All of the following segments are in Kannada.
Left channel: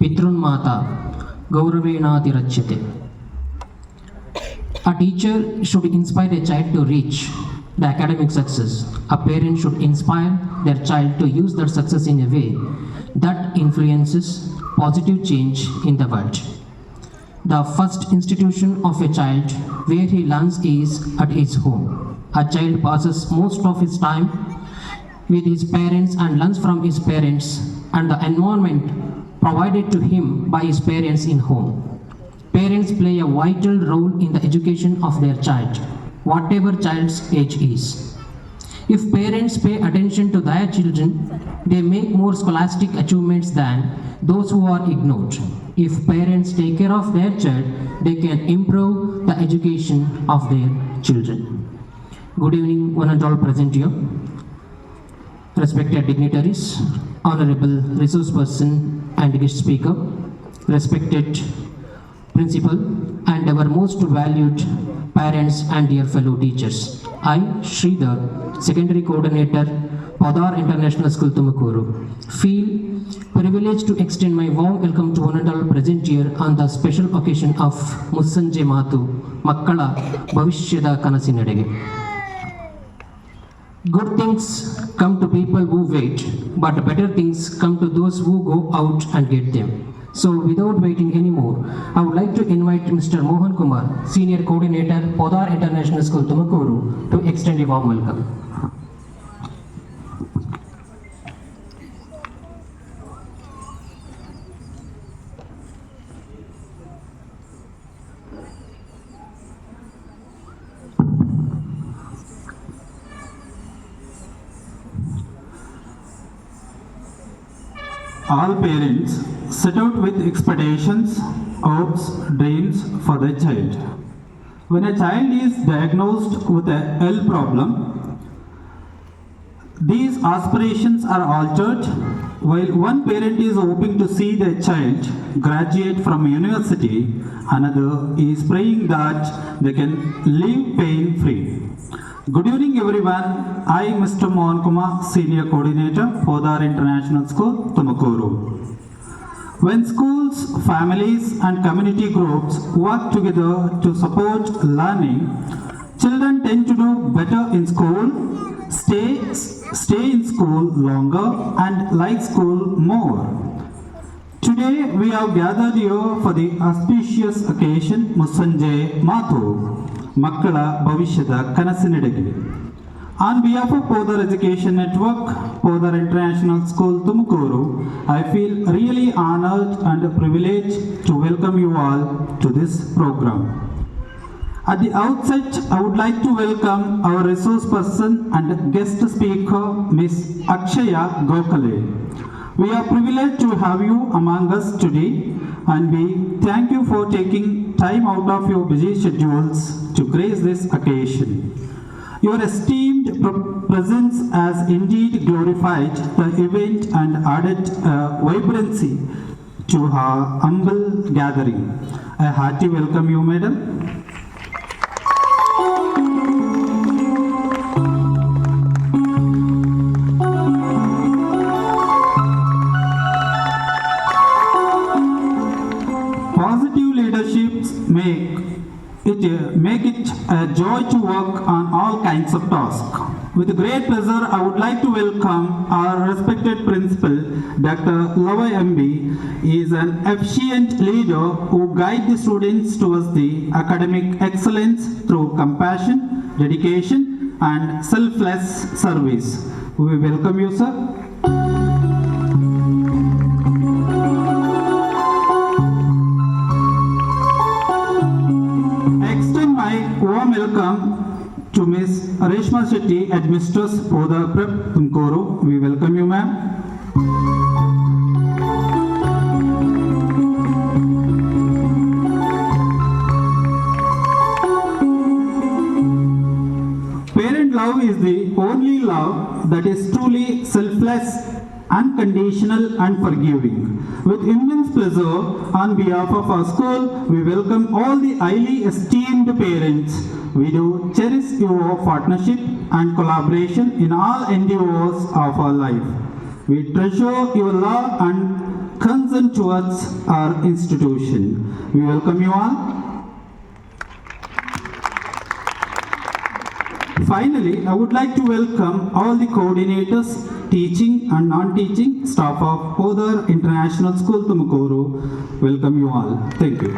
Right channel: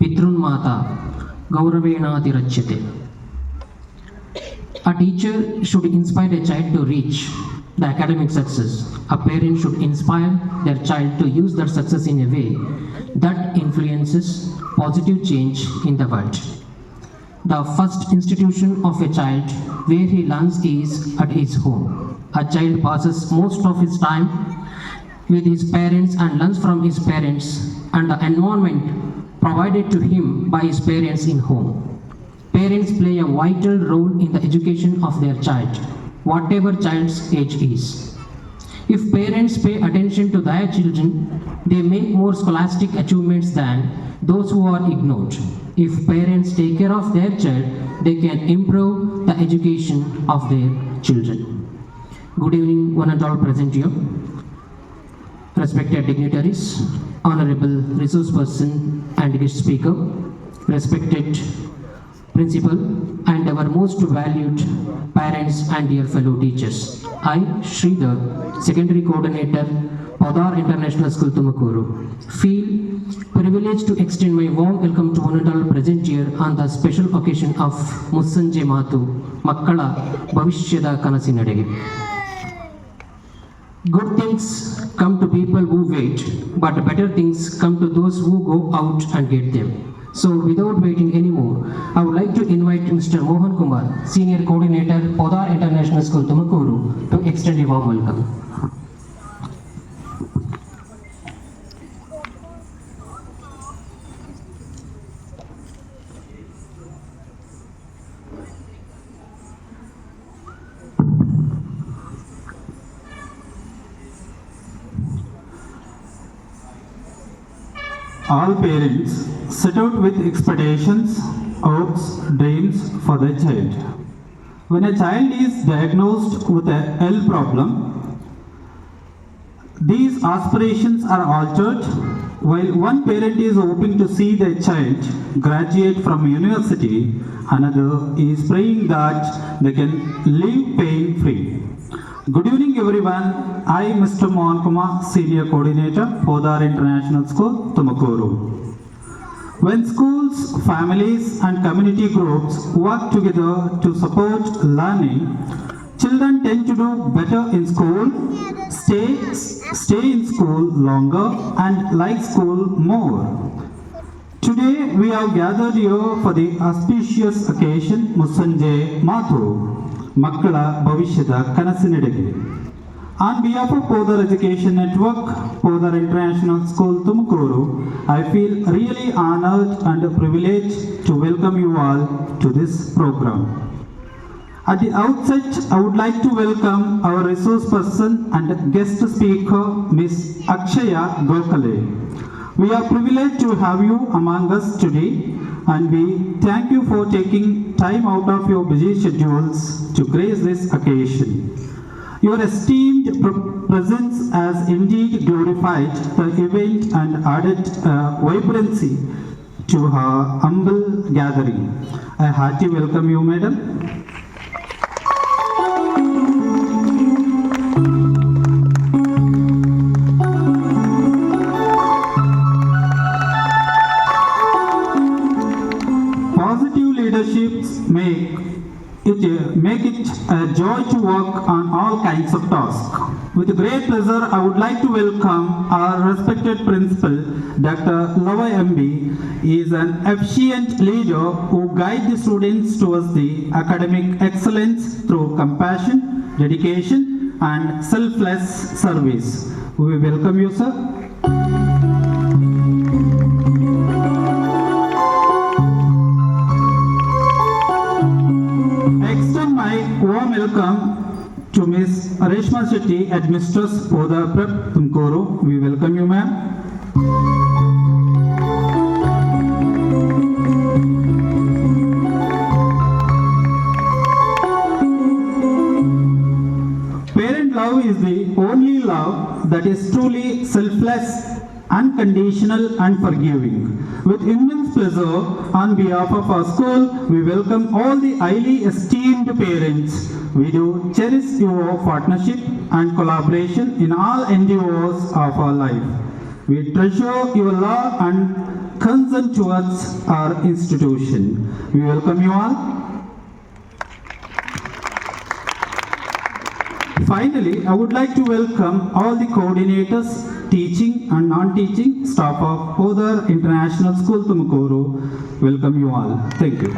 Pitrunmata Gauravenadhirachyate. A teacher should inspire a child to reach the academic success. A parent should inspire their child to use their success in a way that influences positive change in the world. The first institution of a child where he learns is at his home. A child passes most of his time with his parents and learns from his parents and the environment provided to him by his parents in home. Parents play a vital role in the education of their child, whatever child's age is. If parents pay attention to their children, they make more scholastic achievements than those who are ignored. If parents take care of their child, they can improve the education of their children. Good evening, one and all present here. Respected dignitaries, honorable resource person and guest speaker, respected principal, and our most valued parents and dear fellow teachers. I, Sridhar, secondary coordinator, Podar International School, Tumakuru, feel privileged to extend my warm welcome to one and all present here on the special occasion of Mussanje Matu, Makkala Bhavishyada Kanasinadege. Good things come to people who wait, but better things come to those who go out and get them. So without waiting anymore, I would like to invite Mr. Mohan Kumar, Senior Coordinator, Podar International School, Tumakuru, to extend a warm welcome. All parents set out with expectations, hopes, dreams for their child. When a child is diagnosed with a health problem, these aspirations are altered. While one parent is hoping to see their child graduate from university, another is praying that they can live pain-free. Good evening everyone, I Mr. Mohan Kumar, Senior Coordinator, Podar International School, Tumakuru. When schools, families and community groups work together to support learning, children tend to do better in school, stay in school longer and like school more. Today we have gathered here for the auspicious occasion Mussanje Matu, Makkala Bhavishyada Kanasinadege. On behalf of Podar Education Network, Podar International School, Tumakuru, I feel really honored and privileged to welcome you all to this program. At the outset, I would like to welcome our resource person and guest speaker, Ms. Akshaya Gokhale. We are privileged to have you among us today, and we thank you for taking time out of your busy schedules to grace this occasion. Your esteemed presence has indeed glorified the event and added vibrancy to our humble gathering. A hearty welcome you, madam. Positive leaderships make it a joy to work on all kinds of tasks. With great pleasure, I would like to welcome our respected principal, Dr. Lava MB. He is an efficient leader who guides the students towards the academic excellence through compassion, dedication, and selfless service. We welcome you, sir. Warm welcome to Ms. Reshma Shetty, Headmistress, Podar Prep, Tumakuru. We welcome you, ma'am. Parent love is the only love that is truly selfless, unconditional and forgiving. With immense pleasure, on behalf of our school, we welcome all the highly esteemed parents. We do cherish your partnership and collaboration in all endeavors of our life. We treasure your love and concern towards our institution. We welcome you all. Finally, I would like to welcome all the coordinators, teaching and non-teaching staff of Podar International School, Tumakuru. Welcome you all. Thank you.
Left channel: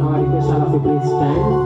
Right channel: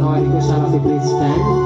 Now I request all of you please stand.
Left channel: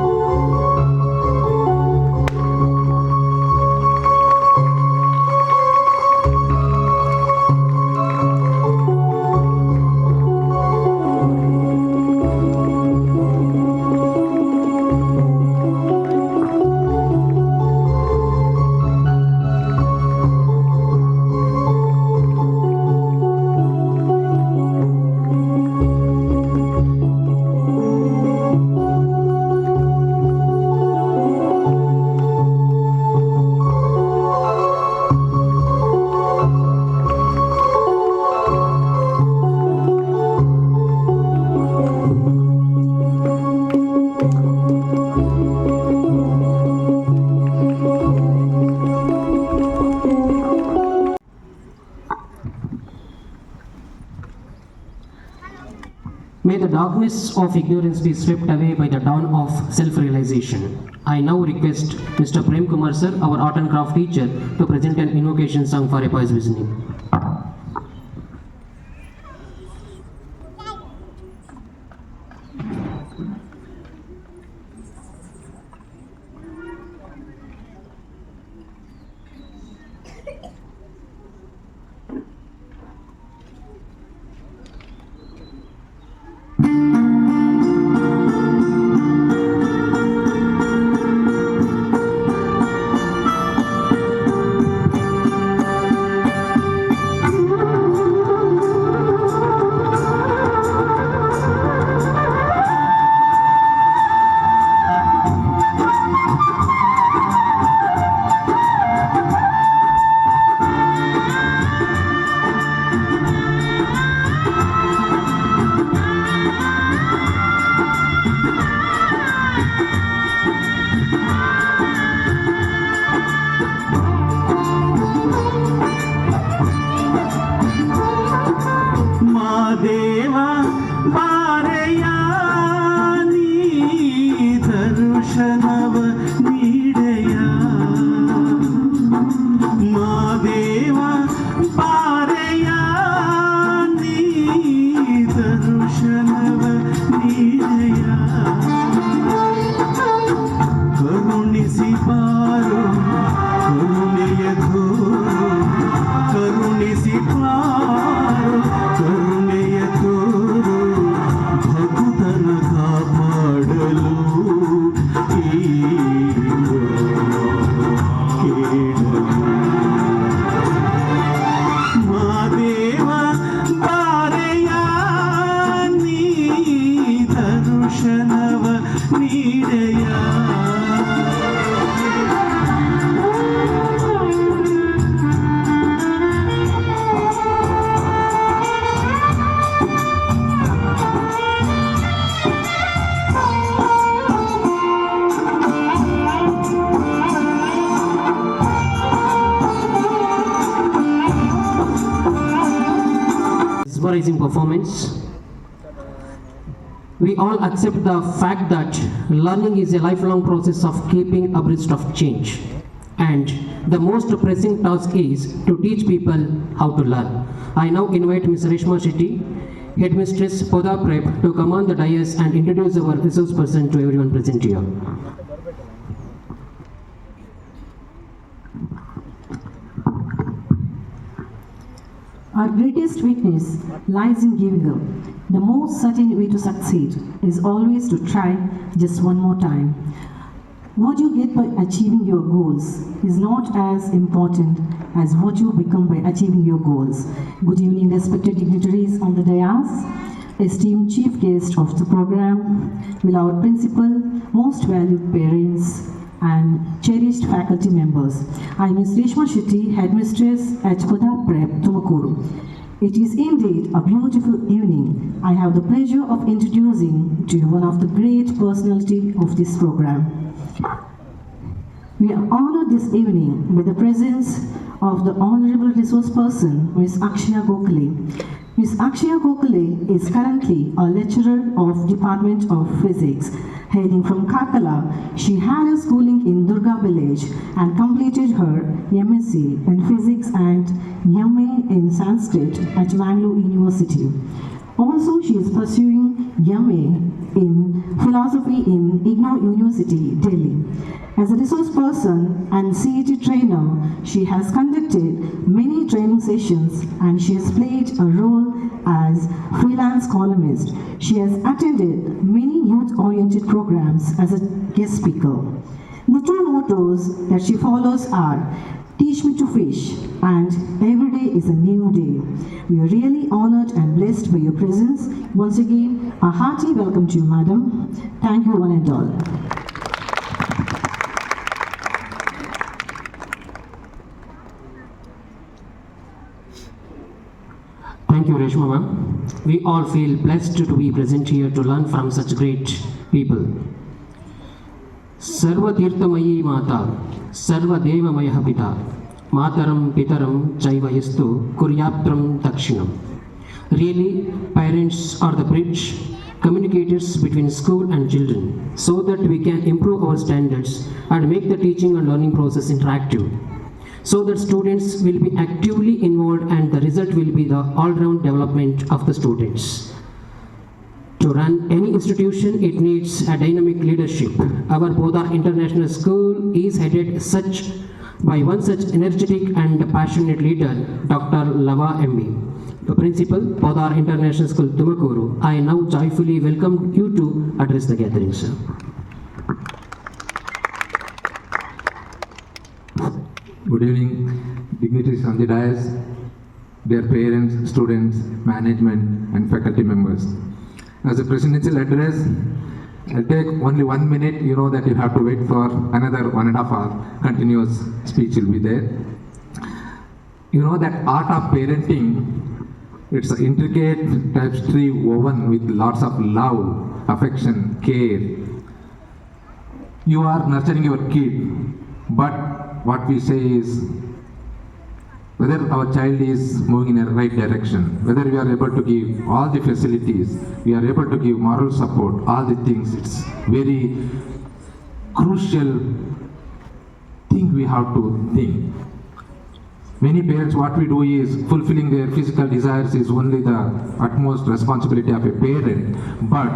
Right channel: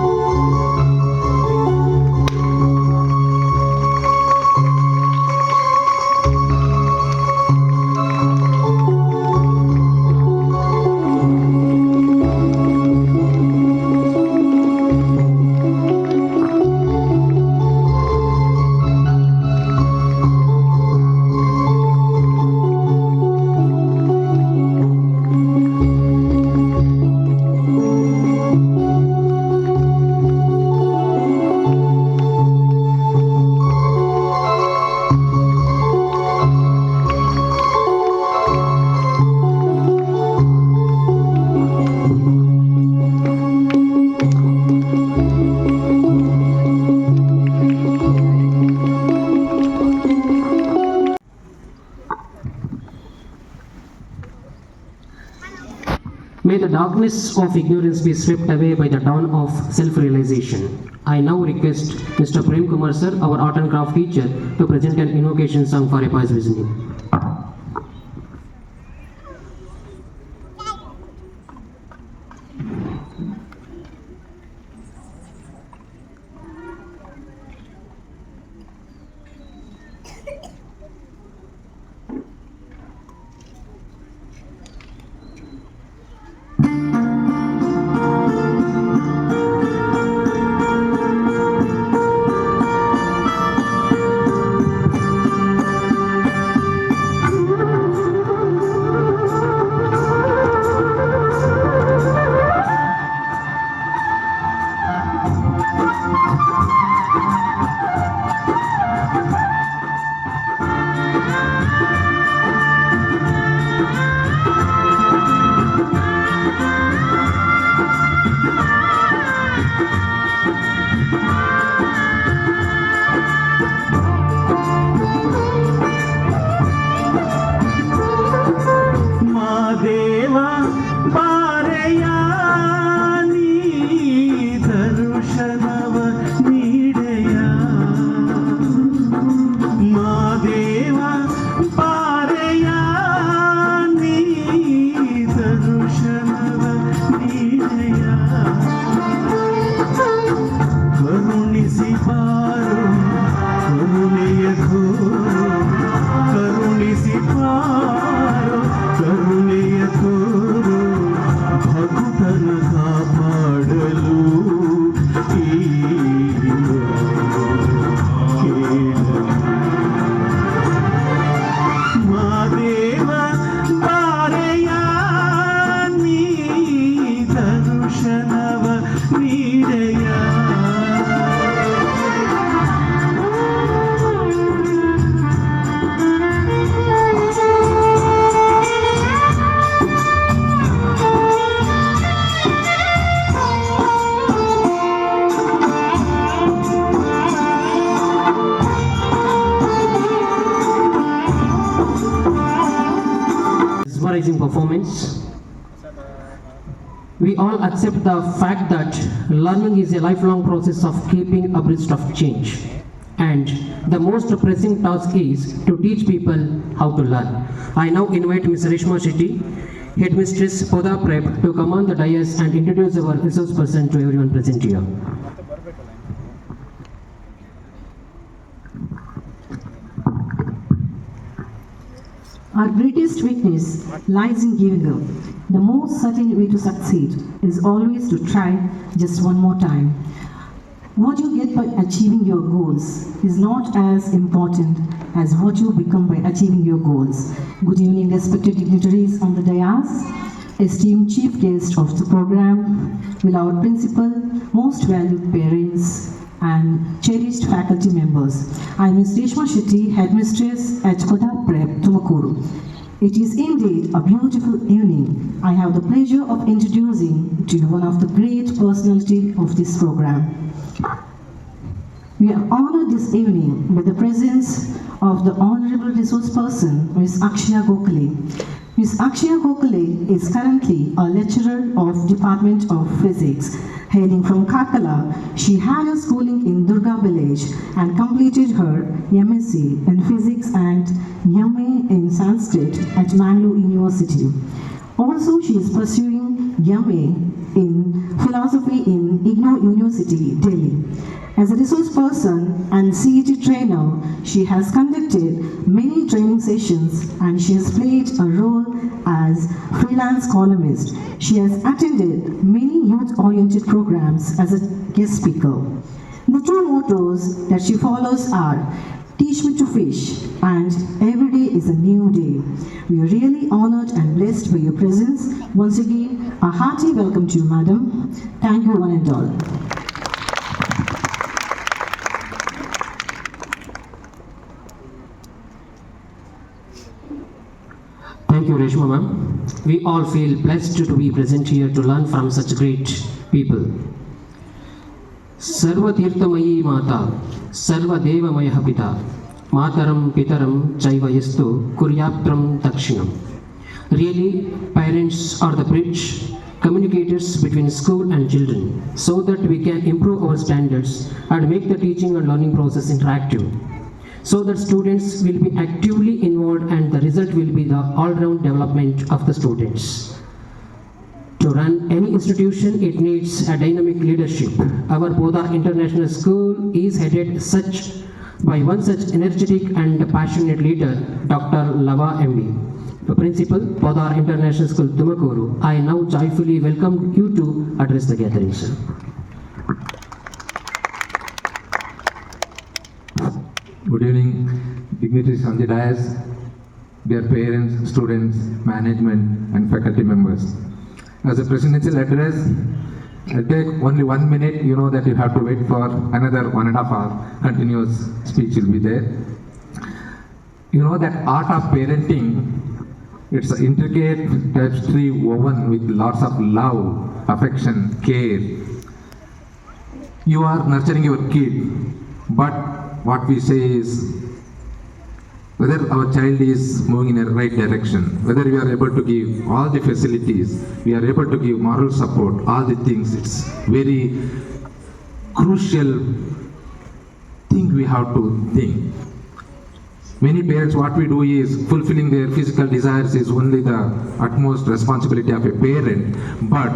May the darkness of ignorance be swept away by the dawn of self-realization. I now request Mr. Prem Kumar sir, our art and craft teacher, to present an invocation song for a pious listening. Mesmerizing performance. We all accept the fact that learning is a lifelong process of keeping abreast of change. And the most pressing task is to teach people how to learn. I now invite Ms. Reshma Shetty, Headmistress Podar Prep, to come on the dais and introduce our resource person to everyone present here. Our greatest weakness lies in giving up. The most certain way to succeed is always to try just one more time. What you get by achieving your goals is not as important as what you become by achieving your goals. Good evening, respected dignitaries on the dais, esteemed chief guest of the program, will our principal, most valued parents, and cherished faculty members. I am Ms. Reshma Shetty, Headmistress at Podar Prep, Tumakuru. It is indeed a beautiful evening. I have the pleasure of introducing to you one of the great personality of this program. We are honored this evening with the presence of the Honorable Resource Person, Ms. Akshaya Gokhale. Ms. Akshaya Gokhale is currently a lecturer of Department of Physics. Hailing from Karkala, she had her schooling in Durga village and completed her MSc in Physics and MA in Sanskrit at Mangalore University. Also, she is pursuing MA in Philosophy in IGNOU University, Delhi. As a resource person and CET trainer, she has conducted many training sessions and she has played a role as freelance columnist. She has attended many youth-oriented programs as a guest speaker. The two mottos that she follows are "Teach me to fish" and "Every day is a new day." We are really honored and blessed by your presence. Once again, a hearty welcome to you, madam. Thank you, one and all. Thank you, Reshma ma'am. We all feel blessed to be present here to learn from such great people. Sarva Tirthamayi Mata, Sarva Devamaya Pita, Mataram Pitaram Chaiva Yastu Kuryatram Takshinam. Really, parents are the bridge, communicators between school and children, so that we can improve our standards and make the teaching and learning process interactive, so that students will be actively involved and the result will be the all-round development of the students. To run any institution, it needs a dynamic leadership. Our Podar International School is headed by one such energetic and passionate leader, Dr. Lava MB, the principal, Podar International School, Tumakuru. I now joyfully welcome you to address the gathering, sir. Good evening, dignitaries on the dais, dear parents, students, management, and faculty members. As a presidential address, I'll take only 1 minute. You know that you have to wait for another 1.5 hour. Continuous speech will be there. You know that art of parenting, it's an intricate tapestry woven with lots of love, affection, care. You are nurturing your kid, but what we say is whether our child is moving in the right direction, whether we are able to give all the facilities, we are able to give moral support, all the things. It's very crucial thing we have to think. Many parents, what we do is fulfilling their physical desires is only the utmost responsibility of a parent, but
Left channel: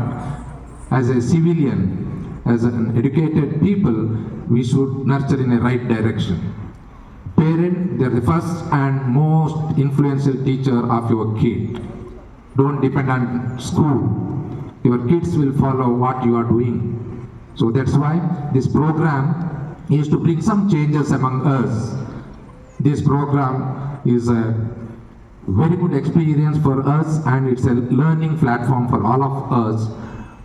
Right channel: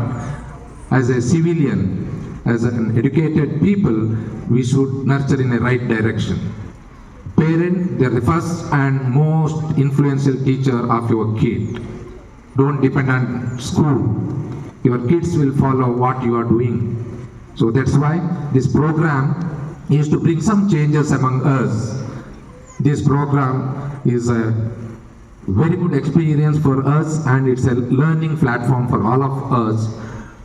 as a civilian, as an educated people, we should nurture in the right direction. Parent, they're the first and most influential teacher of your kid. Don't depend on school. Your kids will follow what you are doing. So that's why this program is to bring some changes among us. This program is a very good experience for us and it's a learning platform for all of us.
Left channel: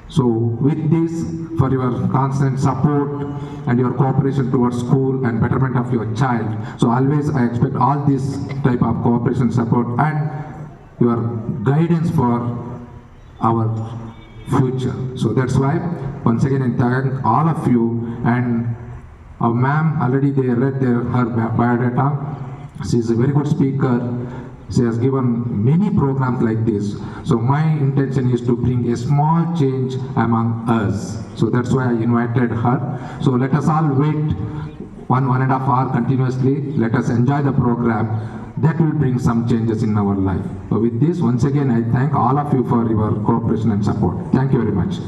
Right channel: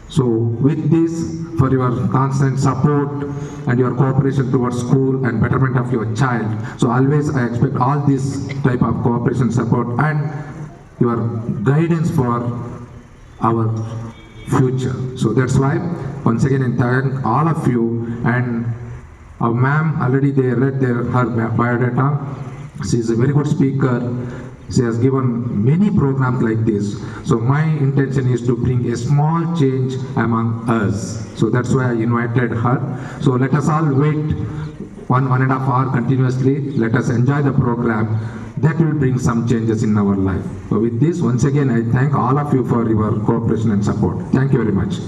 So with this, for your constant support and your cooperation towards school and betterment of your child. So always I expect all this type of cooperation, support and your guidance for our future. So that's why once again I thank all of you, and our ma'am already they read her biodata. She is a very good speaker. She has given many programs like this. So my intention is to bring a small change among us. So that's why I invited her. So let us all wait 1.5 hours continuously. Let us enjoy the program. That will bring some changes in our life. So with this, once again, I thank all of you for your cooperation and support. Thank you very much.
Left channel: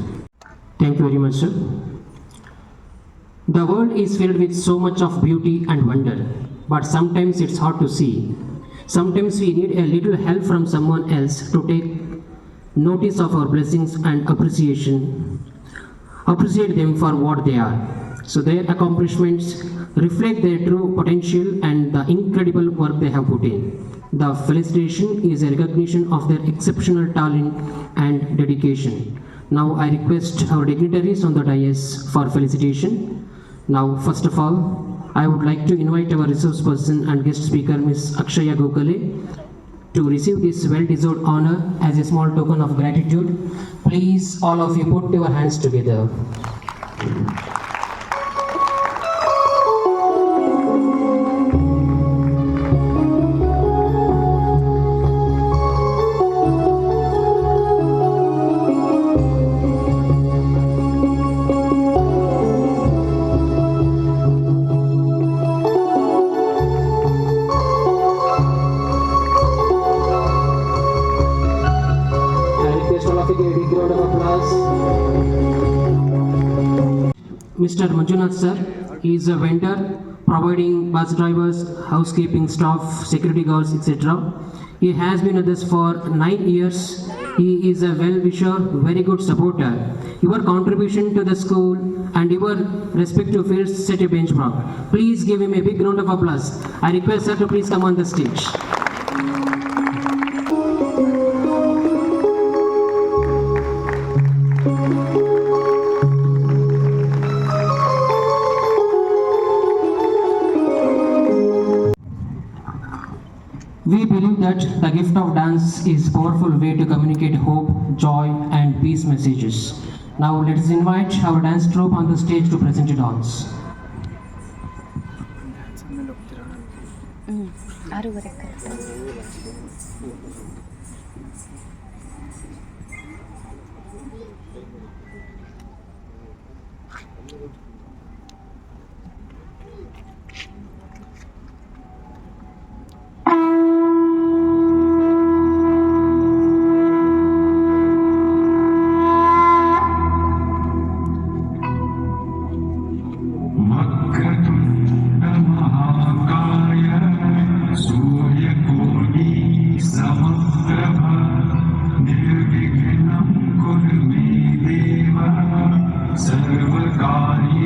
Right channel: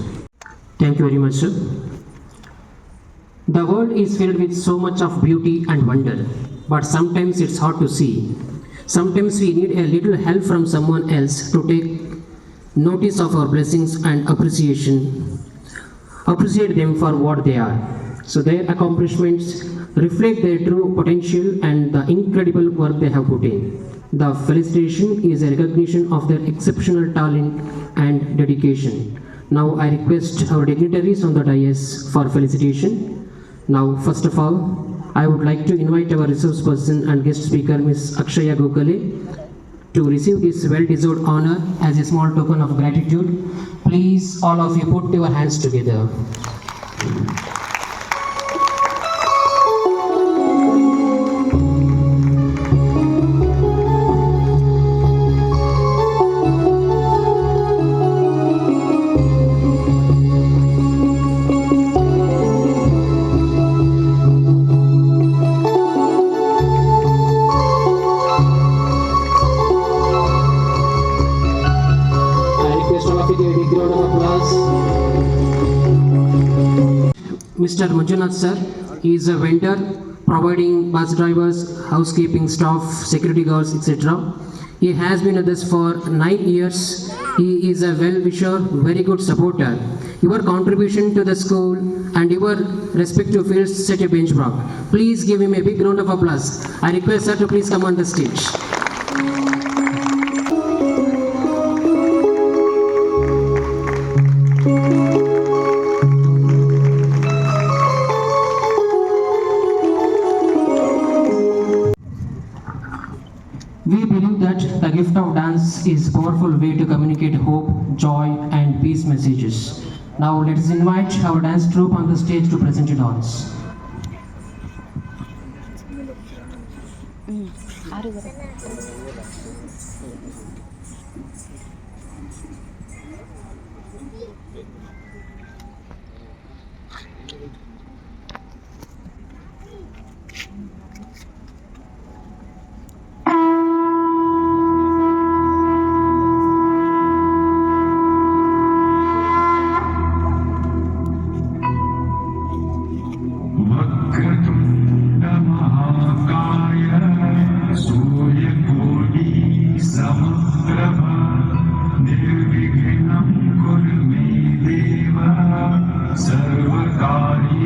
Thank you very much, sir. The world is filled with so much of beauty and wonder, but sometimes it's hard to see. Sometimes we need a little help from someone else to take notice of our blessings and appreciate them for what they are. So their accomplishments reflect their true potential and the incredible work they have put in. The felicitation is a recognition of their exceptional talent and dedication. Now I request our dignitaries on the dais for felicitation. Now, first of all, I would like to invite our resource person and guest speaker, Ms. Akshaya Gokhale, to receive this well-deserved honor as a small token of gratitude. Please, all of you, put your hands together. us Mr. Manjunath sir. He is a vendor providing bus drivers, housekeeping staff, security guards, etc. He has been with us for 9 years. He is a well-wisher, very good supporter. Your contribution to the school and your respective fields set a benchmark. Please give him a big round of applause. I request sir to please come on the stage. We believe that the gift of dance is a powerful way to communicate hope, joy, and peace messages. Now let us invite our dance troupe on the stage to present a dance. महाकाय सूर्यकोटि समप्रभ निर्विघ्नं कुरु मे देव सर्वकार्येषु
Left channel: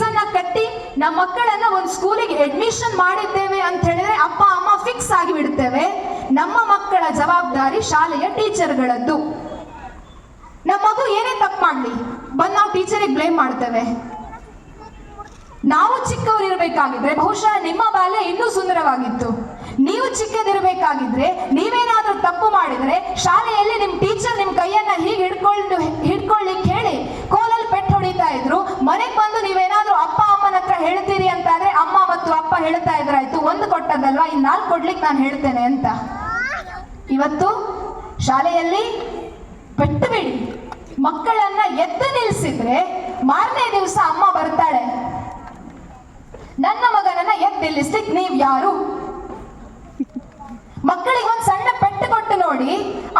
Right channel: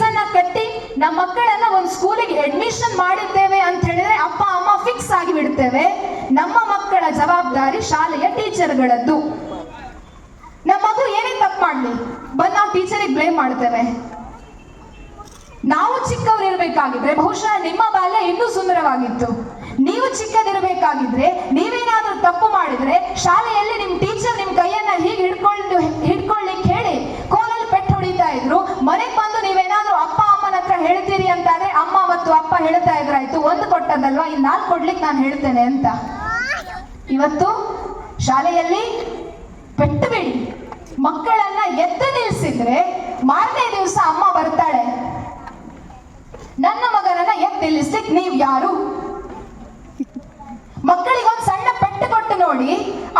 ಫೀಸನ್ನ ಕಟ್ಟಿ ನಮ್ಮ ಮಕ್ಕಳನ್ನ ಒಂದು ಸ್ಕೂಲಿಗೆ ಅಡ್ಮಿಷನ್ ಮಾಡಿದ್ದೇವೆ ಅಂತ ಹೇಳಿದ್ರೆ ಅಪ್ಪ ಅಮ್ಮ ಫಿಕ್ಸ್ ಆಗಿ ಬಿಡುತ್ತೇವೆ. ನಮ್ಮ ಮಕ್ಕಳ ಜವಾಬ್ದಾರಿ ಶಾಲೆಯ ಟೀಚರ್ಗಳದ್ದು. ನಮ್ಮ ಮಗು ಏನೇ ತಪ್ಪು ಮಾಡ್ಲಿ ಬಂದು ನಾವು ಟೀಚರಿಗೆ ಬ್ಲೇಮ್ ಮಾಡ್ತೇವೆ. ನಾವು ಚಿಕ್ಕವರಿರ್ಬೇಕಾಗಿದ್ರೆ ಬಹುಶಃ ನಿಮ್ಮ ಬಾಲ್ಯ ಇನ್ನೂ ಸುಂದರವಾಗಿತ್ತು. ನೀವು ಚಿಕ್ಕದಿರ್ಬೇಕಾಗಿದ್ರೆ ನೀವೇನಾದ್ರೂ ತಪ್ಪು ಮಾಡಿದ್ರೆ ಶಾಲೆಯಲ್ಲಿ ನಿಮ್ ಟೀಚರ್ ನಿಮ್ ಕೈಯನ್ನ ಹೀಗೆ ಹಿಡ್ಕೊಳ್ಳಿಕ್ಕೆ ಹೇಳಿ ಕೋಲಲ್ಲಿ ಪೆಟ್ಟು ಹೊಡಿತಾ ಇದ್ರು. ಮನೆಗೆ ಬಂದು ನೀವೇನಾದ್ರೂ ಅಪ್ಪ ಅಮ್ಮನ ಹತ್ರ ಹೇಳ್ತೀರಿ ಅಂತ ಅಂದ್ರೆ ಅಮ್ಮ ಮತ್ತು ಅಪ್ಪ ಹೇಳ್ತಾ ಇದ್ರಾಯ್ತು, ಒಂದು ಕೊಟ್ಟದ್ದಲ್ವಾ ಇನ್ 4 ಕೊಡ್ಲಿಕ್ಕೆ ನಾನು ಹೇಳ್ತೇನೆ ಅಂತ. ಇವತ್ತು ಶಾಲೆಯಲ್ಲಿ ಪೆಟ್ಟು ಬಿಡಿ, ಮಕ್ಕಳನ್ನ ಎದ್ದು ನಿಲ್ಸಿದ್ರೆ ಮಾರನೇ ದಿವಸ ಅಮ್ಮ ಬರ್ತಾಳೆ, ನನ್ನ ಮಗನನ್ನ ಎದ್ದು ನಿಲ್ಲಿಸ್ಲಿಕ್ಕೆ ನೀವ್ ಯಾರು? ಮಕ್ಕಳಿಗೆ ಒಂದು ಸಣ್ಣ ಪೆಟ್ಟು ಕೊಟ್ಟು ನೋಡಿ,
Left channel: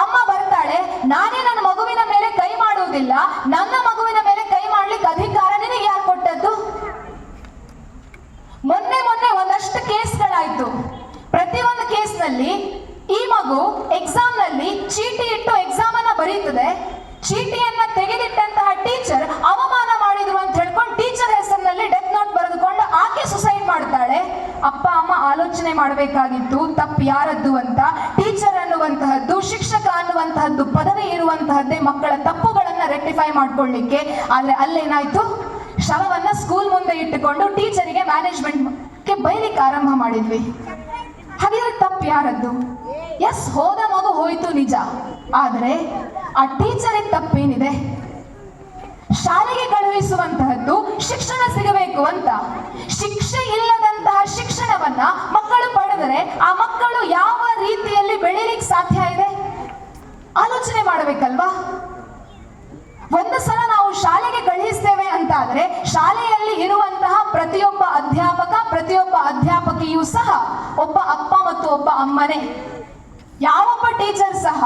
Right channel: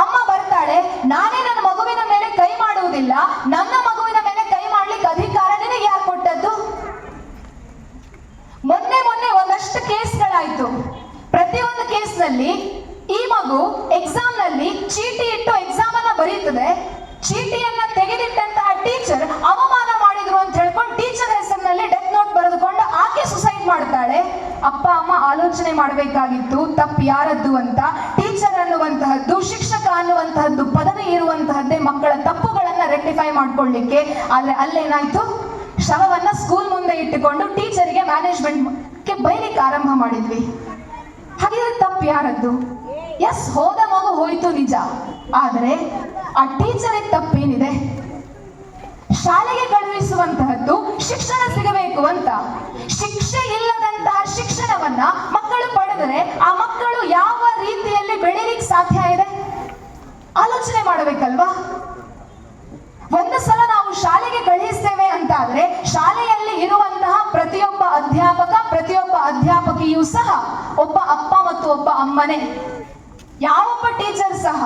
ಅಮ್ಮ ಬರ್ತಾಳೆ, ನಾನೇ ನನ್ನ ಮಗುವಿನ ಮೇಲೆ ಕೈ ಮಾಡುವುದಿಲ್ಲ, ನನ್ನ ಮಗುವಿನ ಮೇಲೆ ಕೈ ಮಾಡ್ಲಿಕ್ಕೆ ಅಧಿಕಾರ ನಿನಗೆ ಯಾರು ಕೊಟ್ಟದ್ದು? ಮೊನ್ನೆ ಒಂದಷ್ಟು ಕೇಸ್ಗಳಾಯ್ತು. ಪ್ರತಿಯೊಂದು ಕೇಸ್ನಲ್ಲಿ ಈ ಮಗು ಎಕ್ಸಾಮ್ ನಲ್ಲಿ ಚೀಟಿ ಇಟ್ಟು ಎಕ್ಸಾಮ್ ಅನ್ನ ಬರೀತದೆ, ಚೀಟಿಯನ್ನ ತೆಗೆದಿಟ್ಟಂತಹ ಟೀಚರ್ ಅವಮಾನ ಮಾಡಿದ್ರು ಅಂತ ಹೇಳ್ಕೊಂಡು ಟೀಚರ್ ಹೆಸರಿನಲ್ಲಿ ಡೆತ್ ನೋಟ್ ಬರೆದುಕೊಂಡು ಆಕೆ ಸುಸೈಡ್ ಮಾಡ್ತಾಳೆ. ಅಪ್ಪ ಅಮ್ಮ ಆಲೋಚನೆ ಮಾಡಬೇಕಾಗಿತ್ತು ತಪ್ಪು ಯಾರದ್ದು ಅಂತ. ಟೀಚರ್ ಅನ್ನುವಂತಹದ್ದು, ಶಿಕ್ಷಕ ಅನ್ನುವಂತಹದ್ದು ಪದವಿ ಇರುವಂತಹದ್ದೇ ಮಕ್ಕಳ ತಪ್ಪುಗಳನ್ನ ರೆಕ್ಟಿಫೈ ಮಾಡ್ಕೊಳ್ಳಿಕ್ಕೆ. ಆದ್ರೆ ಅಲ್ಲೇನಾಯ್ತು, ಶವವನ್ನ ಸ್ಕೂಲ್ ಮುಂದೆ ಇಟ್ಟುಕೊಂಡು ಟೀಚರಿಗೆ ಮ್ಯಾನೇಜ್ಮೆಂಟ್ಗೆ ಬೈಲಿಕ್ಕೆ ಆರಂಭ ಮಾಡಿದ್ವಿ. ಹಾಗಿದ್ರೆ ತಪ್ಪು ಯಾರದ್ದು? ಎಸ್, ಹೋದ ಮಗು ಹೋಯ್ತು ನಿಜ, ಆದ್ರೆ ಆ ಟೀಚರಿಗೆ ತಪ್ಪೇನಿದೆ? ಶಾಲೆಗೆ ಕಳುಹಿಸುವಂತಹದ್ದು ಶಿಕ್ಷಣ ಸಿಗಬೇಕು ಅಂತ. ಶಿಕ್ಷೆ ಇಲ್ಲದಂತಹ ಶಿಕ್ಷಣವನ್ನ ಮಕ್ಕಳು ಪಡೆದರೆ ಆ ಮಕ್ಕಳು ಯಾವ ರೀತಿಯಲ್ಲಿ ಬೆಳೀಲಿಕ್ಕೆ ಸಾಧ್ಯ ಇದೆ? ಆಲೋಚನೆ ಮಾಡಬೇಕಲ್ವಾ? ಒಂದು ಸಲ ನಾವು ಶಾಲೆಗೆ ಕಳುಹಿಸ್ತೇವೆ ಅಂತ ಆದ್ರೆ ಶಾಲೆಯಲ್ಲಿ ಇರುವಂತಹ ಪ್ರತಿಯೊಬ್ಬ ಅಧ್ಯಾಪಕ, ಪ್ರತಿಯೊಬ್ಬ ಅಧ್ಯಾಪಕಿಯೂ ಸಹ ಒಬ್ಬ ಅಪ್ಪ ಮತ್ತು ಒಬ್ಬ ಅಮ್ಮನೇ. ಯಾವೊಬ್ಬ ಟೀಚರ್ ಸಹ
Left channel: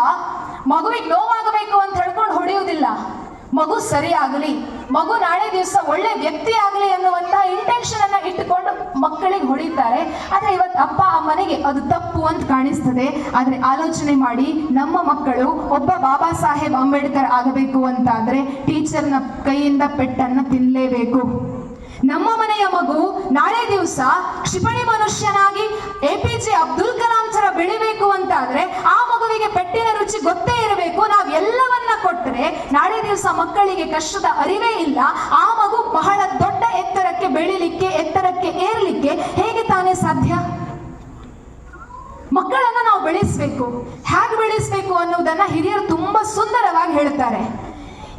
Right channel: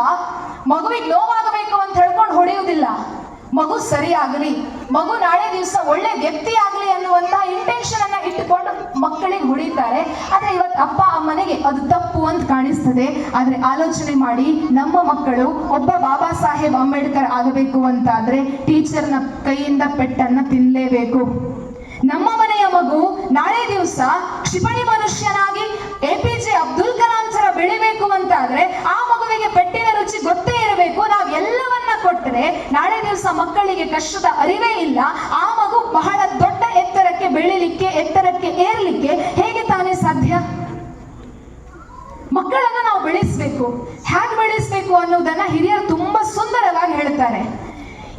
ಮಗುವಿಗೆ ನೋವಾಗಬೇಕು ಅಂತ ಹೇಳ್ಕೊಂಡು ಹೊಡೆಯುವುದಿಲ್ಲ. ಮಗು ಸರಿಯಾಗಲಿ, ಮಗು ನಾಳೆ ದಿವಸ ಒಳ್ಳೆ ವ್ಯಕ್ತಿ ಆಗಲಿ ಅನ್ನುವಂತಹ ಇಂಟೆನ್ಷನ್ ಅನ್ನ ಇಟ್ಟುಕೊಂಡು ಮಕ್ಕಳಿಗೆ ಹೊಡಿತಾರೆ. ಆದ್ರೆ ಇವತ್ತು ಅಪ್ಪ ಅಮ್ಮನಿಗೆ ಅದು ತಪ್ಪು ಅಂತ ಕಾಣಿಸ್ತದೆ. ಆದ್ರೆ ಆಲೋಚನೆ ಮಾಡಿ, ನಮ್ಮ ಮಕ್ಕಳು ಒಬ್ಬ ಬಾಬಾ ಸಾಹೇಬ್ ಅಂಬೇಡ್ಕರ್ ಆಗಬೇಕು ಅಂತಾದ್ರೆ ಟೀಚರ್ನ ಕೈಯಿಂದ ಪೆಟ್ಟನ್ನ ತಿನ್ನಲೇಬೇಕು. ನಮ್ಮ ಮನೆಯ ಮಗು ನಾಳೆ ದಿವಸ ಕ್ಷಿಪಣಿ ಮನುಷ್ಯನಾಗಿ APJ ಅಬ್ದುಲ್ ಕಲಾಂ ತರ ಬೆಳಿಬೇಕು ಅಂತಾದ್ರೆ ಆ ಮಗುವಿಗೆ ಪೆಟ್ಟಿನ ರುಚಿ ಗೊತ್ತೇ ಇರಬೇಕು. ನಾವು ಎಲ್ಲವನ್ನ ಕೊಟ್ಟರೆ ನಾಳೆ ದಿವಸ ಮಕ್ಕಳಿಗೆ ಕಷ್ಟದ ಅರಿವೇ ಇಲ್ಲ. ಆ ಮಗು ಬಹಳ ದೊಡ್ಡ ಎತ್ತರಕ್ಕೆ ಬೆಳಿಲಿಕ್ಕೆ, ಎತ್ತರಕ್ಕೆ ಏರ್ಲಿಕ್ಕೆ ಹೇಗೆ ತಾನೇ ಸಾಧ್ಯ? ಮಕ್ಕಳನ್ನ ನಾವು ಬೆಳೆಸಬೇಕು. ಹೇಗೆ ಬೆಳೆಸಬೇಕು ಅನ್ನೋದನ್ನ ಹಿರಿಯರು ತುಂಬಾ ಸುಂದರವಾಗಿ ಹೇಳ್ತಾರೆ.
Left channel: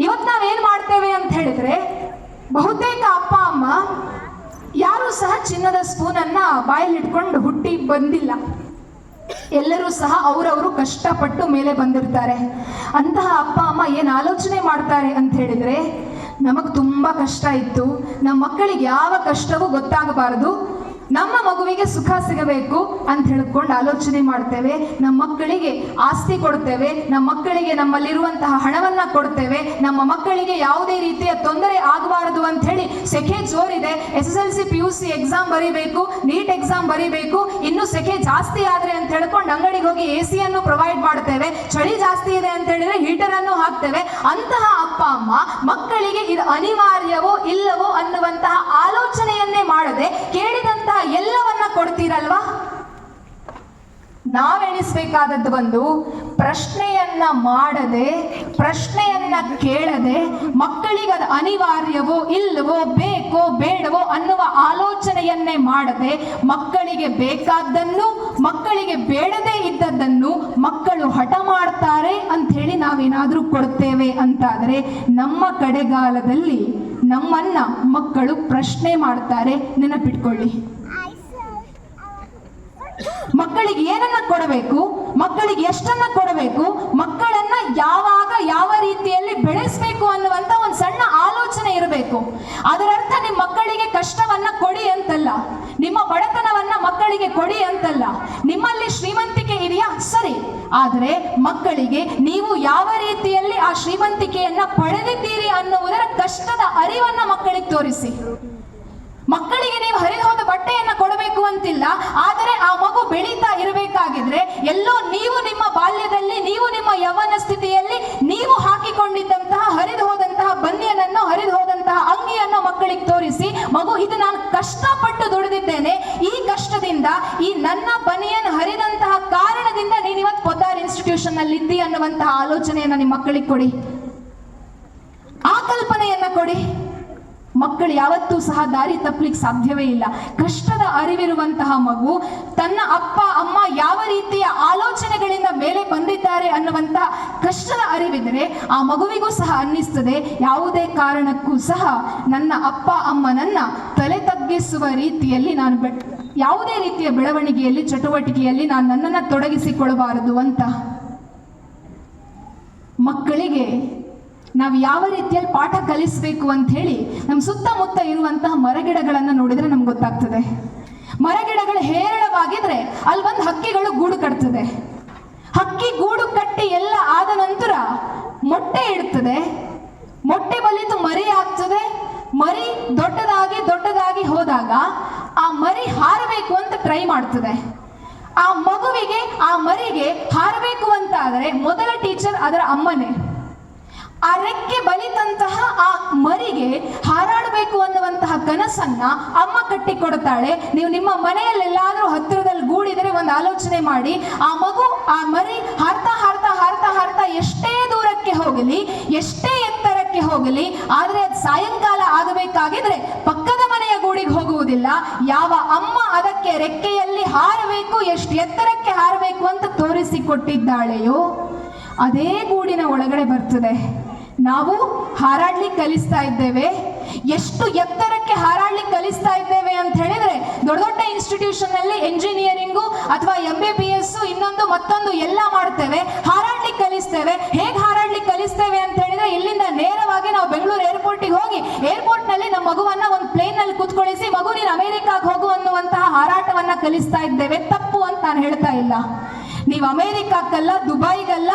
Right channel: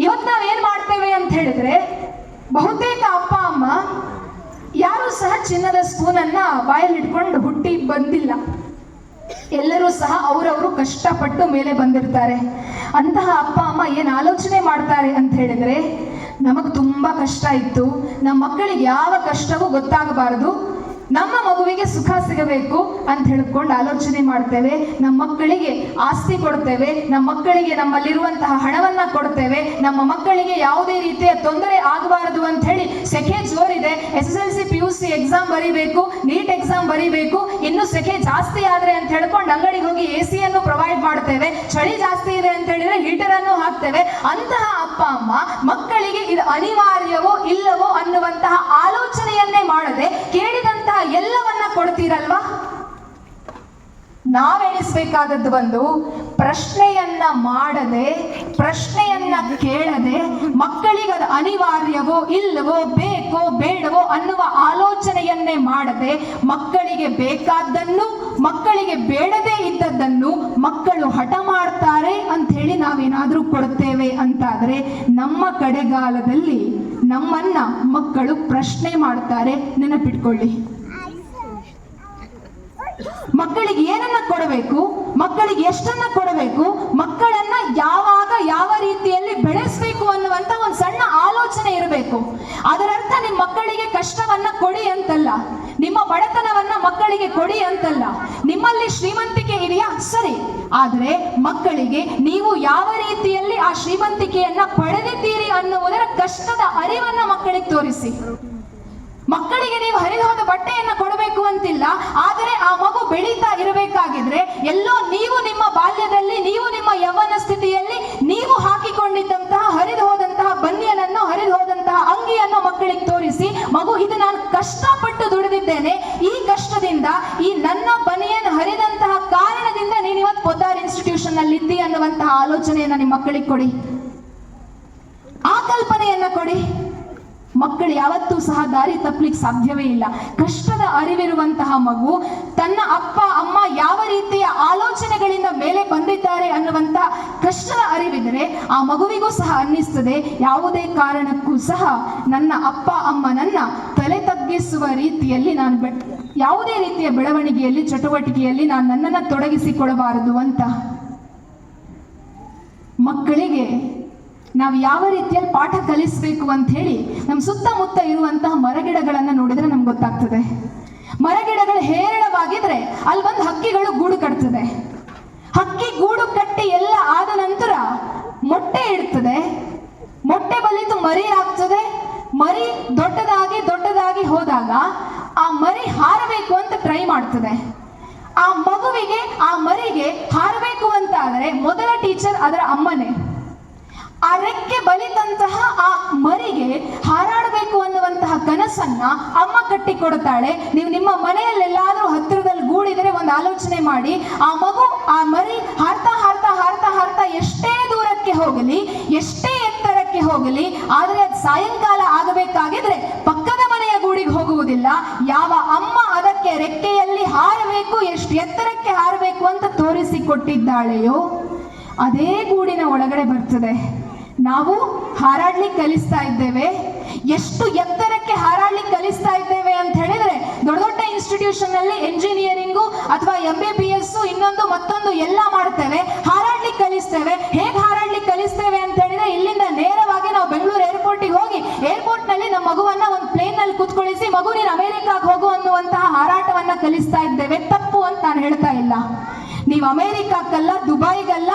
ಇವತ್ತು ನಾವೇನ್ ಮಾಡ್ತೇವೆ ಅಂತ ಹೇಳಿದ್ರೆ, ಬಹುತೇಕ ಅಪ್ಪ ಅಮ್ಮ ಯಾರು ಸಹ ಚಿನ್ನದ ಸ್ಪೂನ್ ಅನ್ನ ಬಾಯಲ್ಲಿ ಇಟ್ಕೊಂಡು ಹುಟ್ಟಿ ಬಂದಿಲ್ಲ. ಎಲ್ಲರೂ ಸಹ ಅವರವರು ಕಷ್ಟಪಟ್ಟು ಮೇಲೆ ಬಂದಿರ್ತಾರೆ. ಅಂತಹ ಅಪ್ಪ ಅಮ್ಮ ಏನ್ ಆಲೋಚನೆ ಮಾಡ್ತಾರೆ ಅಂತ ಹೇಳಿದ್ರೆ, ನಮಗ್ ತುಂಬಾ ಕಷ್ಟ ಇತ್ತು, ನಮ್ಮ ಮಕ್ಕಳಿಗೆ ಯಾವ ಕಷ್ಟವೂ ಗೊತ್ತಾಗಬಾರದು, ನಮ್ಮ ಮಗುವಿಗೆ ಸುಖ ಸಿಗಬೇಕು ಅಂತ ಹೇಳ್ಕೊಂಡು ಆಲೋಚನೆ ಮಾಡ್ತೇವೆ. ನಮ್ಮ ಮಕ್ಕಳಿಗೆ ಆಸ್ತಿ ಕೊಡ್ತೇವೆ, ನಮ್ಮ ಮಕ್ಕಳಿಗೆ ನಮ್ಮಲ್ಲಿರುವಂತಹ ಹಣವನ್ನ ಕೊಡ್ತೇವೆ, ನಮ್ಮ ಮಕ್ಕಳಿಗೆ ಯಾವುದೇ ರೀತಿಯ ತೊಂದರೆ ಆಗಬಾರದು ಅಂತ ಹೇಳಿ ಸೆಕೆ ಜೋರಿದೆ, SSLC PUC ಎಕ್ಸಾಮ್ ಬರೀಬೇಕು, ನೀಟ್ ಎಕ್ಸಾಮ್ ಬರೀಬೇಕು, ಇನ್ನು ಸೆಕೆ ಜಾಸ್ತಿ ಆದ್ರೆ ಅಂತ ಹೇಳ್ಕೊಂಡು ಅಂಗಡಿಗೆ ಹೋಗಿ AC ಅನ್ನು ಪ್ರೊವೈಡ್ ಮಾಡ್ತೇವೆ, ಚಳಿ ಜಾಸ್ತಿ ಇದೆ ಅಂತ ಹೇಳಿದ್ರೆ ಹೀಟರ್ ಅನ್ನು ಹಾಕ್ತೇವೆ. ಅಂತಹ ಅಪ್ಪ ಅಮ್ಮ ಮಕ್ಕಳಿಗೆ ಇದು ಅನಿವಾರ್ಯವೋ ಇಲ್ಲವೋ ಅನ್ನುವಂತಹ ಆಲೋಚನೆಯನ್ನೇ ಮಾಡದೆ ಕೇಳಿದಂತಹ ಎಲ್ಲವನ್ನ ಕೊಡ್ತೀರಲ್ವಾ? ನಾವೆಣಿಸ್ಬೇಕಾದದ್ದು ಒಂದು ಪ್ರಶ್ನೆಯನ್ನ ಮಾಡದೆ, ಪ್ರಶ್ನೆಯನ್ನ ಕೇಳದೆ, ಮಕ್ಕಳಿಗೆ ಅದು ಅನಿವಾರ್ಯವೋ ಇಲ್ಲವೋ, ಬೇಕೋ ಬೇಡವೋ ಅನ್ನುವ ಆಲೋಚನೆಯನ್ನೇ ಮಾಡದೆ, ಮಕ್ಕಳಿಗೆ ಬೇಕಾದ್ದನ್ನು, ಮಕ್ಕಳಿಗೆ ಬೇಡದೇ ಇದ್ದದ್ದನ್ನು ಮಕ್ಕಳು ಹಠ ಮಾಡ್ತಾರೆ ಅಂತ ಹೇಳಿ ನಾವೇನಾದ್ರೂ ಕೊಡ್ತೇವೆ ಅಂತಾದ್ರೆ ನಮ್ಮ ಕಡೆಗಾಲದಲ್ಲಿ ನಮ್ಮನ್ನ ಮಕ್ಕಳು ಪ್ರಶ್ನೆ ಮಾಡ್ತಾರೆ. ನೆನಪಿಟ್ಕೊಳ್ಳಿ, ಮಕ್ಕಳಿಗೆ ಏನನ್ನ ಕೊಡಬೇಕು, ಮಕ್ಕಳಿಗೆ ಎಷ್ಟನ್ನ ಕೊಡಬೇಕು, ಮಕ್ಕಳನ್ನ ಯಾವಾಗ ಯಾವ ರೀತಿಯಲ್ಲಿ ಬೆಳೆಸಬೇಕು ಅನ್ನುವಂತ ಒಂದು ಸಣ್ಣ ಆಲೋಚನೆ ಇರಬೇಕು. ಅದರರ್ಥ ನಿಮ್ಮ ಮಕ್ಕಳಿಗೆ ಕಷ್ಟವನ್ನ ಕೊಡಿ ಅಂತಲ್ಲ, ನಿಮ್ಮ ಬಡತನವನ್ನ ಮಕ್ಕಳಿಗೆ ಕೊಡಿ ಅಂತಲ್ಲ. ನಿಮ್ಮಲ್ಲಿ ಶ್ರೀಮಂತಿಕೆ ಇದೆಯಾ, ಸರಿ, ಆದರೆ ಮಕ್ಕಳಿಗೆ ನೀವು ಯಾವ ರೀತಿಯಲ್ಲಿ ಆ ಶ್ರೀಮಂತಿಕೆಯನ್ನ ಪಡೆದಿದ್ದೀರಿ ಅನ್ನುವುದರ ಕಷ್ಟದ ಅರಿವನ್ನ ಮಕ್ಕಳಿಗೆ ತೋರಿಸಿ. ಮಕ್ಕಳಿಗೆ ನೀವು ಹರಿದು ಹೋದ ಬಟ್ಟೆಯನ್ನ ಕೊಡಬೇಕು ಅಂತಿಲ್ಲ, ಆದರೆ ಆ ಮಗು ಬೆಳೀತಾ ಇರಬೇಕಾಗಿದ್ರೆ ಎಲ್ಲೋ ನೀವು ನಿಮ್ಮ ಬಾಲ್ಯದಲ್ಲಿ, ನೀವು ನಿಮ್ಮ ಯೌವನ ಸ್ಥಿತಿಯಲ್ಲಿ ನೀವು ಹಾಕಿಕೊಂಡಿದ್ದಂತಹ ಹರಿದು ಹೋದಂತಹ ಬನಿಯನನ್ನು, ಹರಿದು ಹೋದಂತಹ ಅಂಗಿಯನ್ನು ಮಕ್ಕಳಿಗೆ ತೋರಿಸಿ. ಮಗು ಇದು ನಾನು ಕಷ್ಟಪಟ್ಟು ದುಡಿದಿದ್ದೇನೆ, ಈ ಕಷ್ಟದಿಂದ, ಈ ನನ್ನ ಬನಿಯನ್ ಹರಿದಂತಹ ಕಾರಣದಿಂದ ನೀನು ಇವತ್ತು ಪೊದ್ದಾರ್ ಇನ್ಸ್ಟಿಟ್ಯೂಷನ್ ನಲ್ಲಿ ಇದ್ದಿ ಅನ್ನುವಂತಹ ಆಲೋಚನೆಯನ್ನ ನಿಮ್ಮ ಮಕ್ಕಳಿಗೆ ಕೊಡಿ, ಆ ಕಲ್ಪನೆಯನ್ನ ಕೊಡಿ. ಮಕ್ಕಳು ಯಾವತ್ತೂ ಸಹ ದಾರಿ ತಪ್ಪಲಿಕ್ಕೆ ಸಾಧ್ಯವೇ ಇಲ್ಲ. ಕಷ್ಟದ ಅರಿವಿರುವಂತಹ ಮಗು ತನ್ನ ಅಪ್ಪ ಅಮ್ಮ ಯಾವ ರೀತಿಯ ಆಲೋಚನೆಗಳಿಂದ ಮೇಲೆ ಬಂದಿದ್ದಾರೆ ಅನ್ನುವಂತಹ ಕಷ್ಟದ ಅರಿವಿದ್ರೆ ಆ ಮಗುವಿಗೂ ಸಹ ಅನ್ನಿಸ್ತದೆ, ಯಾವುದೇ ಕಾರಣಕ್ಕೂ ಸಹ ನನ್ನ ಅಪ್ಪ ಅಮ್ಮ ನನ್ನ ತಲೆ ತಗ್ಗಿಸುವ ರೀತಿಯಲ್ಲಿ ನಾನು ಯಾವುದೇ ರೀತಿಯ ಬೆಳವಣಿಗೆಯಲ್ಲಿ ಚಟುವಟಿಕೆಯಲ್ಲಿ ನಾನು ನನ್ನನ್ನು ತೊಡಗಿಸಿಕೊಳ್ಳಬಾರದು ಅಂತ. ಮಕ್ಕಳಿಗೆ ನಾವು ಯಾವ ರೀತಿಯಲ್ಲಿ ಪಾಠ ಕಲಿಸಬೇಕು ಅಂತ ಹೇಳಿ ನಮ್ಮ ಸುತ್ತಮುತ್ತ ಇರುವಂತಹ ಮರಗಿಡಗಳನ್ನು ನೋಡಿದ್ರೆ ನಮ್ಗೆ ಗೊತ್ತಾಗ್ತದೆ. ಮರಗಿಡಗಳು ಹೇರಳವಾಗಿದ್ರೆ ಅಲ್ಲಿ ಒಂದು ಹಕ್ಕಿಗಳು ಗೂಡು ಕಟ್ತದೆ. ಹಕ್ಕಿ ಗೂಡು ಕಟ್ಟಿ ಎಲ್ಲ ಆದ ನಂತರ ಮೊಟ್ಟೆ ಇಡ್ತದೆ, ಮೊಟ್ಟೆ ಬಲಿತು ಮರಿ ಆಗ್ತದೆ. ಮರಿ ದೊಡ್ಡದಾಗಿ ಹೋದಾಗ ಆ ಮರಿ ಹಾರಬೇಕು ಅಂತ ಟ್ರೈ ಮಾಡ್ತದೆ. ಆ ಮಗುವಿಗೆ, ಆ ಮರಿಗೆ ಹಾರಬೇಕು ಅಂತ ಆದರೆ ಮೊದಲ ಟೀಚರ್ ಅದರ ಅಮ್ಮನೇ. ಆ ರೆಕ್ಕೆ ಬಲಿತಂತಹ ಆ ಮರಿಗೆ ಹಾರಾಡಬೇಕು ಅನ್ನುವಂತಹ ಕನಸನ್ನ ಅಮ್ಮ ಕಟ್ಟಿಕೊಡ್ತಾಳೆ. ನೀವು ನಿಮ್ಮ ಮನೆಯಲ್ಲೆಲ್ಲಾದ್ರೂ ಹತ್ತಿರದಲ್ಲಿ ಗೂಡಿದರೆ ಒಂದು ಆಲೋಚನೆ ಮಾಡಿ, ಆ ಮಗು, ಆ ಮರಿ ಹಾರ್ತಾ ಹಾರ್ತಾ ಹಾರ್ತಾ ಹಾರ್ತಾ ಎಷ್ಟೇ ದೂರಕ್ಕೆ ಹೋಗಲಿ, ಎಷ್ಟೇ ಎತ್ತರಕ್ಕೆ ಹೋಗಲಿ, ಆದರೆ ಅದು ಸಾಯಂಕಾಲ ಆಗಬೇಕಾಗಿದ್ರೆ ಪಕ್ಕದ ಮನೆಯ ಗೂಡಿಗೆ ಹೋಗುವುದಿಲ್ಲ. ಯಾವ ಅಮ್ಮ ಅದಕ್ಕೆ ರೆಕ್ಕೆಯಲ್ಲಿ ಹಾರಬೇಕು, ಎಷ್ಟು ಎತ್ತರಕ್ಕೆ ಹಾರಬೇಕು ಅಂತ ತೋರಿಸಿಕೊಟ್ಟಿದ್ದಾಳೆಯೋ ಅದೇ ಗೂಡಿನ ಒಳಗಡೆ ಬರ್ತದೆ. ನಾವು ಹಾರಾಡ್ಲಿಕ್ಕೆ ಕಲಿಸ್ತಾ ಇದ್ದೇವೆ. ಎಷ್ಟು ಎತ್ತರಕ್ಕೆ ಹಾರಾಡ್ಲಿಕ್ಕೆ ಕಲಿಸ್ತಾ ಇದ್ದೇವೆ ಅಂತ ಹೇಳಿದ್ರೆ, ದೊಡ್ಡ ದೊಡ್ಡ ಇನ್ಸ್ಟಿಟ್ಯೂಷನ್ ಅಲ್ಲಿ ಎಂಜಿನಿಯರಿಂಗು ಅಥವಾ MBBS ಇನ್ನೊಂದು ಮತ್ತೊಂದು ಎಲ್ಲ ಮಾಡ್ತೇವೆ, ಹಾರಾಡ್ಲಿಕ್ಕೆ ಕಲಿಸ್ತೇವೆ. ಹೇಗೆ ಹಾರಾಡ್ಲಿಕ್ಕೆ ಕಲಿಸ್ತೇವೆ ಅಂತ ಹೇಳಿದ್ರೆ, ಇಲ್ಲಿಂದ ನೇರವಾಗಿ ನಾವು ಬೆಂಗಳೂರು ಏರ್ಪೋರ್ಟಿಗೆ ಹೋಗಿ ಏರ್ಪೋರ್ಟ್ ನಲ್ಲಿ ನಮ್ಮ ಮಗುವನ್ನ ಒಂದು ಪ್ಲೇನ್ ನಲ್ಲಿ ಕೂತ್ಕೊಳಿಸಿ, ಮಗು ನೀನು ಅಮೆರಿಕಾಗೆ ಹೋಗು ಅನ್ನುವಂತಹ ಹಾರಾಟವನ್ನ ಕಲಿಸ್ತಾ ಇದ್ದೇವೆ. ತಪ್ಪು ಅಂತ ನಾನು ಹೇಳ್ತಾ ಇಲ್ಲ. ನೀವು ಅಮೆರಿಕಕ್ಕಲ್ಲ, ದುಬೈಗಲ್ಲ,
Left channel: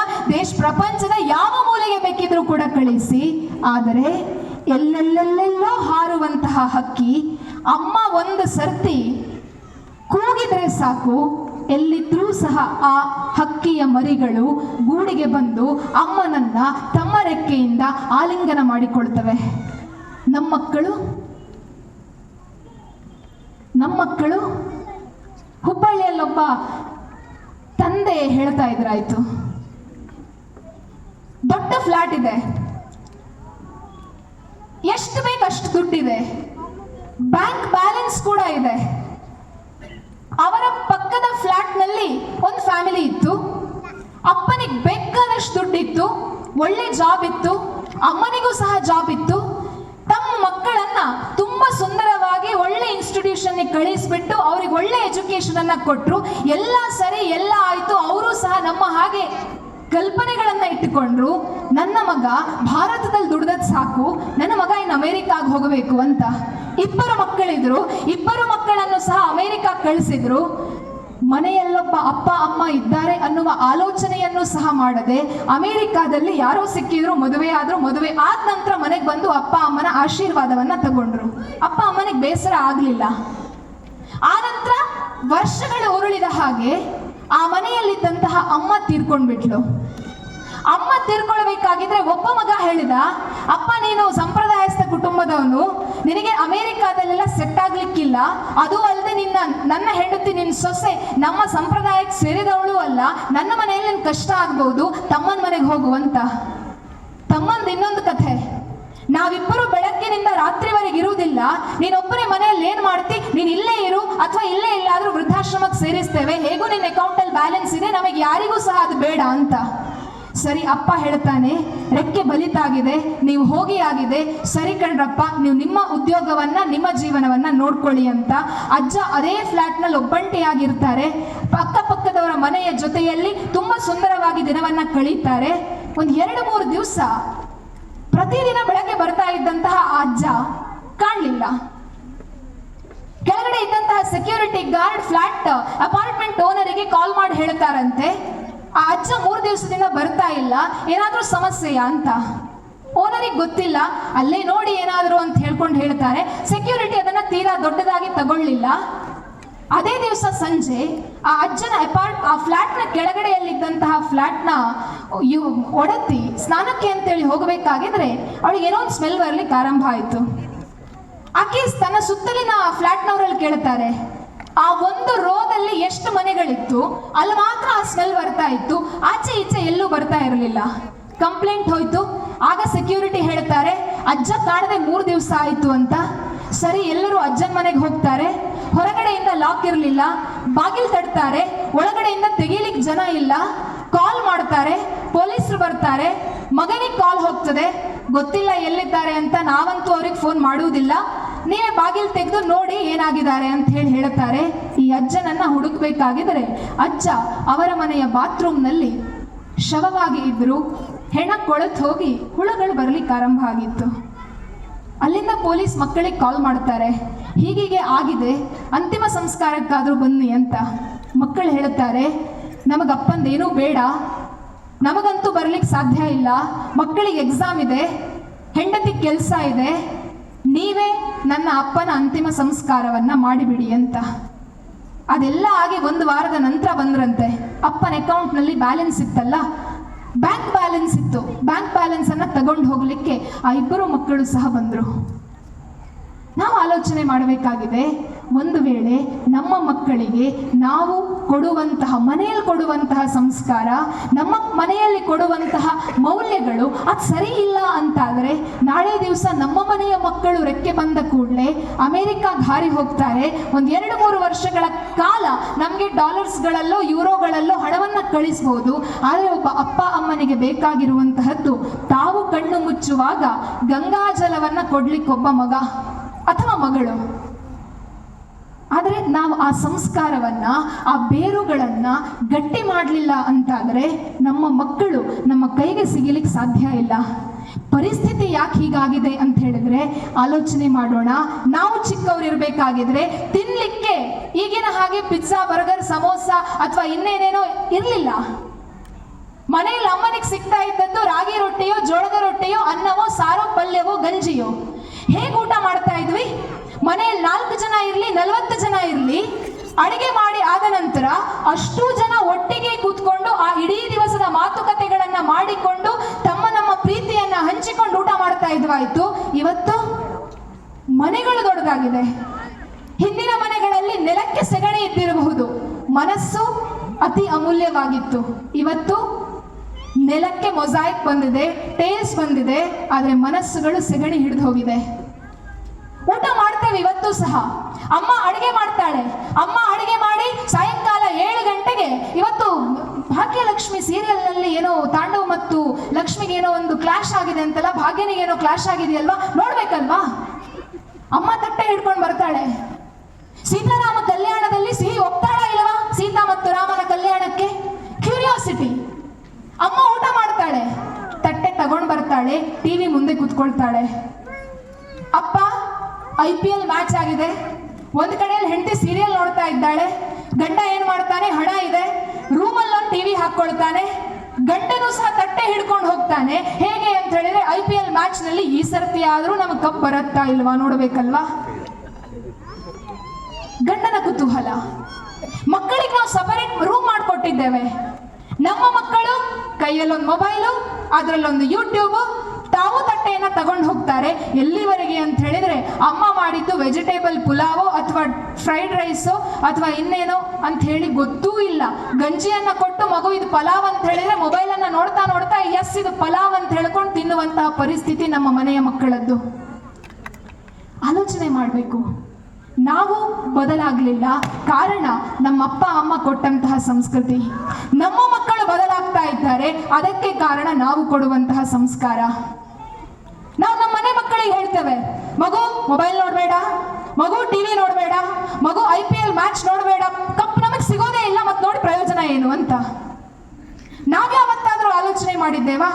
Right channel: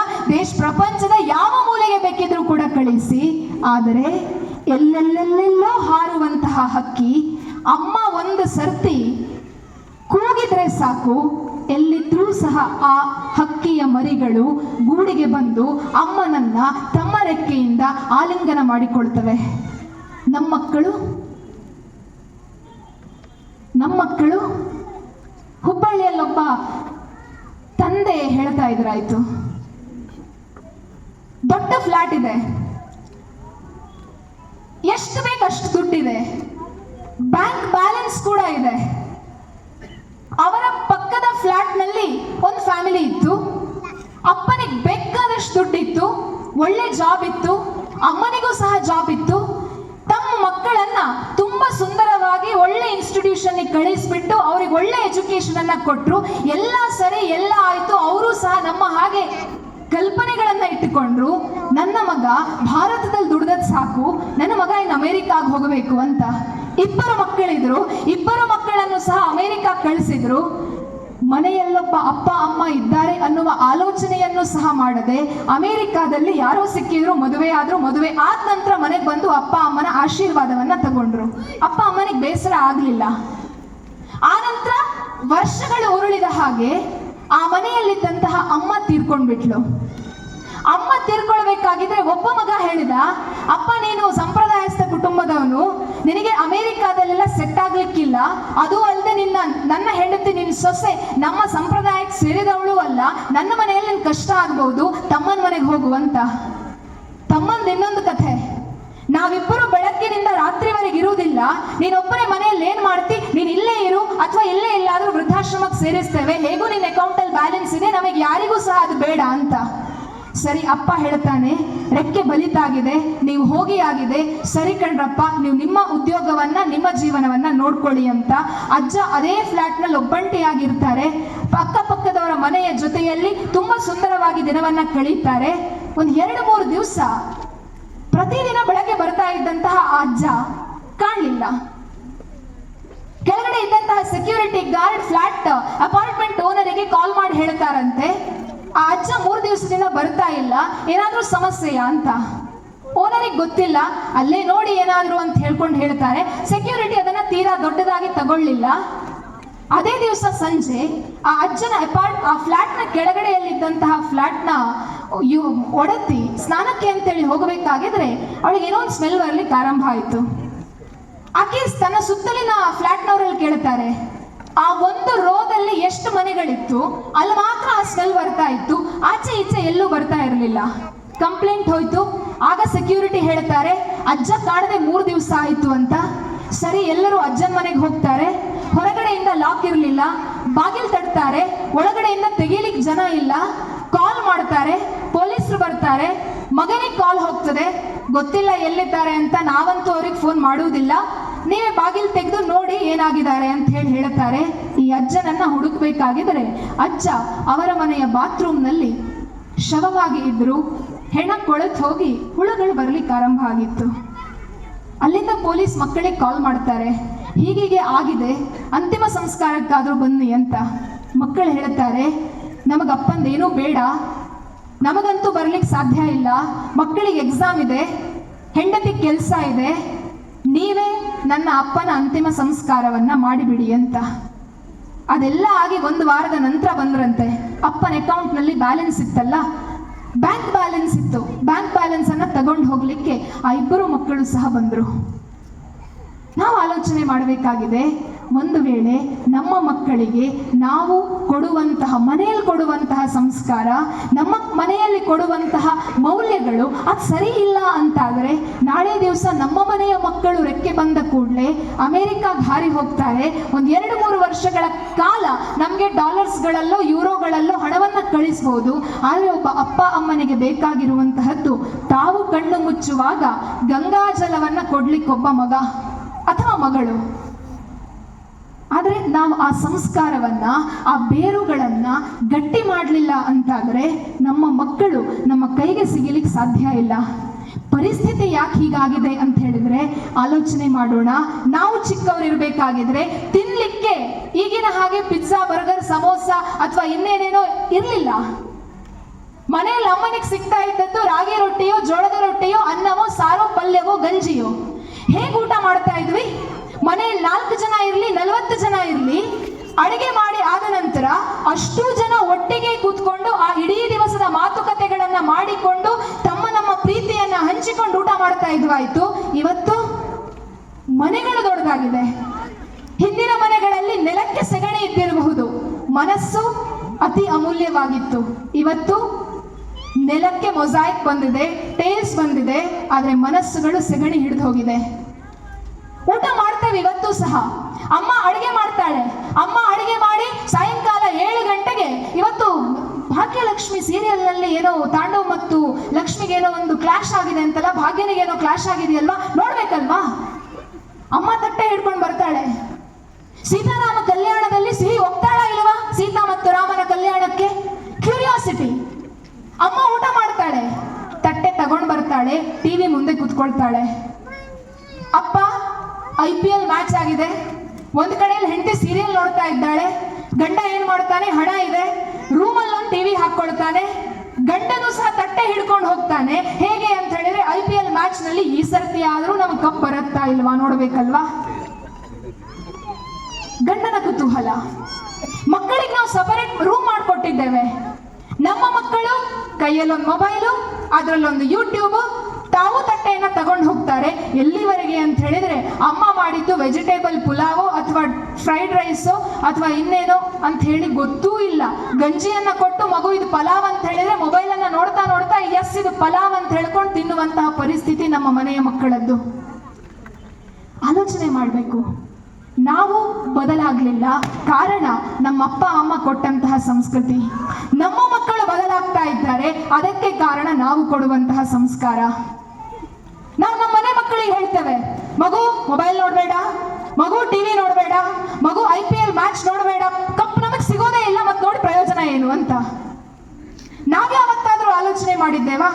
ಪ್ರಪಂಚದ ಯಾವ ಮೂಲೆಗೆ ಬೇಕಿದ್ರೂ ಕೂಡ ಕಳಿಸಿ. ಆದರೆ ಎಲ್ಲೆಲ್ಲೆಲ್ಲೆಲ್ಲೋ ಹಾರುವಂತಹ ಹಕ್ಕಿ ಅಮ್ಮ ಒಂದು ಸರ್ತಿ ಕೂಗಿದ್ರೆ ಸಾಕು, ಎಲ್ಲಿದ್ರೂ ಸಹ ಆ ಹಕ್ಕಿಯ ಮರಿಗಳು ಗೂಡಿಗೆ ಬಂದು ಅಮ್ಮನನ್ನ ತಮ್ಮ ರೆಕ್ಕೆಯಿಂದ ಆಲಿಂಗನ ಮಾಡಿಕೊಳ್ತವೆ. ನಮ್ಮ ಮಕ್ಕಳು ಹುಬ್ಬಳ್ಳಿಯಲ್ಲೊಬ್ಬ ತಂದೆ ಹೇಳ್ತಾ ಇದ್ರಾಯ್ತು, ದೊಡ್ಡ ಫ್ಲಾಟ್ ಇದೆ, ಎಷ್ಟು ಬೇಕು ಅಷ್ಟು ದುಡ್ಡಿದೆ, ಬ್ಯಾಂಕ್ ಬ್ಯಾಲೆನ್ಸ್ ಕೂಡ ಇದೆ. ಅವರ ಪಕ್ಕದ ಫ್ಲಾಟ್ ನಲ್ಲಿ ಒಂದು ಫ್ಯಾಮಿಲಿ ಇತ್ತು. ಅಪ್ಪನಿಗೆ ಬೇಕಾದಷ್ಟು ದುಡ್ಡಿತ್ತು, ಒಳ್ಳೆ ಜಾಬ್ ಇತ್ತು, ಅಮ್ಮನಿಗೂ ಸಹ ಜಾಬ್ ಇತ್ತು. ತಮ್ಮ ಮಕ್ಕಳನ್ನ ತುಂಬಾ ಸುಂದರವಾಗಿ ಒಳ್ಳೆ ಇನ್ಸ್ಟಿಟ್ಯೂಷನ್ ಕಳಿಸ್ಬಿಟ್ಟು ಅವ್ರಿಗೆ ಒಳ್ಳೆ ಎಜುಕೇಶನ್ ಅನ್ನ ಕೊಟ್ಟರು. ಎಲ್ಲ ಸರಿ, ಎಲ್ಲ ಆಯ್ತು. ಅವರು ಸಹ ನಮ್ಮ ಹಾಗೆ ಕಲ್ಪನೆಗಳನ್ನ ಇಟ್ಟುಕೊಂಡ್ರು. ನನ್ನ ಮಗ ಭಾರತದಲ್ಲಿ ದುಡ್ದದ್ ಸಾಕು, ನನ್ನ ಮಗ ಇನ್ನು ಅಮೆರಿಕಾಗ್ ಹೋಗಬೇಕು ಅಂತ. ಇಬ್ಬರು ಮಕ್ಕಳಿದ್ರು, ಇಬ್ಬರು ಮಕ್ಕಳನ್ನು ಸಹ ಅಮೆರಿಕಾ ಕಳಿಸಿದ್ರು. ಮನೆಯಲ್ಲೊಬ್ಬ ಅಪ್ಪ ಅಮ್ಮ ಇದ್ದಾರೆ ಅನ್ನುವ ಆಲೋಚನೆಯನ್ನು ಸಹ ಮಾಡದೆ ಅಮೆರಿಕಾದಲ್ಲಿ ಯಾರೋ ಸಿಕ್ಕಿದ್ರು, ಮದುವೆ ಆದ್ರು. ಮದುವೆ ಆದ ನಂತರ ಮನೆಗೆ ಬಂದು ಅಪ್ಪ ಅಮ್ಮನ ಆಶೀರ್ವಾದವನ್ನ ತಗೊಂಡ್ರು. ಅಪ್ಪ ಅಮ್ಮನಿಗೆ ಬೇಸರ ಆಗ್ಲಿಲ್ಲ. ಆ ನಂತರ ವರ್ಷಗಳು ಉರುಳಿದ ಹಾಗೆ ಆ ಮನೆಯಲ್ಲಿದ್ದಂತಹ ಅಮ್ಮ ತೀರ್ಕೊಂಡ್ಬಿಟ್ಲು. ಅಮ್ಮ ತೀರ್ಕೊಳ್ಬೇಕಾಗಿದ್ರೆ ಒಬ್ಬ ಮಗ ಹೇಳಿದ, ಅಪ್ಪ ನೀನು ಸಂಪ್ರದಾಯಸ್ಥ ಕುಟುಂಬದವನು, ನಿನಗೆ ಅಮೆರಿಕಾದಲ್ಲೆಲ್ಲ ಸೆಟ್ ಆಗ್ಲಿಕ್ಕಿಲ್ಲ. ಅದು ಅಲ್ಲದೆ ನನ್ನ ಹೆಂಡತಿ, ನಿನ್ನ ಸೊಸೆ ನಮ್ಮ ಸಂಪ್ರದಾಯಕ್ಕೆ ಸೇರಿದವಳು ಅಲ್ಲ, ನನ್ನ ಮನೆಯಲ್ಲಿ ನಿನ್ ಕಷ್ಟ ಆಗ್ಬಹುದು, ತಮ್ಮನ ಮನೆಗೆ ಹೋಗುವಂತ. ತಮ್ಮಂದು ಇನ್ನೊಂದು ಕಥೆ, ನಾವಿಬ್ಬರು ಬೆಳಗ್ಗಿನಿಂದ ರಾತ್ರಿವರೆಗೆ ಇರುವುದಿಲ್ಲ, ನೀನೊಬ್ಬರೇ ಮನೆಯಲ್ಲಿ ಏನ್ ಮಾಡ್ತಿ, ನೀನ್ ಇಲ್ಲೇ ಇರು ಅಥವಾ ಇಲ್ಲೇ ಇಲ್ಲಾದ್ರೂ ವೃದ್ಧಾಶ್ರಮಕ್ಕೆ ಸೇರಿಸ್ತೇವೆ, ಹೇಗೂ ನಿನ್ನ ಅಕೌಂಟ್ ಅಲ್ಲಿ ಬ್ಯಾಲೆನ್ಸ್ ಇದೆ, ನಮಗೆ ಯಾರಿಗೂ ಸಹ ಅದು ಬೇಡ ಅಂತ. ಸರಿ, ಅಪ್ಪ ಹೇಳ್ತಾನೆ, ರೆಕ್ಕೆ ಬಲಿತಾಗಿದೆ, ನೀವು ಹೋಗಿ ಆಗಿದೆ, ಸರಿ ಕಣ್ರಪ್ಪ, ನೀವು ನಿಮ್ಮ ಉದ್ಯೋಗವನ್ನ, ನಿಮ್ಮ ಜೀವನವನ್ನ ನೋಡ್ಕೊಳ್ಳಿ ಅಂತ. ಅಜ್ಜ ಅದೇ ಫ್ಲಾಟ್ ನಲ್ಲಿ ಒಬ್ಬಂಟಿಯಾಗಿರ್ತಾರೆ. ಅಕ್ಕಪಕ್ಕದವರ ಮನೆಯ ಜೊತೆಯಲ್ಲಿ ತುಂಬಾ ಸುಂದರವಾಗಿ ದಿನವನ್ನ ಕಳೀತಾರೆ. ಒಂದು 2-3 ದಿವಸ ಪ್ರತಿದಿನ ಬೆಳಗ್ಗೆ ಬರ್ತಾ ಇದ್ದಂತಹ ಆ ಅಜ್ಜ ಕಾಣಲಿಲ್ಲ. ಕೆಳಗಡೆ ಇದ್ದಂತಹ ಸೆಕ್ಯೂರಿಟಿ ಗಾರ್ಡ್ ಫ್ಲಾಟ್ ಅಪಾರ್ಟ್ಮೆಂಟ್ ಓನರಿಗೆ ಕಾಲ್ ಮಾಡಿ ಹೇಳ್ತಾರಂತೆ, ಆ ಅಜ್ಜ 3 ದಿವಸದಿಂದ ಬರ್ತಾ ಇಲ್ಲ, ಏನಾದ್ರೂ ಸಮಸ್ಯೆಯಾ ಅಂತ. ಓನರಿಗೆ ಗೊತ್ತಿಲ್ಲ, ಅಲ್ಲೇ ನೋಡಿ ಏನಾದ್ರು ಅಂತ ಹೇಳ್ಕೊಂಡು ಹೇಳ್ತಾರೆ. ಸೆಕ್ಯೂರಿಟಿ ಅದನ್ನ ತೀರಾ ದೊಡ್ಡದಾಗಿ ತಗೊಳ್ಳಿಲ್ಲ. ಅದೇ ದಿವಸ ಸಂಜೆ ಆ ಅಜ್ಜನ ಆ ಫ್ಲಾಟ್ನ ಕೆಳಗಡೆಯಲ್ಲಿದ್ದಂತಹ ಫ್ಲಾಟ್ನ ಒಡತಿ ಸ್ನಾನಕ್ಕೆ ಅಂತೇಳಿ ಹೋಗಬೇಕಾಗಿದ್ರೆ ಅವಳಿಗೆ ಏನೋ ಒಂದು ಸ್ಮೆಲ್ ಬರ್ಲಿಕ್ಕೆ ಆರಂಭ ಆಯಿತು. ಆಕೆ ತನ್ನ ಸುತ್ತಲಿನ ಫ್ಲಾಟ್ನವರಲ್ಲಿ ಕೇಳ್ತಾರೆ, ಆ ಒಂದು ರೋದಲ್ಲಿ ಎಷ್ಟು ಮನೆಗಳಿತ್ತು, ಅಲ್ಲಿ ಮಾತ್ರ ಆ ಸ್ಮೆಲ್ ಬರ್ತಾ ಇತ್ತು, ಆಚೆ ಈಚೆ ಎಲ್ಲೂ ಬರ್ತಾ ಇರಲಿಲ್ಲ. ಕಂಪ್ಲೇಂಟ್ ಹೋಯ್ತು. ಆಗ ಸೆಕ್ಯೂರಿಟಿ ಹೇಳ್ತಾರೆ, ಅಜ್ಜ ಕಾಡದೆ 3 ದಿವಸ ಆಯಿತು ಅಂತ. ಸರಿ, ಎಲ್ಲರೂ ಅಜ್ಜನ ಮನೆಗೆ ಹೋಗ್ತಾರೆ. ಹೊರಗಡೆಯಿಂದ ಲಾಕ್ ಇರಲಿಲ್ಲ, ಬಾಗಿಲು ತಡ್ತಾರೆ, ಒಳಗಡೆಯಿಂದ ತೆಗೀಲಿಕ್ಕೆ ಜನ ಇಲ್ಲ. ಕಾಲ್ ಮಾಡ್ತಾರೆ, ಪೊಲೀಸರು ಬರ್ತಾರೆ, ಮಗನಿಗೆ ಕಾಲ್ ಹೋಗ್ತದೆ, ಗೊತ್ತಿಲ್ಲ ಎಲ್ಲಿದ್ದಾರೆ ಅಂತ. ನಾವಂತೂ ಅವ್ರಿಗೆ ಫೋನ್ ಮಾಡುವುದಿಲ್ಲ, ನೀವೇ ಬಾಗಿಲು ತೆಗೆದು ನೋಡಿ ಏನಾಗಿದ್ದಾರೆ ಅಂತ ಹೇಳ್ತಾರೆ. ಈ ಅಜ್ಜನನ್ನ ಹುಡುಕ್ಬೇಕಾಗಿದ್ರೆ ಅಜ್ಜ ಅವರ ಮನೆಯ ಬಾತ್ರೂಮ್ನಲ್ಲಿ ಶವವಾಗಿ ಇದ್ರು. ಹೆಣ ಕೊಳೆತು ಹೋಗಿ ಹುಳುಗಳು ಬರ್ಲಿಕ್ಕೆ ಆರಂಭ ಆಗಿತ್ತು. ಅಲ್ಲಿಂದ ಪೊಲೀಸ್ ಮಕ್ಕಳಿಗೆ ಕಾಲ್ ಮಾಡ್ತಾರೆ, ಹೀಗೀಗೆ ಆಗಿದೆ, ಅಂತಿಮ ಸಂಸ್ಕಾರಕ್ಕಾದ್ರೂ ಬನ್ನಿ ಅಂತ. ಮಕ್ಕಳು ಹೇಳ್ತಾರೆ, ನಮಗಪ್ಪಂದೇನೂ ಬೇಡ, ನಮಗಂತೂ ಬರ್ಲಿಕ್ಕೆ ಸಾಧ್ಯ ಇಲ್ಲ, ಮಕ್ಕಳಿಗೆ ಎಕ್ಸಾಮ್ ಇದೆ, ಹೆಂಡತಿ ಕೆಲಸ ಇದೆ, ನೀವೇ ನನ್ನ ಅಪ್ಪನ ಅಂತಿಮ ಸಂಸ್ಕಾರವನ್ನ ಮಾಡಿಬಿಡಿ ಅಂತ. ಅದೆಲ್ಲ ಆಗಿ 1 ವಾರದ ನಂತರ ಬಂದ್ರಂತೆ. ಅಪ್ಪನ ಅಕೌಂಟ್ನಲ್ಲಿ ಬ್ಯಾಲೆನ್ಸ್ ಇತ್ತಲ್ಲ, ಬ್ಯಾಂಕ್ ಬ್ಯಾಲೆನ್ಸ್ ಇತ್ತು. ಬ್ಯಾಂಕ್ ಬ್ಯಾಲೆನ್ಸ್ ಅನ್ನ ತಗೊಂಡು ಹೋಗ್ಲಿಕ್ಕೆ ಆ 2 ಮಕ್ಕಳು ಸಹ ಬಂದ್ರು. ನಾವು ಆಲೋಚನೆ ಮಾಡಬೇಕಾಗಿದೆ, ಒಂದು ವೇಳೆ ನಮ್ಮ ಮಕ್ಕಳಿಗೆ ನಾವು ಕೊಡುವಂತಹ, ಮನೆಯಲ್ಲಿ ಕೊಡುವಂತಹ ಸಂಸ್ಕಾರ, ನಮ್ಮ ಮನೆಯಲ್ಲಿ ಕೊಡುವಂತಹ ಮೌಲ್ಯಗಳು ಅದು ಸರಿ ಇಲ್ಲ ಅಂತಾದರೆ, ನಾಳೆ ದಿವಸ ನಮ್ಮ ಮನೆಯ ಮಕ್ಕಳು ರೆಕ್ಕೆ ಬಂದ ಕೂಡಲೇ ಅಮೆರಿಕಾಗೆ ಹಾರಿ ಹೋಗ್ತಾರೆ. 1-2-3 ವರ್ಷಗಳ ಕಾಲ ನಮಗೆ ಡಾಲರ್ಸ್ಗಳಲ್ಲೋ ಯೂರೋಗಳಲ್ಲೋ ಹಣವನ್ನು ಕಳಿಸಬಹುದು. ಆದರೆ ಒಬ್ಬ ಅಪ್ಪ ಅಮ್ಮನಿಗೆ ಬೇಕಾಗಿರುವಂತಹದ್ದು, ತಾವು ಕಣ್ಣು ಮುಚ್ಚುವಾಗ ಗಂಗಾಜಲವನ್ನ ಕೊಡ್ಲಿಕ್ಕೊಬ್ಬ ಮಗ ಅಥವಾ ಮಗಳು. ಆದರೆ ನಾವು ಆ ಸಂಸ್ಕಾರವನ್ನ, ಆ ಬೇರುಗಳನ್ನ ಗಟ್ಟಿ ಮಾಡಲಿಲ್ಲ ಅಂತಾದರೆ ನಮ್ಮ ಮಕ್ಕಳು ನಮ್ಮ ಕೈಗೆ ಸಿಗಲಿಕ್ಕೆ ಸಾಧ್ಯ ಇಲ್ಲ. ಪರಿಸ್ಥಿತಿ ಯಾಕೆ ಹೀಗಾಗಿದೆ ಅಂತ ಹೇಳಿದ್ರೆ ಆಲೋಚನೆ ಮಾಡೋಣ. ನಾವು ಚಿಕ್ಕವರಿರ್ಬೇಕಾಗಿದ್ರೆ ತಿನ್ಲಿಕ್ಕೆ ಈಗಿನ ಹಾಗೆ ಪಿಜ್ಜಾ, ಬರ್ಗರ್, ಸಮೋಸ ಅಥವಾ ಇನ್ನೇನೇನೋ ಇರಲಿಲ್ಲ. ಮನೆಯಲ್ಲಿ ಅಮ್ಮನಿಗೆ ಸಿಗ್ತಾ ಇದ್ದದ್ದು ರಾಗಿ ರೊಟ್ಟಿಯೋ, ಜೋಳದ ರೊಟ್ಟಿಯೋ, ಅನ್ನವೋ, ಸಾರೋ, ಪಲ್ಯವೋ, ಗಂಜಿಯೋ. ಹೇಗೆ ಊಟ ಮಾಡ್ತಾ ಇದ್ವಿ? ಮನೆಯಲ್ಲಿ 4 ಜನ ಇರಲಿ, 40 ಜನ ಇರಲಿ, ಅಡಿಗೆ ಮಾಡಿ ಆದ ನಂತರ ಅಷ್ಟೂ ಜನ ಒಟ್ಟಿಗೆ ಕೂತ್ಕೊಂಡು ಆ ಇಡೀ ದಿವಸದ ಮಾತುಕತೆಗಳನ್ನ ಮಾಡಿಕೊಂಡು ನಮ್ಮ ಪ್ರೀತಿಯನ್ನ ಹಂಚಿಕೊಂಡು ಊಟ ಮಾಡ್ತಾ ಇದ್ವಾಯ್ತು. ಇವತ್ತು ಮನೆಗಳು ದೊಡ್ಡದಾಗಿದೆ. ಹಿಂದಿನ ಮನೆಗಳಲ್ಲಿ ನೆಲಕ್ಕೆ ಸೆಗಣಿ ಇದ್ದಿರಬಹುದು, ಮನಸ್ಸು ಅತಿ ಅಮೂಲ್ಯವಾಗಿತ್ತು. ಇವತ್ತು ನೆಲಕ್ಕೆ ಮೊಸಾಯಿಕ್ ಬಂದಿದೆ, ಟೇಲ್ಸ್ ಬಂದಿದೆ, ಆದರೆ ಮನಸ್ಸುಗಳು ಸೆಗಣಿ ಹಿಡಿದು ಹೋಗಿದೆ. ಊಟ ಮಾಡ್ತೇವೆ ಇವತ್ತು ಸಹ. ಅಮ್ಮ ಅಡಿಗೆ ಮಾಡ್ತಾಳೆ, ಅಮ್ಮ ಅಡಿಗೆ ಮಾಡಿ ಸಾಯಂಕಾಲ 7 ಗಂಟೆಗೆ, ಇವತ್ತು ಭಾಗ್ಯಲಕ್ಷ್ಮಿ ಸೀರಿಯಲ್ ನಲ್ಲಿ ಏನೋ ತಾಂಡವ್ ಮತ್ತು ಲಕ್ಷ್ಮಿಗೇನೋ ಒಂದು ಕ್ಲಾಶ್ ಆಗಿದೆ ಅಂತಲ್ಲ, ಭಾಗ್ಯನಿಗೇನೋ ಕ್ಲಾಶ್ ಆಗಿದೆಯಲ್ವಾ, ನೋಡ್ಬೇಕಲ್ವಾ? ಅಮ್ಮ ತಟ್ಟೆ ಹಿಡ್ಕೊಂಡು ಬರ್ತಾಳೆ. ಸೀತಾರಾಮ ಕಲ್ಯಾಣದಲ್ಲಿ ಸಿಹಿ ಹೋಗ್ತಾಳ ಇಲ್ವಾ? ಸೀತಾ ಮತ್ತು ರಾಮನ ಕಲ್ಯಾಣಕ್ಕೆ ಕ್ಯೂರಿಯಾಸಿಟಿ. ಅಮ್ಮ ಊಟ ಮಾಡ್ತಾಳೆ, ತಟ್ಟೆ ತಗೊಂಡ್ ಬರ್ತಾಳೆ, ಟಿವಿ ಮುಂದೆ ಕುತ್ಕೊಳ್ತಾಳೆ. ಅಪ್ಪ IPL ಮ್ಯಾಚ್ ಆಗಿದೆ, ಒಂದ್ ಕಡೆಯಲ್ಲಿ ಹೆಂಡತಿ ಸೀರಿಯಲ್ ನೋಡ್ತಾ ಇದ್ದಾಳೆ, ಗಂಡ ಏನ್ ಮಾಡ್ತಾನೆ, ಹಣ ಇದೆ, ರೂಮಲ್ಲಿ ಒಂದು ಟಿವಿ ಹಾಕೊಳ್ತಾನೆ, ಗಂಡನು ಸಹ ತಟ್ಟೆ ಹಿಡ್ಕೊಂಡು ಹೋಗ್ತಾನೆ. ಹೇಗೆ ಅಂತ ಹೇಳಿದ್ರೆ IPL ಮ್ಯಾಚ್ ನಲ್ಲಿ ಈ ಸರ್ತಿ ಆದ್ರೂ ನಮ್ಗೆ ಕಪ್ ಬರುತ್ತಾ ಇಲ್ವಾ ನೋಡ್ಬೇಕಲ್ವಾ? ಗಂಡನ ಕುತೂಹಲ. ಮಕ್ಕಳಿಗೆ ನಾವು ಸಪರೇಟ್ ರೂಮ್ ಮಾಡ್ಕೊಟ್ಟಿದ್ದೇವೆ. ನಮ್ಮ ಮಕ್ಕಳು ಕೈಯಲ್ಲೊಂದು ಮೊಬೈಲು, ಅದರಲ್ಲೊಂದು ಯೂಟ್ಯೂಬ್, ತಾವು ತಟ್ಟೆಯನ್ನ ತಗೊಂಡು ಹೋಗ್ತಾರೆ. ಎಲ್ಲಿವರೆಗೆ ಅಂತ ಹೇಳಿದ್ರೆ ಅಮ್ಮ ಮಾಡಿದ್ದು ವೆಜಿಟೇಬಲ್ ಪುಲಾವೋ ಅಥವಾ ಫ್ರೈಡ್ ರೈಸೋ ಅಥವಾ ಇನ್ನೇನೋ ಅಂತ ಹೇಳಿ ಗೊತ್ತೂ ಇಲ್ಲ. ಗಂಜಿಯನ್ನ ಕೊಟ್ಟು ಮಗು ಇದು ಪಲಾವ್ ಅಂತ ಹೇಳಿದ್ರೆ ಮೊಬೈಲ್ ಅನ್ನ ನೋಡ್ತಾ ನೋಡ್ತಾ ಎಸ್ ಇದು ಪಲಾವ್ ಅಂತ ಹೇಳ್ಕೊಂಡು ತಿನ್ನುವಂತಹ ಪರಿಸ್ಥಿತಿ ನಮ್ಮ ಮನೆಯ ಮಕ್ಕಳದ್ದು. ಆಲೋಚನೆ ಮಾಡಬೇಕು. ನಾವು ಬದಲಾಗಲಿಲ್ಲ, ಕಾರಣ ನಮ್ಮ ಅಪ್ಪ ಅಮ್ಮ ಕೊಟ್ಟಂತಹ ಸಂಸ್ಕೃತಿ. ನಮ್ಮ ಮಕ್ಕಳು ಬದಲಾಗ್ತಾ ಇದ್ದಾರೆ, ಅದಕ್ಕೆ ಕಾರಣ ನಾವು ಕೊಡುವಂತಹ ಸಂಸ್ಕಾರ. ನಾವು ನಮ್ಮ ಮನೆ ಮಕ್ಕಳಿಗೆ ಹೇಳ್ತೇವೆ, ಮಗು ಮೊಬೈಲ್ ನೋಡಬೇಡ, ಮಗು ಟಿವಿ ನೋಡಬೇಡ, ಮಗು IPL ಮ್ಯಾಚ್ ನೋಡಬೇಡ, ಕಪ್ ನಮಗೆ ಸಿಗೋದೇ ಇಲ್ಲ, ಮತ್ತೆ ನೋಡಿ ಪ್ರಯೋಜನ ಏನು ಅಂತ. ನಾವ್ಯಾವತ್ತಾದ್ರೂ ಆಲೋಚನೆ ಮಾಡಿದ್ದೇವಾ?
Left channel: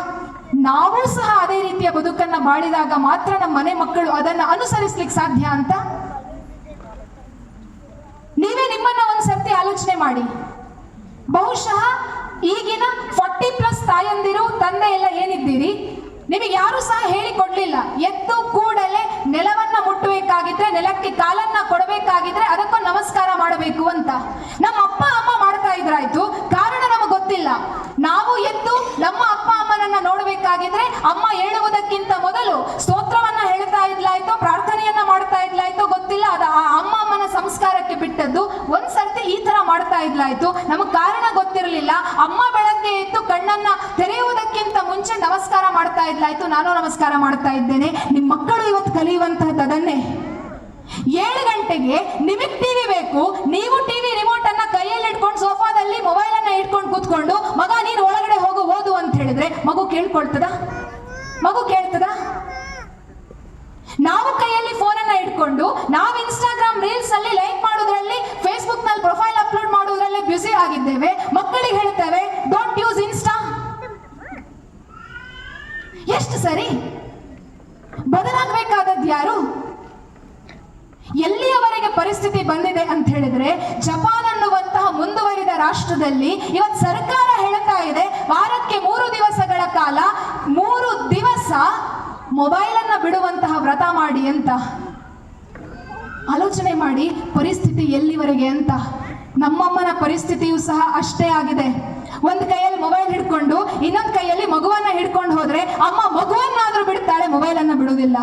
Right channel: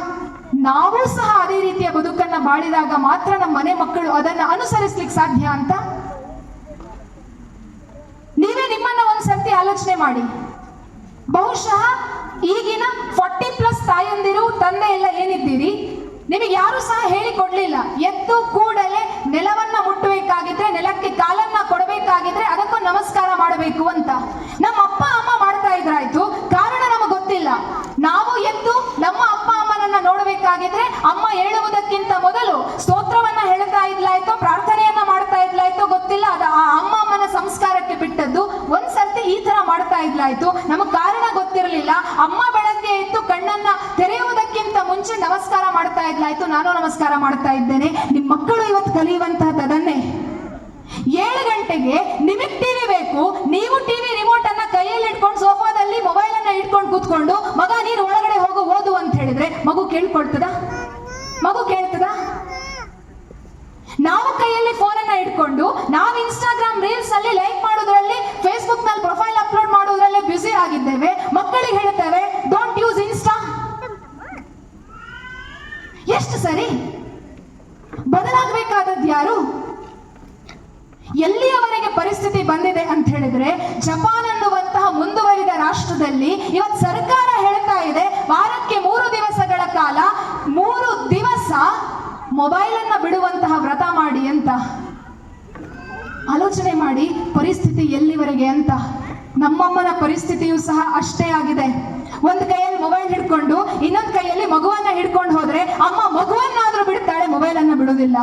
ನಾವು ಸಹ ಅದೇ ರೀತಿಯ ಬದುಕನ್ನ ಬಾಳಿದಾಗ ಮಾತ್ರ ನಮ್ಮ ಮನೆ ಮಕ್ಕಳು ಅದನ್ನ ಅನುಸರಿಸ್ಲಿಕ್ಕೆ ಸಾಧ್ಯ ಅಂತ. ನೀವೇ ನಿಮ್ಮನ್ನ ಒಂದ್ಸರ್ತಿ ಆಲೋಚನೆ ಮಾಡಿ. ಬಹುಶಃ ಈಗಿನ 40+ ತಾಯಂದಿರು, ತಂದೆ ಎಲ್ಲ ಏನಿದ್ದೀರಿ, ನಿಮಗೆ ಯಾರು ಸಹ ಹೇಳಿಕೊಡ್ಲಿಲ್ಲ, ಎದ್ದು ಕೂಡಲೇ ನೆಲವನ್ನ ಮುಟ್ಟಬೇಕಾಗಿದ್ರೆ, ನೆಲಕ್ಕೆ ಕಾಲನ್ನ ಕೊಡಬೇಕಾಗಿದ್ರೆ ಅದಕ್ಕೊಂದು ನಮಸ್ಕಾರ ಮಾಡಬೇಕು ಅಂತ. ನಮ್ಮ ಅಪ್ಪ ಅಮ್ಮ ಮಾಡ್ತಾ ಇದ್ರಾಯ್ತು, ಕಾರಣ ನಮಗೆ ಗೊತ್ತಿಲ್ಲ. ನಾವು ಎದ್ದು ನಮ್ಮ ಅಪ್ಪ ಅಮ್ಮನನ್ನ ನೋಡಬೇಕಾಗಿದ್ರೆ ಅಮ್ಮ ಹೇಳುವುದಕ್ಕಿಂತ ಮೊದಲು ಸ್ತೋತ್ರವನ್ನ ಹೇಳ್ತಾ ಇದ್ಲಾಯ್ತು, ಪ್ರಾರ್ಥನೆಯನ್ನ ಮಾಡ್ತಾ ಇದ್ಲ ಗಂಟೆಗೆ ನಿಮಗೆ ಟಿವಿ ಬೇಕು, ನೀವು ಟಿವಿ ರಿಮೋಟ್ ಅನ್ನ ಕೈಯಲ್ಲಿ ಇಟ್ಕೊಂಡು ಸೋಫಾದಲ್ಲಿ ಮೊಬೈಲ್ ಅನ್ನ ಇಟ್ಕೊಂಡು ಕೂತ್ಕೊಂಡು ಮಗ ನೀನು ಒಳಗಡೆ ಹೋಗು ಓದು ಅಂತ ಹೇಳಿದ್ರೆ ಮಗು ಕೇಳ್ಕೊಳ್ತದ? ಮಗು ಕೇಳ್ತದ? ನಾವು ಕೈಯಲ್ಲಿ ಫೋನ್ ಅನ್ನ ಇಟ್ಕೊಂಡು ನಾವು ಇನ್ಸ್ಟಾಗ್ರಾಮ್ ರೀಲ್ಸ್ ಅಲ್ಲಿ ಲೈಕ್ ಮಾಡೋದ್ರಲ್ಲಿ, ಫೇಸ್ಬುಕ್ ನಲ್ಲಿ ಪ್ರೊಫೈಲ್ ಅಪ್ಲೋಡ್ ಮಾಡೋದ್ರಲ್ಲಿ ಬ್ಯುಸಿ ಆಗಿದ್ದೇವೆ. ಮಕ್ಕಳಿಗೆ ಹೇಳ್ತೇವೆ ಡೋಂಟ್ ಯೂಸ್ ಇನ್ಸ್ಟಾ. ಎಷ್ಟು ಸರಿ? ಬದಲಾಗಬೇಕಾದದ್ದು ಯಾರು? ಎಲ್ಲಿಯವರೆಗೆ ಪರಿಸ್ಥಿತಿ ಬಂದಿದೆ ಅಂತ ಹೇಳಿದ್ರೆ, ಜಪಾನ್ ಅನ್ನುವಂತಹ ಮುಂದುವರಿದ ರಾಷ್ಟ್ರದಲ್ಲಿ ಇವತ್ತು ಸರ್ಕಾರ ಹೇಳ್ತಾ ಇದೆ ವಾರಕ್ಕೆ 3 ದಿವಸಗಳ ಕಾಲ 3 ದಿವಸ ಮೊಬೈಲ್ ಅನ್ನ ಬಿಡುವಂತಹ ವ್ರತ ಮಾಡಿ ಅಂತ. ಆಲೋಚನೆ ಮಾಡಿ ಪರಿಸ್ಥಿತಿ ಎಲ್ಲಿವರೆಗೆ ಅಂತ. ನಮ್ಮಮ್ಮನ ಪರಿಸ್ಥಿತಿಯೂ ಸಹ ಅಷ್ಟೇ ಆಗಿದೆ. ಒಂದು ಕೈಯಲ್ಲಿ ಮೊಬೈಲ್ ಹಿಡ್ಕೊಂಡು ಇನ್ನೊಂದು ಕೈಯಲ್ಲಿ ಮಗುವನ್ನ ಹಿಡ್ಕೊಂಡು ಹೋದ್ರೆ ಅಮ್ಮ ಮಗುವನ್ನಾದ್ರೂ ಬಿಡ್ತಾಳೆ, ಮೊಬೈಲ್ ಅನ್ನ ಬಿಡೋದಿಲ್ಲ.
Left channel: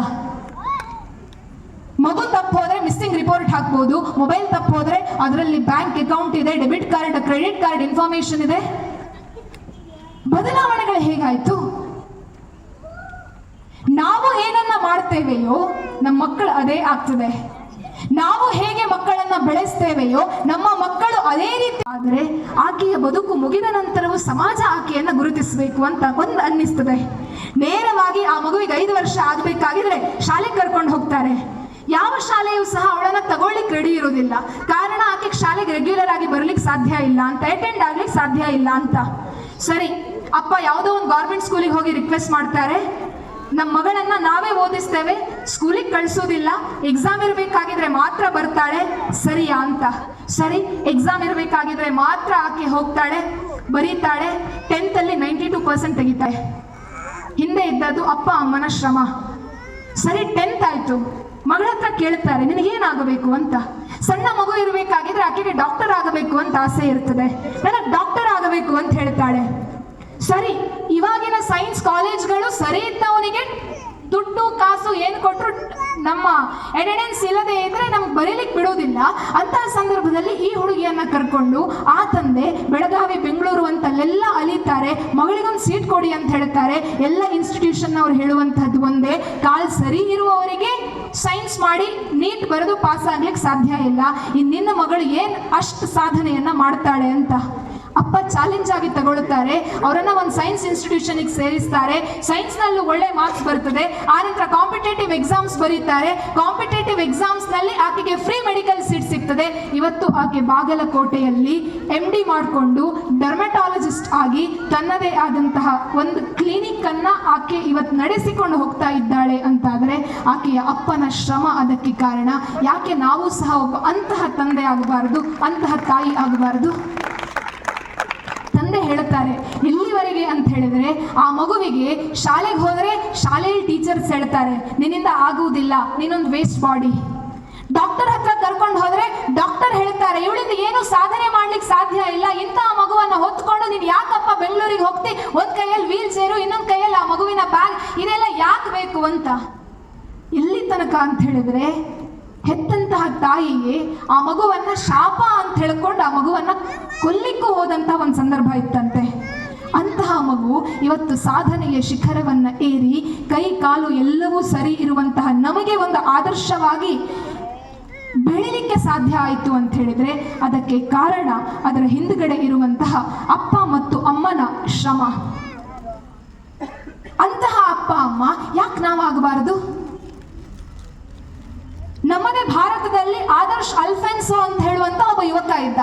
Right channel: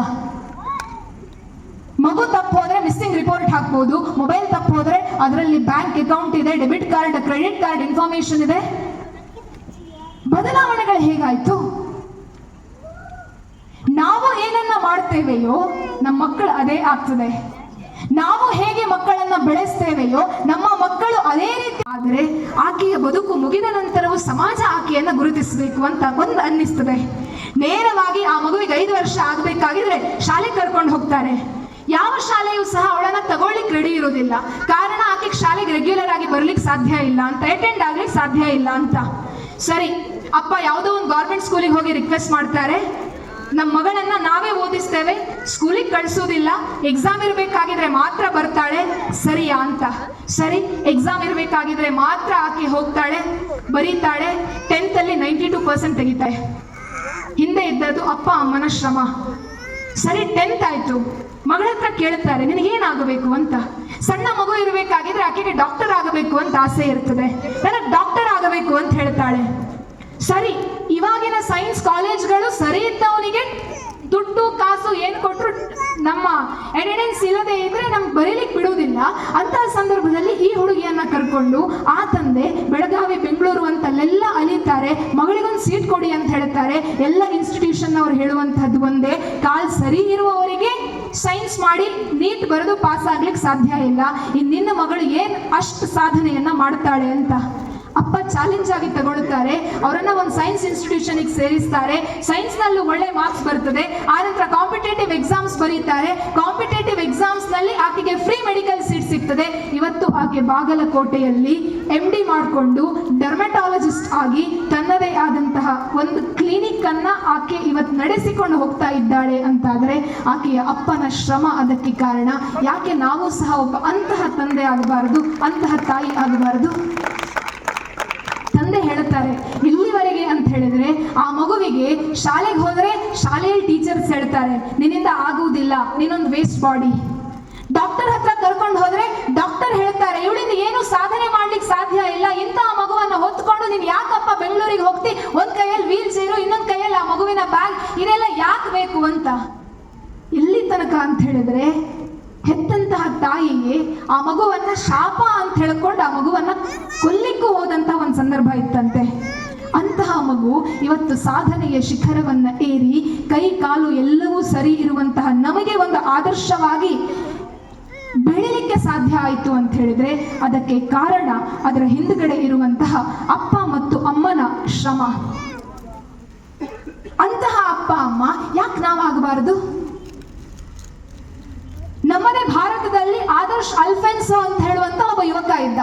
ಮಗು ತಪ್ಪು ಹೋದ್ರೆ ಮಿಸ್ಸಿಂಗ್ ರಿಪೋರ್ಟ್ ಹಾಕ್ಬೋದು, ಮೊಬೈಲ್ ತಪ್ಪು ಹೋದ್ರೆ ಅದರಲ್ಲಿ ಬ್ಯಾಂಕ್ ಅಕೌಂಟ್ ಇದೆ, debit card, credit card information ಇದೆ. ಬದಲಾವಣೆಗಳು ಹೇಗಾಯ್ತು? ನಾವು ಏನನ್ನ ಮಾಡ್ತೇವೆಯೋ ನಮ್ಮ ಮಕ್ಕಳು ಅದೇ ಆಗ್ತದೆ. ನಾವು ಹೇಗೆ ಮಕ್ಕಳನ್ನ ಬೆಳೆಸ್ತೇವೆಯೋ ನಮ್ಮ ಮಕ್ಕಳು ಅದೇ ರೀತಿ. ಆದರೆ ಆಕೆಯ ಬದುಕು ಮುಗಿದ ನಂತರವೂ ಸಮಾಜ ಆಕೆಯನ್ನ ಗುರುತಿಸಬೇಕು ಅಂತ ಒಂದು ಅನ್ನಿಸ್ತದೆ. ನೇರವಾಗಿ ಆ ಮಗುವಿಗೆ 5 ವರ್ಷ ಆಗ್ಬೇಕಾಗಿದ್ರೆ ಶಾಲೆಗೆ ಕರ್ಕೊಂಡು ಹೋಗ್ತಾರೆ. ಯಾವ ಶಾಲೆಯೂ ಸಹ ಅವಳನ್ನ ತಗೊಳ್ಳಿಕ್ಕೆ ರೆಡಿ ಇರೋದಿಲ್ಲ. ಕಾರಣ ಆಕೆಗೆ ಶಾಲೆಗೆ ರೆಗ್ಯುಲರ್ ಆಗಿ ಬರ್ಲಿಕ್ಕೆ ಸಾಧ್ಯ ಇಲ್ಲ ಅಂತ, ಅಟೆಂಡ್ ಆಗ್ಲಿಕ್ಕೆ ಸಾಧ್ಯ ಇಲ್ಲ ಅಂತ. ಸರಿ, ಅಪ್ಪ ಯಾವುದೋ ಒಂದು ಗೌರ್ಮೆಂಟ್ ಸ್ಕೂಲಿಗೆ ಹೋಗಿ ರಿಕ್ವೆಸ್ಟ್ ಮಾಡ್ತಾರೆ, ನಮ್ಮ ಮಗಳನ್ನ ನಾವೇ ಓದಿಸ್ತೇವೆ, ಸ್ಕೂಲಿಗೆ ಕಳಿಸೋದಿಲ್ಲ, ಎಕ್ಸಾಮ್ ಇರಬೇಕಾಗಿದ್ರೆ ಮಾತ್ರ ಬರ್ತಾಳೆ, ಸರಿಯಾ ಅಂತ. ಸರಿ, ಎಕ್ಸಾಮ್ ಇರಬೇಕಾಗಿದ್ರೆ ಮಾತ್ರ ಆಕೆ ಹೋಗ್ತಾಳೆ, ಬರೀತಾಳೆ. 10th ಅಲ್ಲಿ 92% ತೆಗಿತಾಳೆ. ಹಿಂದೆ ಇದ್ದದ್ದು ಅಪ್ಪ ಅಮ್ಮನ ಶ್ರಮ. ಸರಿ, 10th ಆಯ್ತು. ಮಗಳ ಹತ್ರ ಕೇಳ್ತಾರೆ ನಿನಗೇನಾಗಬೇಕು ಅಂತ. ಸಣ್ಣ ಮಗು ಇರಬೇಕಾಗಿದ್ರೆ ಆಕೆಗೆ ಡಾಕ್ಟರ್ ಆಗಬೇಕು ಅಂತ ಆಸೆ ಇರ್ತದೆ. ನನಗೆ ಡಾಕ್ಟರ್ ಆಗಬೇಕು ಅಂತ ಹೇಳ್ತಾಳೆ. ಸರಿ, ಇವಾಗಿನ ಸೈನ್ಸ್ ಕಾಲೇಜ್ಗಳು ಸರಿ ಇದ್ದವನಿಗೆ ದುಡ್ಡು ಕಾಸು ಏನು ಕೊಟ್ಟರು ನಮ್ಮ ಅಟೆಂಡೆನ್ಸ್ ಇಲ್ಲದೆ ಇದ್ರೆ ನಮ್ಗೆ ಬರೀಲಿಕ್ಕೆ ಬಿಡೋದಿಲ್ಲ. ಅಂತಹ ಸಂದರ್ಭದಲ್ಲಿ ಈ ಹುಡುಗಿಯನ್ನ ಕರ್ಕೊಂಡು ಆ ತಂದೆ ಬೆಳಗಾವಿ, ಬೆಂಗಳೂರು ಅಂತಲ್ಲೆಲ್ಲ ಅಲಿತಾರೆ. ಮಗಳಿಗೊಂದು ಸೀಟ್ ಕೊಡಿ ಅಂತ ಹೇಳ್ತಾರೆ. ಎಲ್ಲ ಇನ್ಸ್ಟಿಟ್ಯೂಷನ್ ಅವ್ರು ಹೇಳುವಂತಹದ್ದು ಒಂದೇ, ಕಾಲ್ ಸರಿ ಇರುವವರಿಗೆ ಸೈನ್ಸ್ ಮಾಡಿ ನೀಟ್ ಬರೆದು ಪಾಸ್ ಆಗ್ಲಿಕ್ಕೆ ಸಾಧ್ಯ ಇಲ್ಲ. ನಿನ್ನ ಮಗಳು ಏನ್ ಅಷ್ಟು ಸಾಧನೆಯನ್ನ ಮಾಡ್ತಾಳೆ ಅಂತ. ಅಪ್ಪ ಚಾಲೆಂಜ್ ಆಗಿ ತಗೊಳ್ತಾರೆ. ಅವರನ್ನ ಒಂದು ಸೈನ್ಸ್ ಇನ್ಸ್ಟಿಟ್ಯೂಷನ್ಗೆ ಸೇರಿಸ್ತಾರೆ. ಸೈನ್ಸ್ ನಲ್ಲೂ ಒಳ್ಳೆ ಮಾರ್ಕ್ಸ್ ಬರ್ತದೆ. ಆನಂತರ ಕಾಂಪಿಟೇಟಿವ್ ಎಕ್ಸಾಮ್ಸ್ ಬರೀತಾರೆ. ಕಾಂಪಿಟೇಟಿವ್ ಎಕ್ಸಾಮ್ಸ್ ನಲ್ಲಿ ಆಕೆಗೆ ಫ್ರೀ ಮೆಡಿಕಲ್ ಸೀಟ್ ಸಿಗ್ತದೆ. ಇವತ್ತು ಆಕೆ ಬಾಗಲಕೋಟೆಯಲ್ಲಿ MD ಮಾಡಿಕೊಂಡು ಡರ್ಮಟಾಲಜಿಸ್ಟ್ ಆಗಿ ತನ್ನದೇ ಆದಂತಹ ಒಂದು ಕ್ಲಿನಿಕ್ ಅನ್ನ ಆಕೆ ಇವತ್ತು ನಡೆಸಿಕೊಂಡು ಹೋಗ್ತಾ ಇದ್ದಾಳೆ ಅಂತಾದ್ರೆ ಆಕೆಯ ಅಪ್ಪನ ಶ್ರಮ ಅದಕ್ಕೆ ಕಾರಣ. ಯಾಕೆ ನಾವು ಸಹ ಒಬ್ಬ ಅಂತಹ ತಂದೆ ಆಗಬಾರದು, ಅಂತಹ ತಾಯಿ ಆಗಬಾರದು? ತಂದೆ ಹೇಳ್ತಾರೆ ಇಲ್ಲಿವರೆಗೆ ಅಂತ ಹೇಳಿದ್ರೆ ಆ ಮಗುವಿಗೆ ಶಾಲೆಗೆ ಹೋದರೆ ಶಾಲೆಯಲ್ಲಿ ಟೀಚರ್ಸ್ ಹೇಳ್ತಾರೆ ನಿನ್ನಿಂದ ಆಗುವುದಿಲ್ಲ, ನೀನೊಂದು ವೇಸ್ಟ್ ಬಾಡಿ. ಡಾಕ್ಟರ್ ಹತ್ರ ಕರ್ಕೊಂಡು ಹೋದ್ರೆ ಡಾಕ್ಟರ್ ಹೇಳ್ತಾರೆ ಇವಳಿಂದ ಏನು ಸಾಧನೆ ಮಾಡ್ಲಿಕ್ಕೆ ಸಾಧ್ಯ ಇಲ್ಲ, ಇಂತಹ ಮಗುವನ್ನ ಹೊತ್ಕೊಂಡು ನೀನು ಯಾಕಪ್ಪ ಬೆಂಗಳೂರಿಗೆ ಹೋಗ್ತಿ, ಒಂದ್ ಕೈಯಲ್ಲಿ ವೀಲ್ ಚೇರು ಇನ್ನೊಂದ್ ಕೈಯಲ್ಲಿ ಆ ಮಗುವಿನ ಬ್ಯಾಗ್, ಇದೆಲ್ಲ ಯಾಕೆ ಬೇಕು ಅಂತ. ಇಲ್ಲಿ ತನಕ ಅಂತ ಹೇಳಿದ್ರೆ ಹೆತ್ತಂತಹ ತಾಯಿಗೆ ಆ ಮಗುವನ್ನ ಶಾಪ ಅಂತ ಹೇಳ್ಕೊಂಡು ಆ ಮಗುವನ್ನ ಕೊಲ್ಲಿಕ್ಕೂ ಹೋದಂತ ಒಂದು ಸಂದರ್ಭ ಇತ್ತಂತೆ. ಅಂತಹ ಮಗು ಇವತ್ತು ಸಾಧನೆಯ ಶಿಖರವನ್ನ ಏರಿ ಕೈ ಕಾಲು ಎಲ್ಲವೂ ಸರಿ ಇರುವಂತಹ ನಮಗೆ ಒಂದು ಆದರ್ಶವಾಗಿ ಬೆಳಿಲಿಕ್ಕೆ ಸಾಧ್ಯ ಆಯಿತು ಅಂತ ಹೇಳಿದ್ರೆ ಅದಕ್ಕೆ ಕಾರಣ ಅದರ ಹಿಂದುಗಡೆ ಇರುವಂತಹ ಅಪ್ಪ ಮತ್ತು ಅಮ್ಮನ ಶ್ರಮ. ಅಂತಹ ಅಪ್ಪ ಅಮ್ಮ ಯಾಕೆ ನಾವಾಗಬಾರದು? ನಮ್ಮದೇ ಭಾರತದಲ್ಲಿ ಆದರ್ಶ್ ಅಲ್ಫೆನ್ಸೋ ಅಂತ ಹೇಳುವಂತ ಒಬ್ಬ ಯುವಕ ಇದ್ದ.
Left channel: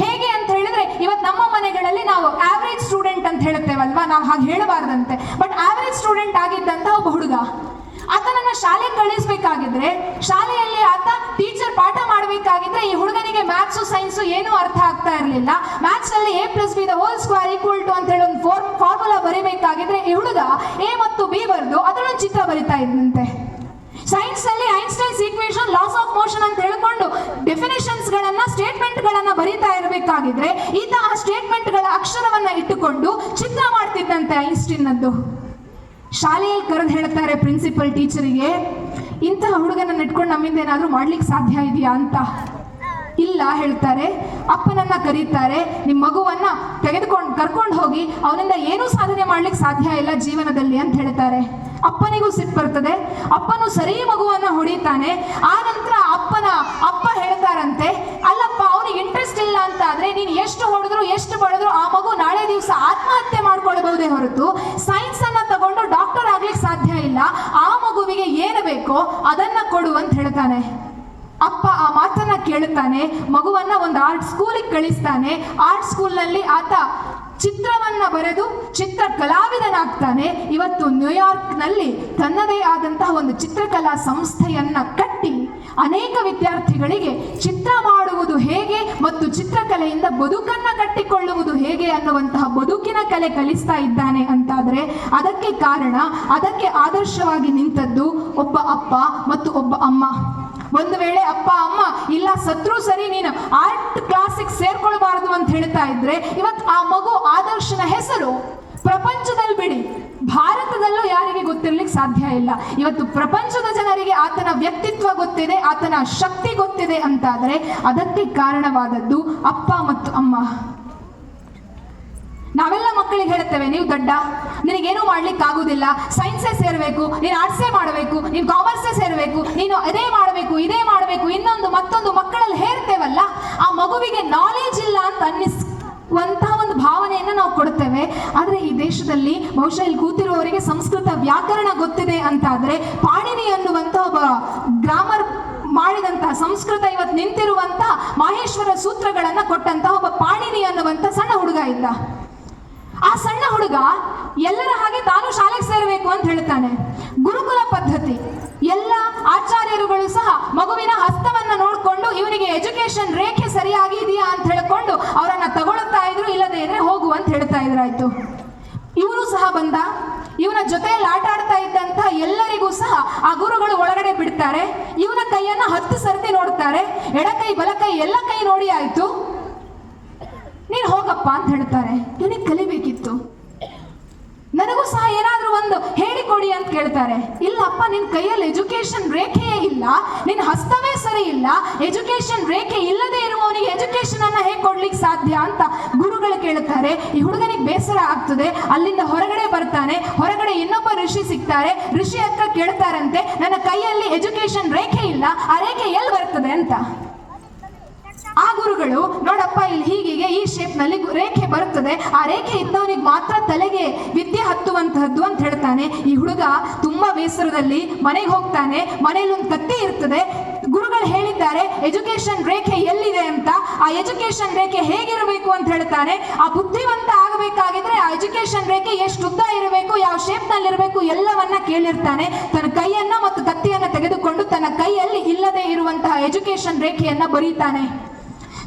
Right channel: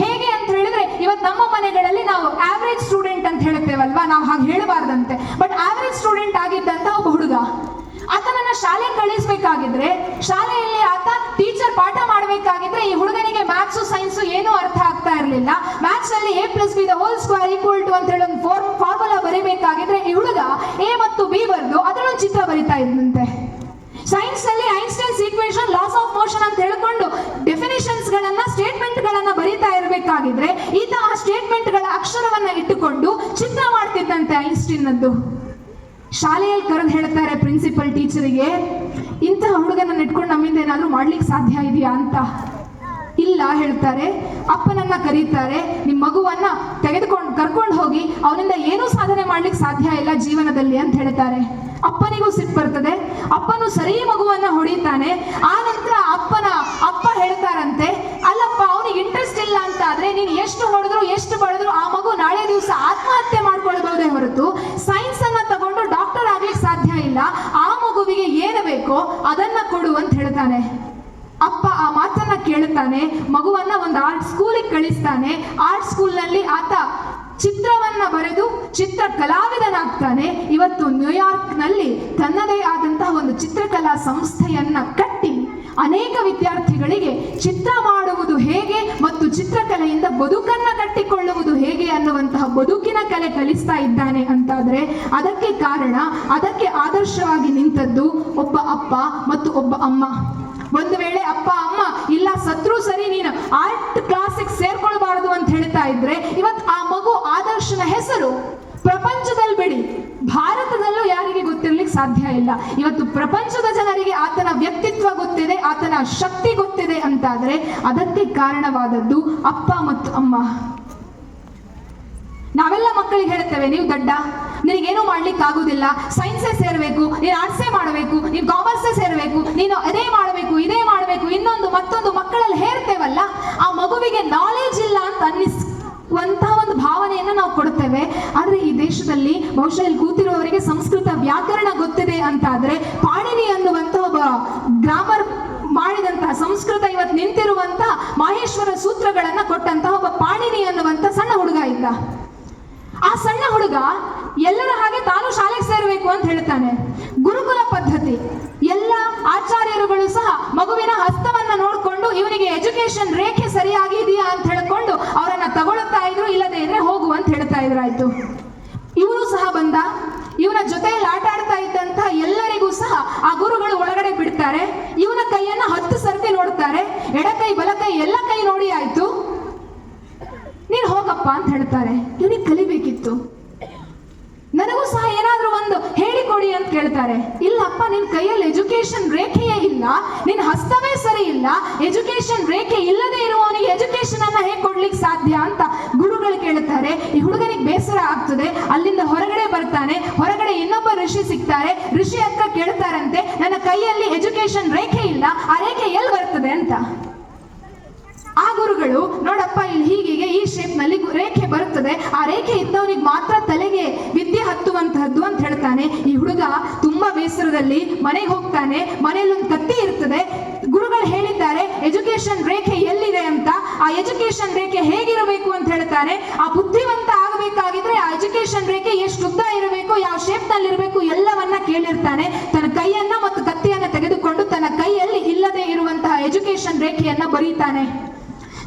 ಹೇಗೆ ಅಂತ ಹೇಳಿದ್ರೆ ಇವತ್ತು ನಮ್ಮ ಮನೆಗಳಲ್ಲಿ ನಾವು ಆವರೇಜ್ ಸ್ಟೂಡೆಂಟ್ ಅಂತ ಹೇಳ್ತೇವಲ್ವಾ, ನಾವು ಹಾಗೆ ಹೇಳಬಾರ್ದಂತೆ. ಬಟ್ ಆವರೇಜ್ ಸ್ಟೂಡೆಂಟ್ ಆಗಿದ್ದಂತ ಒಬ್ಬ ಹುಡುಗ. ಆತನನ್ನ ಶಾಲೆಗೆ ಕಳಿಸ್ಬೇಕಾಗಿದ್ರೆ ಶಾಲೆಯಲ್ಲಿ ಆತ ಟೀಚರ್ ಪಾಠ ಮಾಡಬೇಕಾಗಿದ್ರೆ ಈ ಹುಡುಗನಿಗೆ ಮ್ಯಾಥ್ಸು ಸೈನ್ಸು ಏನೂ ಅರ್ಥ ಆಗ್ತಾ ಇರಲಿಲ್ಲ. ಮ್ಯಾಥ್ಸ್ ಅಲ್ಲಿ A+B² ಅಂತ ಹೇಳಿ ಒಂದು ಫಾರ್ಮುಲಾ ಬರೀಬೇಕಾಗಿದ್ರೆ ಈ ಹುಡುಗ A ಮತ್ತು B ಬರೆದು ಅದರೊಂದು ಚಿತ್ರ ಬರಿತಾ ಇದ್ದಂತೆ. ಸೈನ್ಸ್ ನಲ್ಲಿ Einstein's equation, loss of motion ಅಂತ ಹೇಳಿಕೊಂಡು ಡೆಫಿನಿಷನ್ಸ್ ಗಳನ್ನ, ಸ್ಟೇಟ್ಮೆಂಟ್ ಗಳನ್ನ ಬರೀತಾ ಇರಬೇಕಾಗಿದ್ರೆ ಈತ ಆ ಸ್ಟೇಟ್ಮೆಂಟ್ ಗಳ ಅಕ್ಷರವನ್ನ ಇಟ್ಟುಕೊಂಡು ಚಿತ್ರ ಮಾಡ್ತಿದ್ದಂತೆ ಐನ್ಸ್ಟೈನ್ ನದ್ದು. ಶಾಲೆಯಲ್ಲಿ ಕರೆದು ಹೇಳ್ತಾರೆ ಪ್ರಿನ್ಸಿಪಲ್ ಟೀಚರಿಗೆ, ಇಂತಹ ಹುಡುಗನನ್ನ ಇಟ್ಕೊಂಡು ನಮ್ಮಿಂದ ಏನಾದ್ರೂ ಮಾಡ್ಲಿಕ್ಕೆ ಸಾಧ್ಯ ಇದೆಯಾ ಅಂತ. ಇಲ್ಲ ಹೇಳ್ತಾರೆ. ಅಪ್ಪನನ್ನ ಕರೀತಾರೆ, ನಿಮ್ಮ ಮಗುವನ್ನ ಕರ್ಕೊಂಡು ಹೋಗಿ ಅವನಿಂದ ಏನೂ ಸಾಧನೆ ಮಾಡ್ಲಿಕ್ಕೆ ಸಾಧ್ಯ ಇಲ್ಲ ಜೀವನದಲ್ಲಿ ಅಂತ ಹೇಳ್ತಾರೆ. ಅಪ್ಪನಿಗೂ ಸಿಟ್ಟು ಬರ್ತದೆ. ಅಪ್ಪನು ಸರಿ ಮಗುವನ್ನ ಹೊಡಿತಾನೆ. ಆ ನಂತರ ಅಪ್ಪನ ಕೇಳುತ್ತಾನೆ, ಮಗುವನ್ನ ಒಂದು ಆರ್ಟ್ ಸ್ಕೂಲಿಗೆ ಕಳಿಸ್ತಾನೆ. ಆರ್ಟ್ ಸ್ಕೂಲ್ನಲ್ಲಿ ಆತ ಚಿತ್ರವನ್ನ ಬರೆದು ಚಿತ್ರ ಕಲಾವಿದನಾಗ್ತಾನೆ. ಇವತ್ತು ನ್ಯೂಯಾರ್ಕ್ನಲ್ಲಿ ತನ್ನದೇ ಆದಂತಹ ಒಂದು ಚಿತ್ರಕಲಾ ಸಂಸ್ಥೆಯನ್ನ ಕಟ್ಟಿ ಅನೇಕ ವಿದ್ಯಾರ್ಥಿಗಳಿಗೆ ಚಿತ್ರ ಮಾಡುವುದು ಹೇಗೆ ಮತ್ತು ಚಿತ್ರಕಲೆಯಿಂದ ಬದುಕನ್ನ ಕಟ್ಟಿಕೊಳ್ಳುವುದು ಹೇಗೆ ಅನ್ನುವಂತಹ ಬದುಕಿನ ಕಲೆ ಕಲಿಸ್ತಾ ಇದ್ದಾನೆ ಅಂತಾದ್ರೆ ಅದಕ್ಕೆ ಕಾರಣ, ಅದಕ್ಕೆ ಆದರ್ಶವಾಗಿ ನಿಂತದ್ದು ಒಬ್ಬ ಅಪ್ಪ ಮತ್ತು ಒಬ್ಬ ಅಮ್ಮ. ಒಂದು ವೇಳೆ ಅಪ್ಪ ಅಮ್ಮ ಇಲ್ಲ ಸತ್ರು ಸರಿ ನೀನು ಆರ್ಟ್ ಕ್ಲಾಸಿಗೆ ಸೇರ್ಕೊಳ್ಬಾರದು ಅಂತ ಹೇಳ್ತಾ ಇದ್ರೆ ಇವತ್ತು ಆ ಮಗು ಆದರ್ಶನ ಹೆಸರು ಪ್ರಪಂಚದಲ್ಲಿ ಬಿಡಿ, ಭಾರತದಲ್ಲೂ ಯಾರಿಗೆ ಗೊತ್ತಿರ್ಲಿಕ್ಕೆ ಸಾಧ್ಯ ಇಲ್ಲ. ಇವತ್ತು ಪ್ರಪಂಚದ ಜನರಿಗೆ ಆತನ ವ್ಯಕ್ತಿತ್ವ ಗೊತ್ತಿದೆ, ಆತನ ಶಕ್ತಿ ಗೊತ್ತಿದೆ ಅಂತಾದ್ರೆ ಅದಕ್ಕೆ ಕಾರಣವಾದದ್ದು ಅಪ್ಪ ಮತ್ತು ಅಮ್ಮ. ನಾವೆಲ್ಲ ಮಕ್ಕಳಿಗೆ ಹೇಳ್ತೇವೆ, ನೀವು ದಡ್ಡ, ನಿನಗೇನು ಮಾಡ್ಲಿಕ್ಕೆ ಆಗುದಿಲ್ಲ, ಸೈನ್ಸೇ ಸೇರ್ಬೇಕು, ನೀನು ಆರ್ಟ್ಸೇ ಮಾಡಬೇಕು, ನೀನು ಕಾಮರ್ಸೇ ಸೇರ್ಬೇಕು, ನೀನು ಅದೇ ಮಾಡಬೇಕು, ಇದೇ ಮಾಡಬೇಕು, ಇನ್ನೊಂದು ಮತ್ತೊಂದು ಮಕ್ಕಳಲ್ಲಿ ಹೇರ್ತೇವಲ್ಲ, ಆ ಮಗುವಿಗೆ ನಾಲೆಜ್ ಇಲ್ಲ ಅಂತ ಅನ್ನಿಸುವಂತಹ ಒಂದು ಭಾವನೆಯನ್ನು ನಾವು ಕೊಡ್ತೇವೆ. ಆದ್ರೆ ಈ ದೇಶದಲ್ಲಿ ಬಹುಶಃ ಇಲ್ಲಿ ಕೂತಿರುವವರಿಗೆ ಸಂಸ್ಕೃತ ವ್ಯಾಕರಣ ಗೊತ್ತಿದೆ ಅಂತಾದ್ರೆ ಪಾಣಿನಿ ಅನ್ನುವಂತ ಒಬ್ಬ ಗ್ರಾಮರ್ ಮಾಡಿದಂತಹ ಸಂಸ್ಕೃತ ಇವತ್ತು ನಿಂತಿರುವಂತಹ ಮಾಹೇಶ್ವರ ಸೂತ್ರಗಳನ್ನ ಕೊಟ್ಟಂತಹ ಒಬ್ಬ ಪಾಣಿನಿ ಅನ್ನುವಂತ ಸಣ್ಣ ಹುಡುಗ ಇದ್ದ. ಆ ಸಣ್ಣ ಹುಡುಗ ಎಲ್ಲರ ಹಾಗೆ ತಾನು ಶಾಲೆಗೆ ಸೇರಬೇಕು ಅಂತ ಹೇಳ್ತಾನೆ. ಗುರುಕುಲ ಪದ್ಧತಿ, ಎಲ್ಲ ಆಚಾರ್ಯರುಗಳು ಸಹ ಮಗುವಿನ ಹಸ್ತವನ್ನ ನೋಡಿಕೊಂಡು ಇವನಿಗೆ ಎಜುಕೇಶನ್ ರೇಖೆ ಸರಿಯಾಗಿ ಇದೆಯಾ ಅಂತ ಹೇಳ್ಕೊಂಡು ಅವರನ್ನ ತಗೊಳ್ತಾ ಇದ್ರು, ಇಲ್ಲದೆ ಇದ್ರೆ ಹೋಗು ಅಂತ ಹೇಳ್ತಾ ಇದ್ರಾಯ್ತು. ಇವರು ಸಹ ಬಂದ, ಇವನ ಜೊತೆಯಲ್ಲಿ ಆಟ ಆಡ್ತಾ ಇದ್ದಂತಹ ಎಲ್ಲರಿಗೂ ಸಹ ಆ ಗುರುಗಳು ಒಳಗಡೆ ಬಿಡ್ತಾರೆ. ಇವನ ಕೈಯನ್ನ 10 ಸರ್ತಿ ನೋಡ್ತಾರೆ, ಎಡಕೈ ಬಲಕೈ ಎಲ್ಲ ಕೈ ನೋಡಿ ಆಯ್ತು, ನೀನ್ ಹೋಗಪ್ಪ ಅಂತ ಹೇಳ್ತಾರೆ. ಇವನಿಗೆ ಕಲಿಬೇಕಿತ್ತು, ನನಗೂ ಸಹ ಏನಾದ್ರೂ ಒಂದು ಹೇಳಿಕೊಡಿ ಅಂತ ಕೇಳ್ತಾರೆ. ಇಲ್ಲಪ್ಪ ನಿನ್ ಕೈಯಲ್ಲಿ ಎಜುಕೇಶನ್ ರೇಖೆಯೇ ಇಲ್ಲ, ನಿನ್ ಹಸ್ತವೇ ಸರಿ ಇಲ್ಲ, ಎಜುಕೇಶನ್ ರೇಖೆ ಇಲ್ಲದೆ ಇರುವವನಿಗೆ ಎಜುಕೇಶನ್ ಅನ್ನ ಹೇಗೆ ಕೊಡ್ಲಿಕ್ಕೆ ಸಾಧ್ಯ ಅಂತ ಗುರುಗಳು ಕೇಳ್ತಾರೆ. ಈ ಹುಡುಗನಿಗೆ ಬೇಸರ ಆಗ್ತದೆ, ಅಲ್ಲಿಂದ ಹೊರಗಡೆ ಬರ್ತಾನೆ. ಹೊರಗಡೆ ಇನ್ನೊಬ್ಬ ಋಷಿ ಸಿಗ್ತಾರೆ, ಋಷಿ ಹತ್ರ ಕೇಳ್ತಾರಂತೆ, ನನ್ನ ಕೈಯಲ್ಲಿ ಎಜುಕೇಶನ್ ರೇಖೆ ಇಲ್ಲ, ಆ ರೇಖೆ ಎಲ್ಲಿ ಬರ್ತದೆ ಅಂತ. ಆ ಗುರುಗಳು, ನೋಡಪ್ಪ ಇಲ್ಲಿ ಹೀಗೆ ಈ ಶೇಪ್ ನಲ್ಲಿ ರೇಖೆ ಬರುತ್ತದೆ, ಆ ರೇಖೆ ಇದ್ದವನಿಗೆ ಮಾತ್ರ ತಲೆಗೆ ವಿದ್ಯೆ ಹತ್ತುವಂತಹದ್ದು ಅಂತ ಹೇಳ್ತಾನೆ. ಈ ಹುಡುಗ ತುಂಬಾ ಬೇಸರದಲ್ಲಿ ಮನೆಗೆ ಹೋಗ್ತಾನೆ. ಮನೆಯಲ್ಲಿ ಒಂದು ಕತ್ತಿ ಇರ್ತದೆ. ಗುರುಗಳು ಹೇಳಿದ್ದಾರೆ ಎಜುಕೇಶನ್ ರೇಖೆ ಎಲ್ಲಿದೆ ಅಂತ. ಆ ಎಜುಕೇಶನ್ ರೇಖೆ ಹೇಗಿರಬೇಕು ಅಂತ ಹೇಳ್ತಾನೆ. ಆ ಬುದ್ಧಿವಂತ ಆಗಬೇಕಾಗಿದ್ರೆ ಆ ಎಜುಕೇಶನ್ ರೇಖೆ ಎಷ್ಟು ಉದ್ದ ಇರಬೇಕು, ಯಾವ ಶೇಪ್ ನಲ್ಲಿ ಇರಬೇಕು ಎಲ್ಲವನ್ನ ಕೇಳಿರ್ತಾನೆ. ತನ್ನ ಕೈಯನ್ನ ಮತ್ತು ಕತ್ತಿಯನ್ನ ತೆಗೆದುಕೊಂಡು ತನ್ನ ಕೈಯಲ್ಲಿ ಇಲ್ಲದೆ ಇರುವಂತಹ ಎಜುಕೇಶನ್ ರೇಖೆಯನ್ನ ಬರೀತಾನೆ.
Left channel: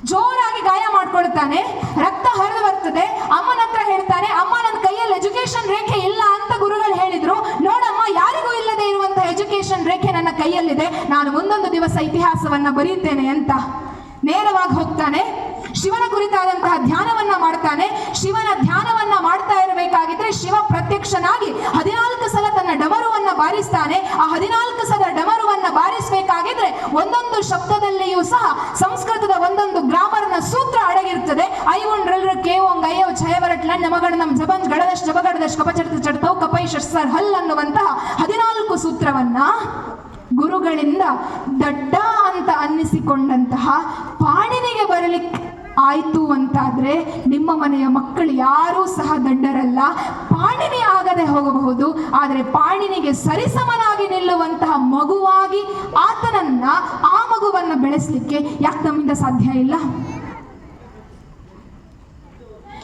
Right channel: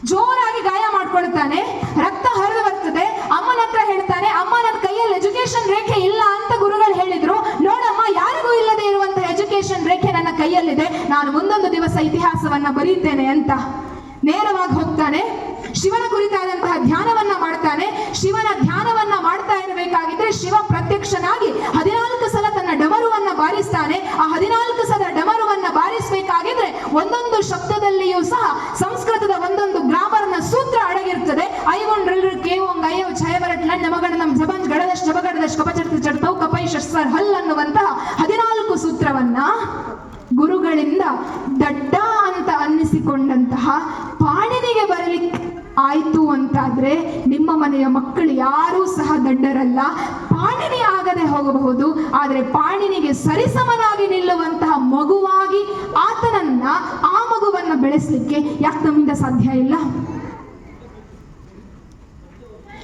ಜೋರಾಗಿ ಗಾಯ ಮಾಡ್ಕೊಳ್ತಾನೆ, ರಕ್ತ ಹರಿದು ಬರ್ತದೆ. ಅಮ್ಮನ ಹತ್ರ ಹೇಳ್ತಾನೆ, ಅಮ್ಮ ನನ್ನ ಕೈಯಲ್ಲಿ ಎಜುಕೇಶನ್ ರೇಖೆ ಇಲ್ಲ ಅಂತ ಗುರುಗಳು ಹೇಳಿದ್ರು, ನೋಡಮ್ಮ ಯಾರಿಗೂ ಇಲ್ಲದೆ ಇರುವಂತಹ ಎಜುಕೇಶನ್ ರೇಖೆ ನನ್ನ ಕೈಯಲ್ಲಿದೆ, ನಾನು ಮುಂದೊಂದು ದಿವಸ ಇತಿಹಾಸವನ್ನ ಬರೀತೇನೆ ಅಂತ ನೇರವಾಗಿ ಹೋಗ್ತಾನೆ. ಶಿವನ ಕುರಿತಾದಂತಹ ಧ್ಯಾನವನ್ನ ಮಾಡ್ತಾನೆ. ಶಿವನ ಧ್ಯಾನವನ್ನ ಮಾಡ್ತಾ ಇರಬೇಕಾಗಿದ್ರೆ ಶಿವ ಪ್ರತ್ಯಕ್ಷನಾಗಿ 14 ಸಲ ತನ್ನ ಡಮರುವನ್ನ ಬಾರಿಸ್ತಾನೆ. ಆ 14 ಸಲ ಡಮರುವನ್ನ ಬಾರಿಸಬೇಕಾಗಿದ್ರೆ ಒಂದೊಂದು ಶಬ್ದದಲ್ಲಿಯೂ ಸಹ ಸಂಸ್ಕೃತದ ಒಂದೊಂದು ಗ್ರಾಮರ್ನ ಸೂತ್ರ ಅಡಗಿರ್ತದೆ. ಐವುಂಡ್ರಲ್ರ ಕೇವೊಂಗ್ ಅಯ್ಯವ್ ಛಯವರಟ್ ನನ್ನ ಮಗಡನಂ ಜಬಂಜ್ ಗಡದಶ್ ಜಬಗಡದಶ್ ಕಪಚರ್ತಿ ಚಡ್ತೌ ಕಪೈ ಶಸ್ವರ್ ಹಲ್ ಅನ್ನುವಂತಹ 14 ಸೂತ್ರವನ್ನ ಗುರುಗಳಿಂದ ದಡ್ಡ ಅಂತ ಅನ್ನಿಸಿಕೊಂಡಂತಹ ಪಾಣಿನಿಗೆ ಬರಲಿಕ್ಕೆ ಆಯ್ತು ಅಂತಾದ್ರೆ ನಿಮ್ಮ ಮನೆಯ ಮಕ್ಕಳು ಯಾರೂ ಸಹ ದಡ್ಡರಲ್ಲ. ಪಾಣಿನಿ ಆಗದೆ ಹೋಗಬಹುದು, ಆದರೆ ಪಾಣಿನಿಗೆ ಸರಿಸಮನಾಗಿ ನಿಲ್ಲುವಂತಹ ಮಗುವಾಗಿ ಆತನನ್ನ, ಆ ಮಗುವನ್ನ ಬೆಳೆಸಲಿಕ್ಕೆ ಯಾಕೆ ನಮ್ಮಿಂದ ಸಾಧ್ಯ ಇಲ್ಲ?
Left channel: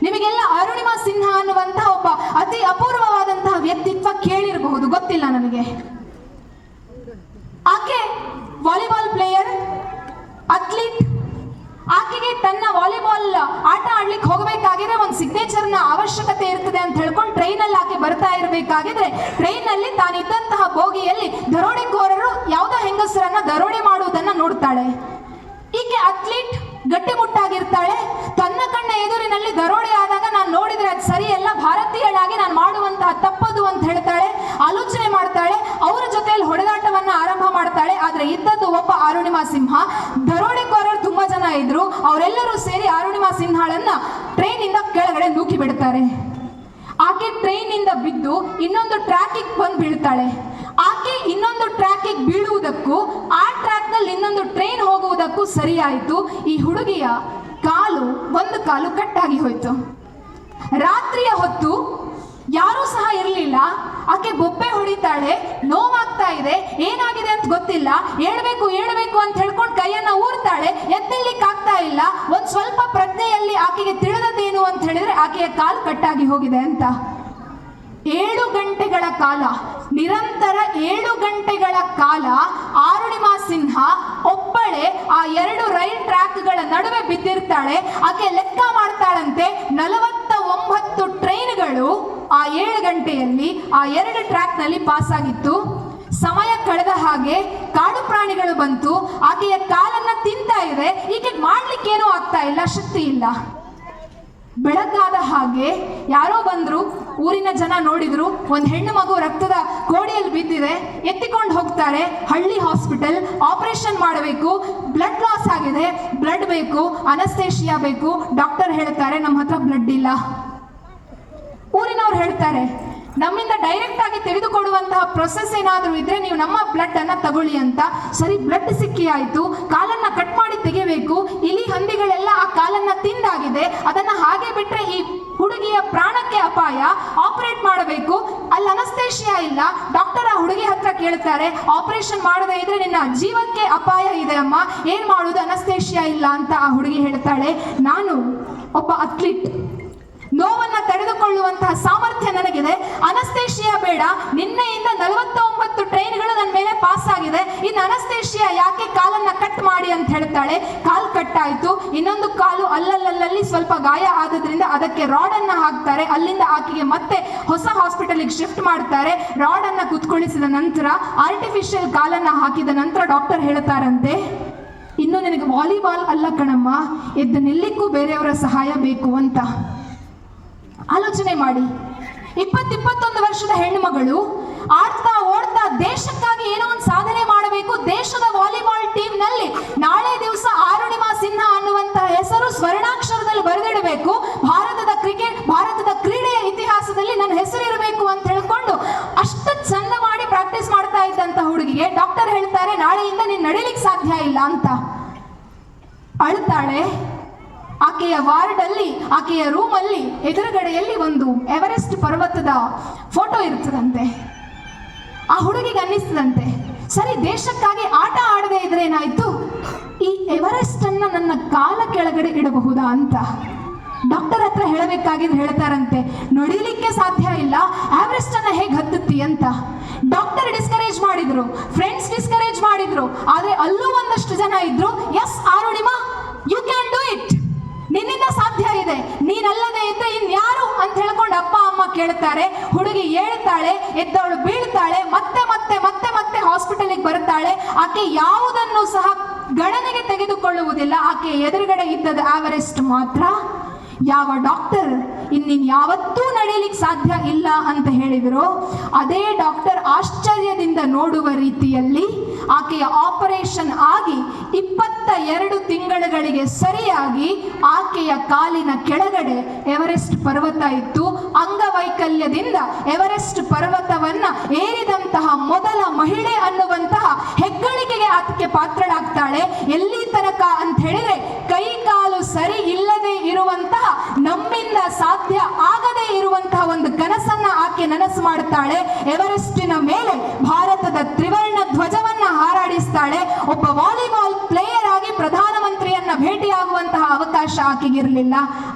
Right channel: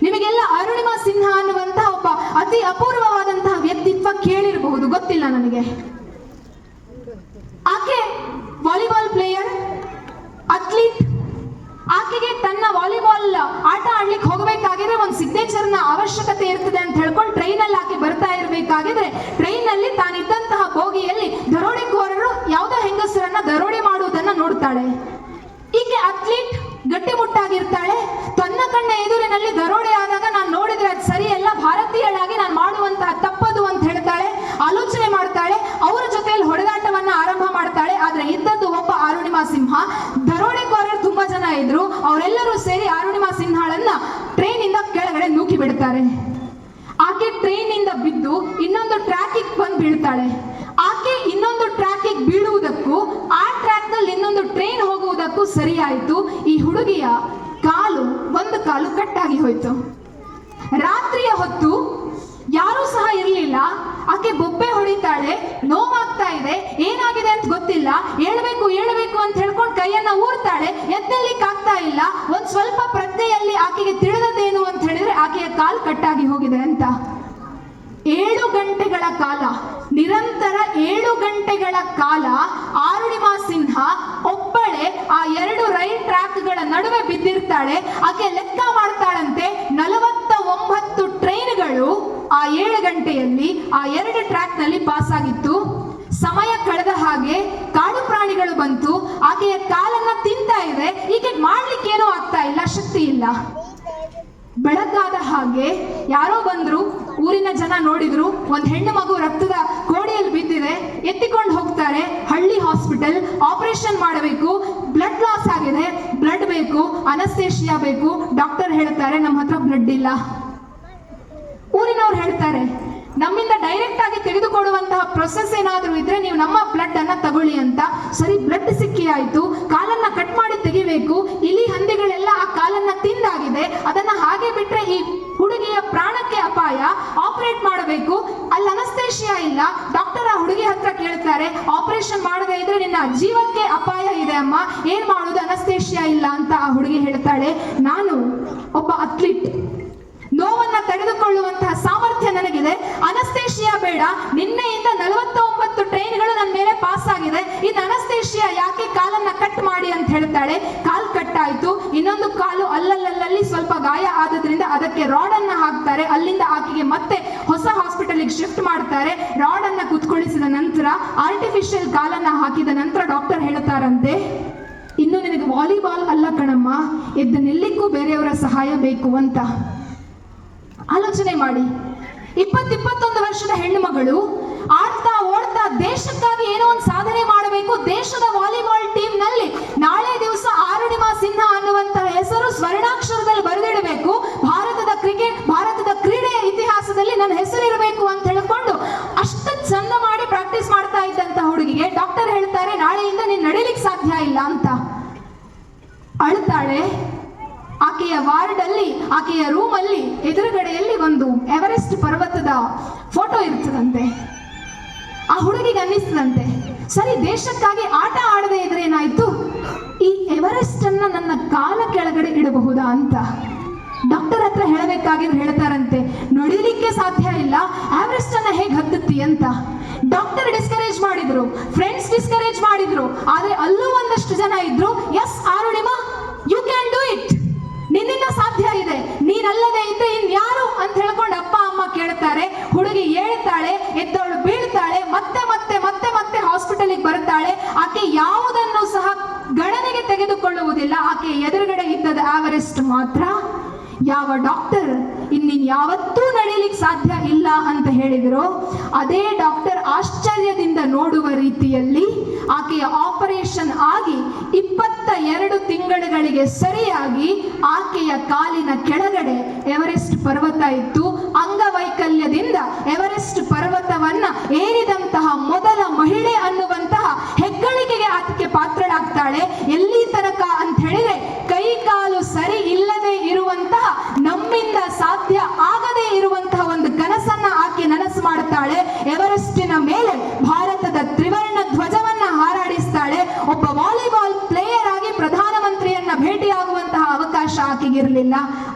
ನಿಮಗೆಲ್ಲ ಅರುಣಿಮಾ ಸಿನ್ಹಾ ಅನ್ನುವಂತಹ ಒಬ್ಬ ಅತಿ ಅಪೂರ್ವವಾದಂತಹ ವ್ಯಕ್ತಿತ್ವ ಕೇಳಿರಬಹುದು, ಗೊತ್ತಿಲ್ಲ ನನಗೆ. ಆಕೆ ವಾಲಿಬಾಲ್ ಪ್ಲೇಯರ್, ಅಥ್ಲೀಟ್. ಆಕೆಗೆ ತನ್ನ ವಾಲಿಬಾಲ್ ಆಟ ಆಡ್ಲಿಕ್ಕೆ ಹೋಗಬೇಕಾಗಿದ್ರೆ ಒಂದು ಸಿಗ್ನೇಚರ್ನ ಅವಶ್ಯಕತೆ ಇರ್ತದೆ ಅಂತ ಹೇಳ್ಕೊಂಡು ಟ್ರೈನಲ್ಲಿ ಆಕೆ ಬರ್ತಾ ಇರಬೇಕಾಗಿದ್ರೆ ಟ್ರೈನಲ್ಲಿ ತಾನಿದ್ದಂತಹ ಬೋಗಿಯಲ್ಲಿ ದರೋಡೆಕೋರರು ಯಾವುದೋ ಹೆಂಗಸರನ್ನ ದರೋಡೆ ಮಾಡುವುದನ್ನ ನೋಡ್ತಾಳೆ. ಈಕೆ ಅಥ್ಲೀಟ್, ಗಟ್ಟಿಮುಟ್ಟಾಗಿರ್ತಾಳೆ. ತನ್ನ ಕಣ್ಣ ಎದುರಿನಲ್ಲಿ ದರೋಡೆ ಆದಾಗ ನಾನು ನೋಡಿದ್ರೆ ಅದು ಸರಿಯಲ್ಲ, ಭಾರತೀಯಳಾಗಿ ನಾನು ಮಾಡುವಂತಹ ತಪ್ಪದು ಅಂತ ಹೇಳ್ತಾಳೆ. ಆಲೋಚನೆ ಮಾಡ್ತಾಳೆ, ಅವರ ಜೊತೆಯಲ್ಲಿ ಹೊಡೆದಾಟವನ್ನ ಆರಂಭ ಮಾಡ್ತಾಳೆ. ಆದ್ರೆ ಇದ್ದದ್ದು ಒಬ್ಬ ಅರುಣಿಮಾ ಸಿಂಹ. ದರೋಡೆಕೋರರು ತುಂಬಾ ಜನ ಇದ್ರು, ಅವರೆಲ್ಲರೂ ಸೇರಿ ಅರುಣಿಮಾ ಸಿನ್ಹಾಳನ್ನ ಟ್ರೈನ್ ಇಂದ ಕೆಳಗಡೆ ನೂಕಿ ಬಿಡ್ತಾರೆ. ಆಕೆ ಟ್ರೈನ್ ಇಂದ ಬಿದ್ದು ಇನ್ನೊಂದು ಟ್ರ್ಯಾಕಿಗೆ ಬಂದು ಬೀಳ್ತಾಳೆ. ಆಕೆ ಇನ್ನೊಂದು ಟ್ರ್ಯಾಕಿಗೆ ಬೀಳುವುದಕ್ಕೂ ಆ ಟ್ರ್ಯಾಕ್ ನಲ್ಲಿ ಇನ್ನೊಂದು ಟ್ರೈನ್ ಹೋಗುವುದಕ್ಕೂ ಸರಿಯಾಯಿತು. ಈ ಹುಡುಗಿಯ ಒಂದು ಕಾಲು ಕಟ್ಟಾಗಿ ಹೋಯ್ತು. ರಾತ್ರಿಯ ಹೊತ್ತು ಯಾರೂ ಸಹ ಇರಲಿಲ್ಲ. ಆಕೆ ಬೊಬ್ಬೆ ಹೊಡಿತಾಳೆ, ನೋವಾಗ್ತಾ ಇದೆ, ಏನಾಗಿದೆ ಅಂತ ಗೊತ್ತಿಲ್ಲ. ಏಳಬೇಕು ಅಂತ ಹೇಳ್ಕೊಂಡು ಕೈಯನ್ನ ಊರ್ತಾಳೆ. ಇಲ್ಲ, ಒಂದ್ ಸ್ವಲ್ಪ ಪ್ರಜ್ಞೆಯಲ್ಲಿ ಆಕೆಗೆ ತಿಳಿದದೇನು ಅಂತ ಹೇಳಿದ್ರೆ ಆಕೆಯ ಕಾಲ್ ಕಟ್ಟಾಗಿ ಹೋಗಿದೆ ಅಂತ. 7 ಗಂಟೆಗಳ ಕಾಲ, ನಿರಂತರ 7 ಗಂಟೆಗಳ ಕಾಲ ಅರುಣಿಮಾ ಸಿನ್ಹಾ ಒಬ್ಬಳೆ ಆ 2 ರೈಲ್ ಟ್ರ್ಯಾಕ್ಗಳ ನಡುವೆ ಬಿದ್ದಿರ್ತಾಳೆ. ಆಕೆ ಲೆಕ್ಕ ಮಾಡ್ತಾಳಂತೆ 49 ಟ್ರೈನ್ಗಳು ಆ 7 ಗಂಟೆಯಲ್ಲಿ ಆ 2 ಟ್ರ್ಯಾಕ್ನಲ್ಲಿ ಪಾಸ್ ಆಗಿತ್ತು. ಸಮಯ ಕಳೆದ ಹಾಗೆ ಕಾಡು ಪ್ರಾಣಿಗಳು ಬಂತು, ಆಕೆಯ ಕಾಲನ್ನ ತಿಂತಾ ಇದೆ, ಈಕೆ ಮಾಡ್ಲಿಕ್ಕೇನೂ ಆಗ್ತಾ ಇಲ್ಲ, ಶಕ್ತಿ ಇಲ್ಲ. ಬೆಳಗಾದ ಹಾಗೆ ಯಾರೋ ಬಂದ್ರು, ಊರಿನ ಜನ ನೋಡಿದ್ರು, ಒಂದು ಹೆಣ್ಣು ಮಗು ರಕ್ತದ ಕೋಡಿಯಲ್ಲಿ ಬಿದ್ದಿದೆ, ಎತ್ತಿಕೊಂಡು ಹೋಗ್ತಾರೆ ಹಳ್ಳಿ ಹಾಸ್ಪಿಟಲ್. ಆಪರೇಷನ್ ಮಾಡಬೇಕು, ಬ್ಲಡ್ ಲಾಸ್ ಆಗಿದೆ, ಬ್ಲಡ್ ಬೇಕು, ಅನಸ್ತೇಶಿಯಾ ಬೇಕು. ಡಾಕ್ಟರ್ ಹೇಳ್ತಾರೆ ನಮ್ಮ ಹತ್ರ ಬ್ಲಡ್ ಇಲ್ಲ. ಊರಿನವ್ರು ಹೇಳ್ತಾರೆ ನಮ್ಮಿಂದ ಡೈರೆಕ್ಟ್ ಆಗಿ ತೆಗೆದುಕೊಡುವಂತಹ ಪ್ರೊಸೆಸ್ ಏನಾದರೂ ಇದ್ರೆ ನೀವು ನಮ್ಮ ಬ್ಲಡ್ ಅನ್ನ ತಗೊಳ್ಳಿ ಅಂತ. ಸರಿ, ಬ್ಲಡ್ ಸಿಕ್ಕಿ ಆಯ್ತು, ಕಾಲನ್ನ ಕಟ್ ಮಾಡಿ ತೆಗಿಬೇಕು. ಇಲಿ ಹಂದಿಗಳೆಲ್ಲ ಆ ಕಾಲನ್ನ ತಿಂದಾಗಿದೆ, ಅದನ್ನ ಹಾಗೆ ಬಿಟ್ರೆ ಈ ಹುಡುಗಿಯ ಪ್ರಾಣಕ್ಕೆ ಅಪಾಯ, ಆಪರೇಟ್ ಮಾಡಬೇಕು. ಅಲ್ಲಿ ಅನಸ್ತೇಶಿಯಾ ಇಲ್ಲ. ಡಾಕ್ಟರ್ ಆ ಹುಡುಗಿ ಹತ್ರ ಕೇಳ್ತಾರೆ, ಆಪರೇಷನ್ ಮಾಡದೇ ಇದ್ರೆ ನಿನ್ನ ಜೀವಕ್ಕೆ ಅಪಾಯ ಇದೆ ಅಮ್ಮ, ಏನ್ ಮಾಡುದು, ಅನಸ್ತೇಶಿಯಾ ಇಲ್ಲ ಅಂತ. ಆ ಹುಡುಗಿ ಹೇಳ್ತಾಳೆ, ನಾನು ಒಬ್ಬ ಅಥ್ಲೀಟ್, ನೋವನ್ನ ತಡೆದುಕೊಳ್ಳುವಂತಹ ಸಾಮರ್ಥ್ಯ ನನಗಿದೆ, ಅನಸ್ತೇಶಿಯಾ ಬೇಡ. ನಿನ್ನೆಯಿಂದ 49 ಟ್ರೈನ್ಗಳು ನನ್ನ ಮೇಲೆ ಪಾಸ್ ಆಗಿದೆ, ಇನ್ನು ಅನಸ್ತೇಶಿಯಾ ಯಾಕೆ, ಕಾಲನ್ನ ಕಟ್ ಮಾಡಿ ಅಂತ ಹೇಳ್ತಾಳೆ. ಕಾಲ್ ಕಟ್ ಆಯ್ತು, ಇನ್ನೊಂದು ಕಾಲು ಅಲ್ಲಲ್ಲಿ ಸ್ವಲ್ಪ ಗಾಯ ಆದ್ರಿಂದ ಅದಕ್ಕೆ ರಾಡ್ ಅನ್ನ ಹಾಕ್ತಾರೆ. ಅಲ್ಲಿಂದ ಆಕೆಗೆ ಮತ್ತೆ ಹೊಸ ಹಾಸ್ಪಿಟಲ್ಗೆ ಶಿಫ್ಟ್ ಮಾಡ್ತಾರೆ. ರಾಡ್ ಅನ್ನ ಕುತ್ಕೊಳಿಸಿದ ನಂತರ ಆರ್ಟಿಫಿಷಿಯಲ್ ಕಾಲನ್ನ ಹಾಕಿದ ನಂತರ ಡಾಕ್ಟರ್ ಹೇಳ್ತಾರಂತೆ, ಇನ್ನು ನಿನಗೆ ವಾಲಿಬಾಲ್ ಅಲ್ಲ ಕಣಮ್ಮ, ಎದ್ದು ನಿಲ್ಲಿಕ್ಕೂ ಬೇರೆಯವರ ಸಹಾಯ ಬೇಕು ಅಂತ. ಆಲೋಚನೆ ಮಾಡಿ, 20-21 ವರ್ಷದ ಹೆಣ್ಣು ಮಗಳು ಆಡ್ತಾ ಓಡ್ತಾ ದೇಶಕ್ಕಾಗಿ ಏನೋ ಒಂದು ಸಾಧನೆ ಮಾಡಬೇಕು. ದೇಶದ ವಾಲಿಬಾಲ್ ಟೀಮ್ ನಲ್ಲಿ ನಾಳೆ ದಿವಸ ಅರುಣಿಮಾ ಸಿನ್ಹಾ ಅನ್ನುವಂತಹ ಹೆಸರು ಸ್ವರ್ಣಾಕ್ಷರದಲ್ಲಿ ಬರೆದಿಡಬೇಕು. ಭಾರತದ ಕ್ರೀಡೆಯ ಇತಿಹಾಸದಲ್ಲಿ ನನ್ನ ಹೆಸರಿರಬೇಕು ಅಂತ ಹೇಳ್ಕೊಂಡು ಅಷ್ಟು ಚಂದ ಮಾಡಿ ಪ್ರಾಕ್ಟೀಸ್ ಮಾಡ್ತಾ ಇದ್ದಂತ ಹುಡುಗಿಗೆ ಡಾಕ್ಟರ್ ಹೇಳ್ತಾರೆ ನಾಳೆಯಿಂದ ನೀನು ನಡೀಲಿಕ್ಕೆ ಸಾಧ್ಯ ಇಲ್ಲ ಅಂತ. ಅಳ್ತಾಳೆ. ಆಕೆಯ ವಾರ್ಡ್ ಅಲ್ಲಿ, ಆಕೆಯ ರೂಮ್ ಅಲ್ಲಿ ಎದುರುಗಡೆಯಲ್ಲಿ ಒಂದು ಎವರೆಸ್ಟ್ ಪರ್ವತದ ಫೋಟೋ ಇರ್ತದಂತೆ. ಆ ಹುಡುಗಿಗೆ ಅನ್ನಿಸ್ತದಂತೆ, ಸರಿ ದೇಶಕ್ಕಾಗಿ ಆಟ ಆಡದೆ ಇದ್ರೆ ಏನಾಯ್ತು, ಈ ಎವರೆಸ್ಟ್ ಅನ್ನ ನನ್ನ ಕಾಲ ಕೆಳಗಡೆ ಇಡಬಹುದಾ ಅಂತ. ಡಾಕ್ಟರ್ ಹತ್ರ ಹೇಳಬೇಕಾಗಿದ್ದು ಹೇಳ್ತಾರಂತೆ, ನಡಿಲಿಕ್ಕೆ ಸಾಧ್ಯ ಇಲ್ಲ, ಎವರೆಸ್ಟ್ ಅನ್ನ ಹೇಗೆ ಹತ್ತುತ್ತಿ ಅಂತ. ಡಾಕ್ಟರ್ ಡಿಸ್ಕರೇಜ್ ಮಾಡಿದ್ರು, ಫ್ರೆಂಡ್ಸ್ ಡಿಸ್ಕರೇಜ್ ಮಾಡಿದ್ರು, ಆದ್ರೆ ಅಲ್ಲೂ ಒಂದಷ್ಟು ಜನ ಇದ್ರು, yes Arunima, you can do it, ನಿನ್ನಿಂದ ಸಾಧ್ಯ ಇದೆ, ನೀನಲ್ಲದೆ ಇದ್ರೆ ಇನ್ಯಾರು ಅಂತ ಹೇಳ್ಕೊಂಡು ಅಪ್ಪ ಅಮ್ಮ ಕೇಳ್ತಾರೆ. ಹುಡುಗಿ ಹೇಳ್ತಾಳೆ, ಎದ್ದವಳು ಬೀಳ್ತಾಳೆ, ಮತ್ತೆ ಮತ್ತೆ ಮತ್ತೆ ಮತ್ತೆ ಹಾಸ್ಪಿಟಲ್ಗೆ ಬರ್ತಾಳೆ. ಆಕೆ ಯಾವುದನ್ನು ಸಹ ಗಣನೆಗೆ ತೆಗೆದುಕೊಳ್ಳುವುದಿಲ್ಲ. ಆಕೆ ಎದುರುಗಡೆ ಇದ್ದದ ಎವರೆಸ್ಟ್ ಮಾತ್ರ. ಯಾವ ಡಾಕ್ಟರ್ ಇನ್ನಿನ್ ಯಾವತ್ತೂ ನಡೀಲಿಕ್ಕೆ ಸಾಧ್ಯ ಇಲ್ಲ ಅಂತ ಹೇಳಿದ್ರು, ಅದೇ ಡಾಕ್ಟರ್ ಆಶ್ಚರ್ಯದಿಂದ ನೋಡುವ ರೀತಿಯಲ್ಲಿ ಆಕೆಯ ಆಪರೇಷನ್ ಆಗಿ 22 ತಿಂಗಳುಗಳಿಗೆ ಸರಿಯಾಗಿ ಆಕೆಯ ಕಾಲಿನ ಕೆಳಗಡೆ ಎವರೆಸ್ಟ್ ಪರ್ವತ ಇತ್ತು. ಅಂಗವೈಕಲ್ಯದಿಂದ ಎವರೆಸ್ಟ್ ಪರ್ವತವನ್ನ ಏರಿದಂತಹ ಮೊದಲ ಮಹಿಳೆ ಅನ್ನುವಂತಹ ಹೆಗ್ಗಳಿಕೆಗೆ ಆಕೆ ಪಾತ್ರಳಾಗ್ತಾಳೆ. ಎಲ್ಲಿ ತನಕ ಅಂತ ಹೇಳಿದ್ರೆ, ಕೈ ಕಾಲು ಸರಿ ಇಲ್ಲದೆ ಇರುವಂತಹ, ನಮ್ಮಿಂದ ಸಾಧ್ಯ ಆಗದೇ ಇರುವಂತಹ ಒಂದು ಕನಸನ್ನ ಆಕೆ ನನಸು ಮಾಡುತ್ತಾಳೆ. ಎವರೆಸ್ಟಿನ ಮೇಲೆ ಭಾರತದ ತ್ರಿವರ್ಣ ಧ್ವಜವನ್ನ ಹಾರಾಡಿಸ್ತಾಳೆ. ಒಬ್ಬ ವಾಲಿಬಾಲ್ ಪ್ಲೇಯರ್ ಆಗಿ ಪ್ರಧಾನಮಂತ್ರಿಯನ್ನ ಭೇಟಿಯಾಗುವಂತಹ ಅವಕಾಶ ಆಕೆಗಿರಲಿಲ್ಲ.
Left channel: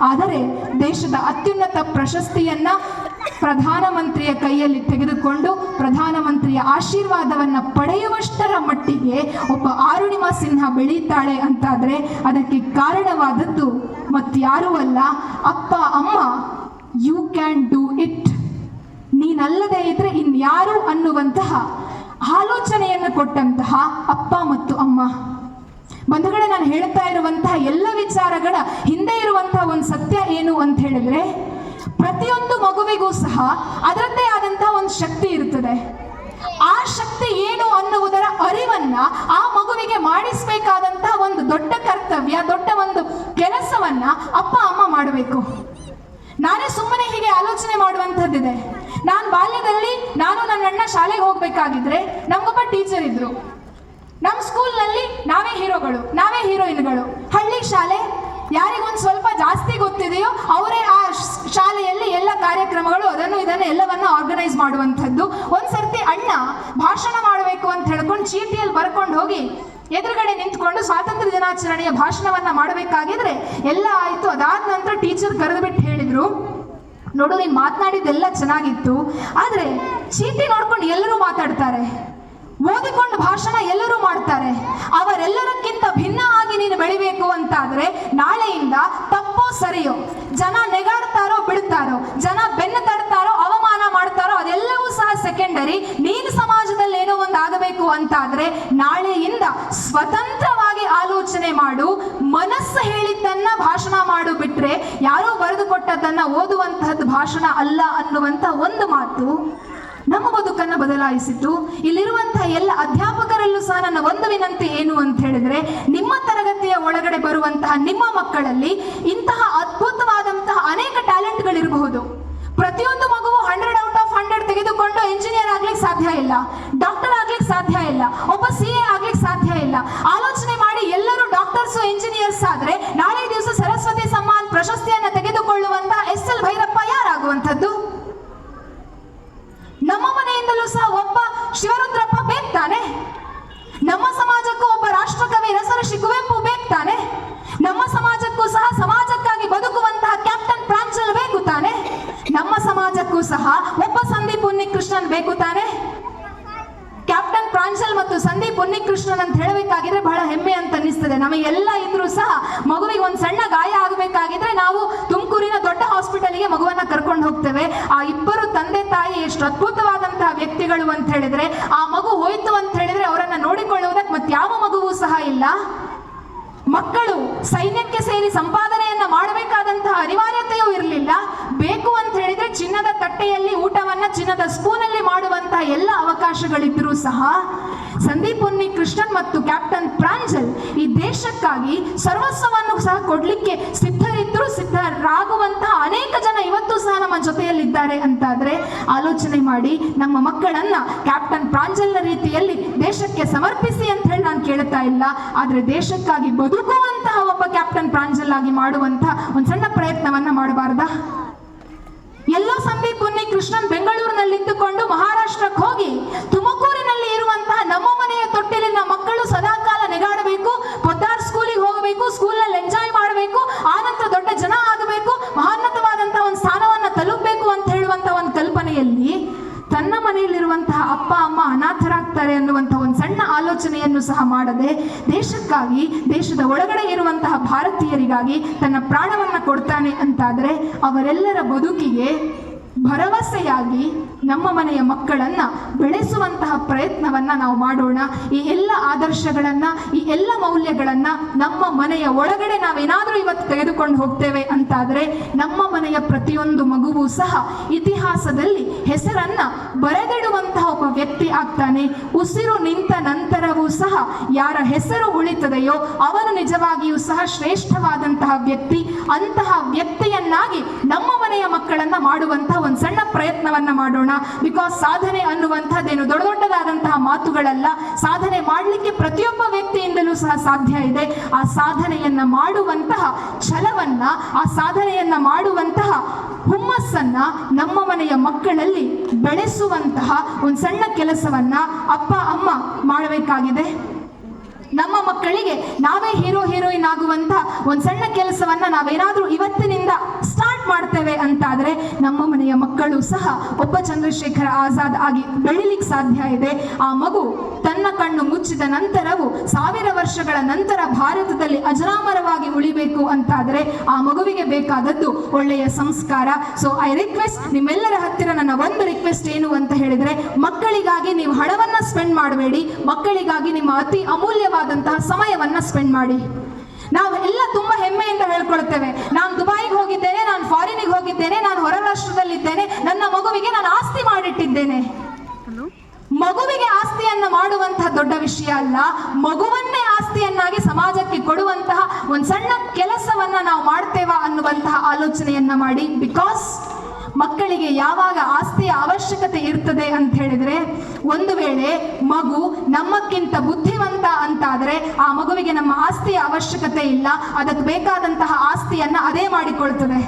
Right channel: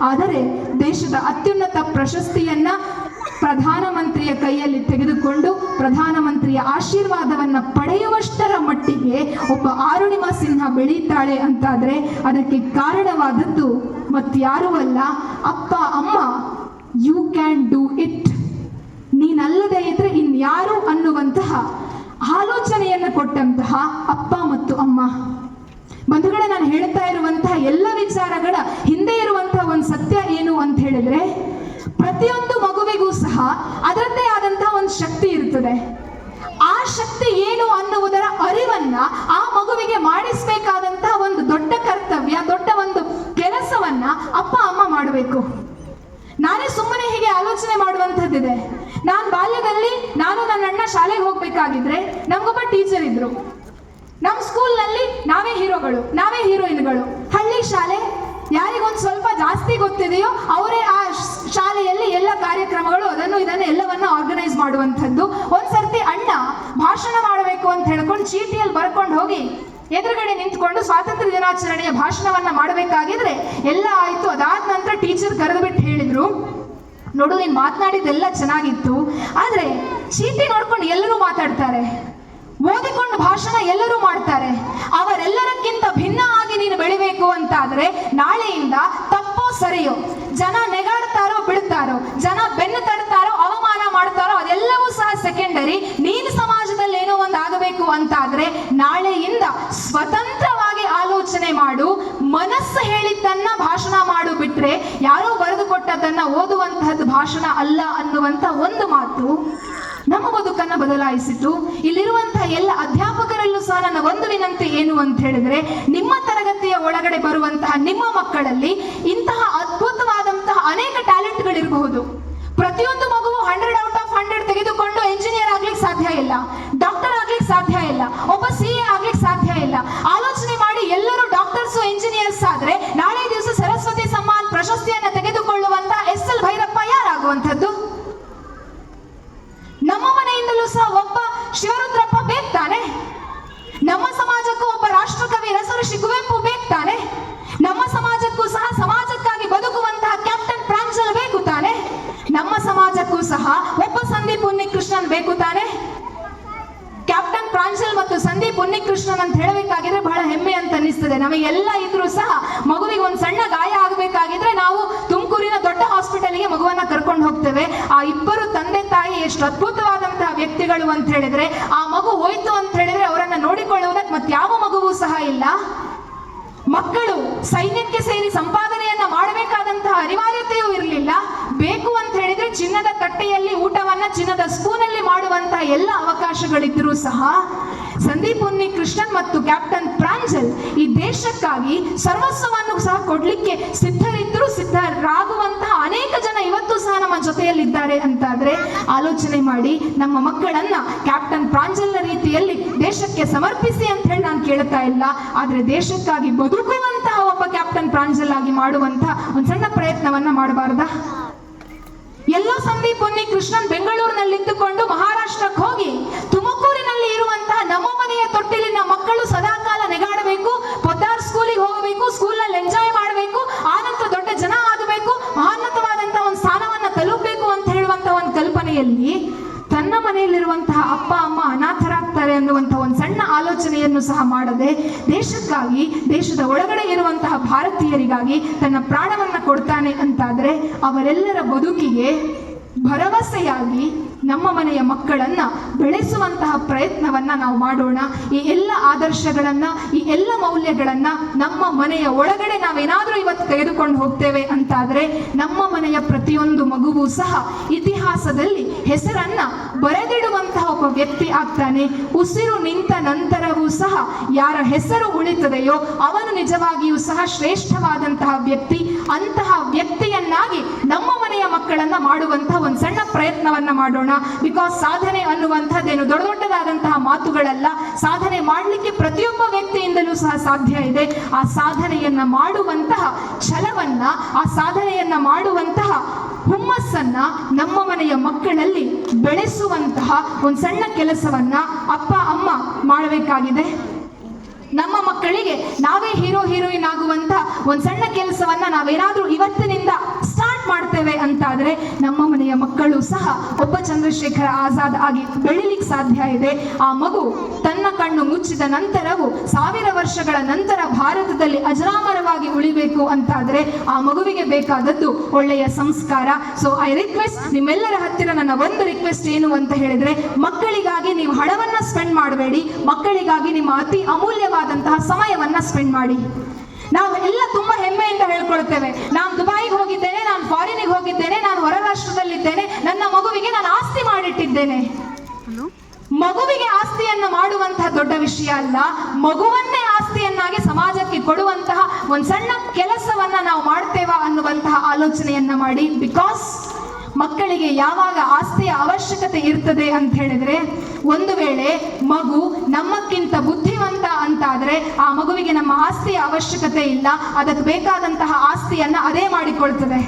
ಆದರೆ ದೇಶದ ಅತ್ಯುನ್ನತ ಪ್ರಶಸ್ತಿಯನ್ನ ಪ್ರಧಾನಮಂತ್ರಿಯ ಕೈಯಲ್ಲಿ ತೆಗೆದುಕೊಂಡು ಪ್ರಧಾನಮಂತ್ರಿಯ ಆಶೀರ್ವಾದವನ್ನ ಪಡೆಯುವಷ್ಟರ ಮಟ್ಟಿಗೆ ಒಬ್ಬ ಅರುಣಿಮಾ ಸಿನ್ಹಾ ಬೆಳೀತಾಳೆ ಅಂತಾದ್ರೆ ಅದಕ್ಕೆ ಕಾರಣವಾದದ್ದು ಮತ್ಯಾರೂ ಅಲ್ಲ, ಅಪ್ಪ ಅಮ್ಮ. ಯು ಕ್ಯಾನ್ ಡೂ ಇಟ್, ನೀನಲ್ಲದೆ ಇದ್ರೆ ಇನ್ಯಾರು ಅನ್ನುವಂತಹ ಆಲೋಚನೆಯನ್ನು ಕೊಟ್ಟಂತಹ ಅಪ್ಪ ಮತ್ತು ಅಮ್ಮ. ಬಂಧುಗಳೇ, ನಾನು ಹೇಳ್ತಾ ಇರುವಂತಹ ಎಲ್ಲ ವಿಚಾರಗಳ ಹಿಂದೆ ಇರುವಂತಹ ಒಂದು ಸತ್ಯ ಏನು ಅಂತ ಹೇಳಿದ್ರೆ, ಪ್ರತಿಯೊಂದು ಮಗುವಿಗೂ ಸಹ ಅದರದ್ದೇ ಆದಂತಹ ಒಂದು ಶಕ್ತಿ ಇರ್ತದೆ. ಆ ಶಕ್ತಿ ಏನು ಅನ್ನುವುದರ ಅರಿವನ್ನ ಆ ಮಗುವಿಗೆ ಮಾಡಿಸಬೇಕಾದಂತಹ ಒಂದು ದೊಡ್ಡ ಕರ್ತವ್ಯ, ದೊಡ್ಡ ಒಂದು ಕೆಲಸವನ್ನ ಅಪ್ಪ ಅಮ್ಮ ಮಾಡಬೇಕು. ನಾನೇ ಸುಮ್ಮನೆ ಹೀಗೆ ಆಲೋಚನೆ ಮಾಡುವಂಥದ್ದಿದೆ. ನಾನು ಬಾಲ್ಯದಲ್ಲಿ ನಾನು ನನ್ನ ಅಣ್ಣ ಶಾಲೆಗೆ ಹೋಗ್ಬೇಕಾಗಿದ್ರೆ ನಮ್ಗೊಬ್ಬ ಟೀಚರ್ ಇದ್ರು. ನಮ್ಮ ಸ್ಕೂಲ್ನಲ್ಲಿ ನಾವೇ ಹೀರೋಗಳು, ನಾವೇ ಹೀರೋಯಿನ್ಗಳು. ಹಳ್ಳಿ ಶಾಲೆ, ಯಾರಿಗೊಂದು ಸ್ವಲ್ಪ ಜಾಸ್ತಿ ಗೊತ್ತಿದೆಯೋ ಅವರೇ ಆ ಶಾಲೆಯಲ್ಲಿ ಎಲ್ಲ ಕಾರ್ಯಕ್ರಮಗಳು ಅದನ್ನು ಇದನ್ನು ಎಲ್ಲವನ್ನ ಆರ್ಗನೈಸ್ ಮಾಡುವಂಥದ್ದು. ಒಂದ್ಸರ್ತಿ ಅಣ್ಣ ಭಾಷಣ ಮಾಡಬೇಕು ಅಂತ ಹೇಳ್ಕೊಂಡು ಚೀಟಿಯಲ್ಲಿ ಬರ್ಕೊಂಡು ಹೋಗಿ ಎದುರುಗಡೆ ನಿಂತ್ಕೊಂಡು ಸ್ವಾತಂತ್ರ್ಯ ದಿನಾಚರಣೆಯ ಭಾಷಣವನ್ನ ಮಾಡಬೇಕಾಗಿದ್ರೆ ಎಲ್ಲ ಆಯ್ತು. ಅದಾದ ನಂತರ ಟೀಚರ್ ಕರೆದು ಬಿಟ್ಟು ಹೇಳಿದ್ರು, ನೋಡು ನೀನು ಮಾತನಾಡಿದ್ದೆಲ್ಲ ಚೆನ್ನಾಗಿತ್ತು, ಆದ್ರೆ ಚೀಟಿ ನೋಡ್ಕೊಂಡು ಎಲ್ಲರೂ ಮಾತಾಡ್ತಾರೆ, ಓದಿಕೊಂಡು ಭಾಷಣ ಎಲ್ಲರೂ ಮಾಡ್ತಾರೆ, ಅವರೆಲ್ಲರಕ್ಕಿಂತ ಭಿನ್ನವಾಗಿ ನೀನು ಬೆಳಿಬೇಕು ಅಂತಾದ್ರೆ ನಾಳೆಯಿಂದ ತಪ್ಪೋ ಸರಿಯೋ, ಜನ ನೆಗಾಡ್ತಾರೋ ಬಿಡ್ತಾರೋ, ಜನ ಬೆನ್ನು ತಡ್ತಾರೋ ಅವಮಾನ ಮಾಡ್ತಾರೋ ಅದೆಲ್ಲವೂ ಸಹ ಸೆಕೆಂಡರಿ. ನೀನು ಸಮಾಜದಲ್ಲಿ ಏನೋ ಒಂದು ಆಗಬೇಕು ಅಂತಾದ್ರೆ ನಾಳೆಯಿಂದ ಸ್ವತಂತ್ರವಾಗಿ ಆಲೋಚನೆ ಮಾಡು, ಮನಸ್ಸು ಹೇಳಿದ್ದನ್ನ ಭಾಷಣ ಮಾಡು, ಬಿಟ್ರೆ ಯಾರೋ ಬರೆದು ಕೊಟ್ಟದ್ದನ್ನ ಓದುವಂತಹದ್ದು ಭಾಷಣ ಅಲ್ಲ ಅನ್ನುವಂತ ಒಂದು ಮಾತು ನಮ್ಮ ಬದುಕನ್ನ ಬದಲಾಯಿಸಿತು. ಇಲ್ಲಿರುವಂತಹ ಎಲ್ಲ ಅಧ್ಯಾಪಕರಲ್ಲೂ ಸಹ ನನ್ನ ಒಂದು ವಿನಂತಿ ಏನು ಅಂತ ಹೇಳಿದ್ರೆ, ನಿಮ್ಮ ತರಗತಿಯ ಒಳಗಡೆ ಬರುವಂತಹ ನಿಮ್ಮ ಮಕ್ಕಳಲ್ಲಿ ಇಂತಹ ಅದ್ಭುತವಾದಂತಹ ಅನೇಕ ಟ್ಯಾಲೆಂಟ್ಗಳಿರಬಹುದು. ಪ್ರತಿಯೊಂದು ಮಗುವು 100/100 ತೆಗೆದುಕೊಂಡು ಎಂಜಿನಿಯರ್ ಆಗ್ಲಿಕ್ಕೆ ಸಾಧ್ಯ ಇಲ್ಲ, ಡಾಕ್ಟರ್ ಆಗ್ಲಿಕ್ಕೆ ಸಾಧ್ಯ ಇಲ್ಲ, ಒಬ್ಬ CA ಆಗ್ಲಿಕ್ಕೆ ಸಾಧ್ಯ ಇಲ್ಲ. ಆಲೋಚನೆ ಮಾಡಿ, ಎಲ್ಲರೂ ಡಾಕ್ಟರ್ಸ್ ಎಂಜಿನಿಯರ್ಸ್ ಆದ್ರೆ ನಾಳೆ ದಿವಸ ಸರಸ್ವತಿ ಸಮ್ಮಾನ್ ಪ್ರಶಸ್ತಿಯನ್ನ ತೆಗೆದುಕೊಳ್ಳುವಂತಹ SL ಭೈರಪ್ಪ ಯಾರಾಗುವಂಥದ್ದು? ನಮ್ಮ ಮನೆಯಿಂದಲೂ ಸಹ ಒಬ್ಬ ಶಿವರುದ್ರಪ್ಪ ಬೇಕು ತಾನೆ? ನಮ್ಮ ಸಮಾಜಕ್ಕೂ ಒಬ್ಬ ರಾಷ್ಟ್ರಕವಿ ರಸಋಷಿ ಕುವೆಂಪು ಬೇಕು ತಾನೆ? ನಮ್ಮ ಸಮಾಜಕ್ಕೂ ಸಹ ಸಮಾಜಕ್ಕಾಗಿ ಬದುಕುವಂತಹ ಕ್ಯಾಪ್ಟನ್ ಪ್ರಾಂಜಲ್ ಬೇಕು ತಾನೆ? ನಮ್ಮ ಸಮಾಜಕ್ಕೂ ಸಹ ಒಬ್ಬ ಸಂದೀಪ್ ಉನ್ನಿಕೃಷ್ಣನ್ ಬೇಕು ತಾನೆ? ಕ್ಯಾಪ್ಟನ್ ಪ್ರಾಂಜಲ್ ಮತ್ತು ಸಂದೀಪ್ ಉನ್ನಿಕೃಷ್ಣನ್ ಅಂತ ಹೇಳಬೇಕಾಗಿದ್ರೆ ಬಹಳ ಹೆಮ್ಮೆ ಅಂತ ಅನಿಸ್ತದೆ. ನಮಗೆಲ್ಲ ಇದ್ರೂ ಸಹ ಮಗುವಿಗೆ ಒಂದು ಸಣ್ಣ ಗಾಯ ಆಗಬೇಕಾಗಿದ್ರೆ ನಾವು ತುಮಕೂರಿನ ದೊಡ್ಡ ಹಾಸ್ಪಿಟಲ್ಗೆ ಮಗುವನ್ನ ಕರ್ಕೊಂಡು ಹೋಗ್ತೇವೆ. ಆ ಇಬ್ಬರು ತಂದೆ ತಾಯಿ ಎಷ್ಟು ಅದ್ಭುತವಾದಂತಹ ವ್ಯಕ್ತಿಗಳು ಅಂತ ಹೇಳಿದ್ರೆ, ಆ ಮಗು ಹೋಯ್ತು ಅಂತ ಹೇಳಿದ್ರೆ ಅವರನ್ನ ನೋಡಿಕೊಳ್ಳುವುದಕ್ಕೆ ಮತ್ತೆ ಯಾವ ಮಗುವೂ ಸಹ ಇಲ್ಲ. ಮಕ್ಕಳು ಸೈನ್ಯಕ್ಕೆ ಸೇರಿ ಸಂಪಾದನೆಯನ್ನ ಮಾಡಬೇಕಾದಂತಹ ಅನಿವಾರ್ಯತೆಯೂ ಇರಲಿಲ್ಲ. ಬೇಕು ಅಂತ ಹೇಳಿದ್ರೆ ಚಿನ್ನದ ತಟ್ಟೆಯಲ್ಲಿ ಊಟವನ್ನ ಚಿನ್ನದ ಸ್ಪೂನಲ್ಲಿ ಮಾಡುವಂತಹ ಎಲ್ಲ ಅವಕಾಶಗಳಿದ್ರೂ ಸಹ ಸಂದೀಪ್ ಉನ್ನಿಕೃಷ್ಣನ್ ಮತ್ತು ಕ್ಯಾಪ್ಟನ್ ಪ್ರಾಂಜಲ್ ಈ ದೇಶಕ್ಕಾಗಿ ಸರ್ವಸ್ವವನ್ನು ಸಹ ಕೊಡ್ಲಿಕ್ಕೆ ಸಿದ್ಧರಿದ್ರು, ಸಿದ್ಧರಾಗುವಂತಹ ಅನೇಕ ಜನ ಇವತ್ತು ಸಹ ನಮ್ಮ ಜೊತೆಯಲ್ಲಿದ್ದಾರೆ ಅಂತಾದ್ರೆ ಆಲೋಚನೆ ಮಾಡಿ, ನಮ್ಮ ಮಕ್ಕಳನ್ನ ಕ್ಯಾಪ್ಟನ್ ಪ್ರಾಂಜಲ್ನ ರೀತಿಯಲ್ಲಿ ದೇಶಕ್ಕೆ ಸಮರ್ಪಿಸಿ ಅಂತ ಹೇಳಿ ನಾನು ಕೇಳ್ತಾ ಇಲ್ಲ, ಆದ್ರೆ ದೇಶಕ್ಕಾಗಿ ಬದುಕುವಂತಹ ಒಬ್ಬ ಕ್ಯಾಪ್ಟನ್ ಪ್ರಾಂಜಲ್ ಆಗಿ ಮಾಡುವಂತಹ ಒಂದು ಸಣ್ಣ ಪ್ರಯತ್ನವನ್ನ ಮಾಡಬಾರ್ದಾ? ಎಲ್ಲೋ ಸಂದೀಪ್ ಉನ್ನಿಕೃಷ್ಣನ್ ಬೆಂಗಳೂರಿನಲ್ಲಿ ಇದ್ದುಕೊಂಡು ಮಹಾರಾಷ್ಟ್ರಕ್ಕೆ ಹೋಗಿ ತುಮಕೂರಿನಲ್ಲಿ ಇರುವಂತಹ ನಮ್ಮ ಮನೆಯ ತೊಟ್ಟಿಲಿನ ಮಕ್ಕಳು ಸದಾಕಾಲ ನೆಗಾಡಬೇಕು, ಪೊದ್ದಾರ್ ಸ್ಕೂಲಿಗೆ ಹೋಗಬೇಕು, ಸ್ಕೂಲ್ನಲ್ಲಿ ಎಂಜಾಯ್ ಮಾಡಬೇಕು, ಆನಂತರ ದೊಡ್ಡ ಜನ ಆಗಬೇಕು, ಮಹೋನ್ನತವಾದಂತಹ ಒಂದು ಸ್ಥಾನವನ್ನ ತಲುಪಬೇಕು ಅಂತ ಹೇಳುವಂತಹ ಒಂದು ಕಲ್ಪನೆಯಲ್ಲಿ ತನ್ನ ಮನೆಯಲ್ಲಿರುವಂತಹ ಅಪ್ಪ ಅಮ್ಮ ಅನಾಥರಾಗ್ತಾರೆ ಅನ್ನುವಂತಹ ಒಂದು ಸಣ್ಣ ಆಲೋಚನೆಯನ್ನು ಸಹ ಮಾಡದೆ ದೇಶಕ್ಕಾಗಿ, ದೇಶದ ಒಳಗಡೆ ಇರುವಂತಹ ಭಾರತೀಯರಿಗಾಗಿ ತನ್ನ ಪ್ರಾಣವನ್ನ ಕೊಡ್ತಾನೆ ಅಂತಾದ್ರೆ ಅವರೆಲ್ಲರ ಬದುಕಿಗೆ ಭರವಸೆಯಾಗಿ ನಮ್ಮ ಮನೆಯ ಮಕ್ಕಳನ್ನ ಬೆಳೆಸುವಂತಹ ಪ್ರಯತ್ನವನ್ನ ನಾವು ಮಾಡೋಣ. ಈ ಎಲ್ಲ ಆದರ್ಶಗಳನ್ನ, ಈ ಎಲ್ಲ ಮೌಲ್ಯಗಳನ್ನ ನಮ್ಮ ಮನೆಯ ಒಳಗಡೆ ನಾವೇನಾದ್ರೂ ಇವತ್ತು ತೆಗೆದುಕೊಂಡು ಹೋಗ್ತೇವೆ ಅಂತಾದ್ರೆ ನಮ್ಮ ಮನೆಯ ಪ್ರತಿಯೊಂದು ಮಗುವೂ ಸಹ ಇತಿಹಾಸದಲ್ಲಿ ಹೆಸರನ್ನ ಬರೆದಿಡುವಂತಹ ಒಬ್ಬ ವ್ಯಕ್ತಿ ಆಗ್ತಾನೆ. ಉಸಿರು ನಿಂತ ನಂತರವೂ ಸಹ ಯಾರ ಹೆಸರು ಉಳಿತದೆಯೋ ಅವನು ನಿಜವಾಗಿಯೂ ಸಹ ಶ್ರೇಷ್ಠವಾದಂತಹ ವ್ಯಕ್ತಿ. ಅಂತಹ ವ್ಯಕ್ತಿಯನ್ನಾಗಿ ನಮ್ಮ ಮನೆಯ ಮಕ್ಕಳನ್ನ ಮಾಡುವಂತಹ ಒಂದು ಸಣ್ಣ ಪ್ರಯತ್ನವನ್ನ ಮಾಡೋಣ. ಬಿಕಾಸ್ ಸಾಧನೆ ಅನ್ನುವಂಥದ್ದೇನು ದೊಡ್ಡ ದೊಡ್ಡದಾದಂತಹ ಮಾತುಗಳಲ್ಲ. ಸಾಧನೆ ಮಾಡಲಿಕ್ಕೆ ಪ್ರತಿಯೊಬ್ಬ ವ್ಯಕ್ತಿಯಿಂದಲೂ ಸಹ ಸಾಧ್ಯ ಇದೆ. ಆ ಸಾಧನೆಯನ್ನ ಮಾಡುವಂತಹ ಛಲವನ್ನ, ಆ ಸಾಧನೆಯನ್ನ ಮಾಡುವಂತಹ ಹುಮ್ಮಸ್ಸನ್ನ ನಮ್ಮ ಮನೆಯ ಮಕ್ಕಳಲ್ಲಿ ಬೆಳೆಸುವಂತಹ ಒಂದು ಸಣ್ಣ ಕೆಲಸವನ್ನ ಅಪ್ಪ ಅಮ್ಮ ಮಾಡಬೇಕಾಗಿದೆ. ನಮ್ಮ ಮಕ್ಕಳಿಗೆ ನಾವೇ ಹೀರೋ ಹೀರೋಯಿನ್ ಆಗುವಂತ ಒಂದು ಸಣ್ಣ ಕೆಲಸವನ್ನ ನಾವೇನಾದ್ರೂ ಇವತ್ತಿನಿಂದ ಸ್ಟಾರ್ಟ್ ಮಾಡ್ತೇವೆ ಅಂತಾದ್ರೆ ನಮ್ಮ ಮನೆಯ ಮಕ್ಕಳು ಸಹ ಒಬ್ಬ ಚಂದ್ರಶೇಖರ ಆಜಾದ್ ಆಗಿ ಬೆಳಿಲಿಕ್ಕೆ ಸಾಧ್ಯ ಇದೆ. ಆ ಮಗು ತನ್ನ ಕಣ್ಣು ಮುಚ್ಚಿದ ನಂತರವೂ 1000 ವರ್ಷಗಳ ನಂತರ ಭಾರತದಲ್ಲಿ ಅಜರಾಮರವಾಗಿ ಉಳಿಬೇಕು ಅಂತಾದ್ರೆ ಆ ಮಗುವಿಗೆ ಬೇಕಾದದ್ದು ಒಳ್ಳೆಯ ಸಂಸ್ಕಾರ. ಸೊ ಐ ರಿಕ್ವೆಸ್ಟ್, ನಿಮ್ಮೆಲ್ಲರ ಹತ್ತಿರ ನನ್ನ ಒಂದು ರಿಕ್ವೆಸ್ಟ್ ಏನು ಅಂತ ಹೇಳಿದ್ರೆ, ಮಕ್ಕಳಿಗಾಗಿ ನೀವು ಹಣವನ್ನ ಸ್ಪೆಂಡ್ ಮಾಡಬೇಡಿ, ಮಕ್ಕಳಿಗಾಗಿ ನಿಮ್ಮ ಅತಿ ಅಮೂಲ್ಯವಾದಂತಹ ಸಮಯವನ್ನ ಸ್ಪೆಂಡ್ ಮಾಡಿ. ನಾವು ಎಲ್ಲ ತುಂಬಾ ಹೆಮ್ಮೆಯಿಂದ ಹೇಳ್ಕೊಳ್ತೇವೆ, ನಾನು ದುಬೈಗೆ ಹೋಗಿದ್ದೇನೆ, ನಾನು ಫಾರಿನಿಗೆ ಹೋಗಿದ್ದೇನೆ, ನಾನು ಹೊರ ರಾಷ್ಟ್ರದಲ್ಲಿದ್ದೇನೆ, ನನ್ನ ಮಗುವಿಗೆ ನಾನು ಆಸ್ತಿ ಮಾಡಿಟ್ಟಿದ್ದೇನೆ. ಮಗುವಿಗೆ ಆಸ್ತಿಯನ್ನ ಮಾಡುವಂತಹ ದೊಡ್ಡ ವಿಷಯ ಅಲ್ಲ, ಮಗುವನ್ನೇ ಆಸ್ತಿಯನ್ನಾಗಿ ಸಮಾಜಕ್ಕೆ ಕೊಡುವಂತಹ ಒಂದು ಸಣ್ಣ ಕೆಲಸವನ್ನ ನಾವು ಮಾಡ್ತೇವಾ ಅನ್ನುವಂತಹ ಆಲೋಚನೆಯನ್ನ ಮಾಡಿ. ಬಿಕಾಸ್ ಮಕ್ಕಳಿಗೆ ಯಾವಾಗ ಆಸ್ತಿಯ ಅವಶ್ಯಕತೆ ಇರ್ತದೆ ಅಂತ ಹೇಳಿದ್ರೆ, ಒಂದು ವೇಳೆ ಮಗು ನಮ್ಮಕ್ಕಿಂತ ಬುದ್ಧಿವಂತ ಅಂತಾದ್ರೆ ಆ ಮಗುವಿಗೆ ನಮ್ಮ ಆಸ್ತಿಯ ಅವಶ್ಯಕತೆ ಇಲ್ಲ, ಅದಕ್ಕೆ ಬೇಕಾದಂತಹ ಆಸ್ತಿಯನ್ನ ಅದೇ ಮಾಡಿಕೊಳ್ತದೆ.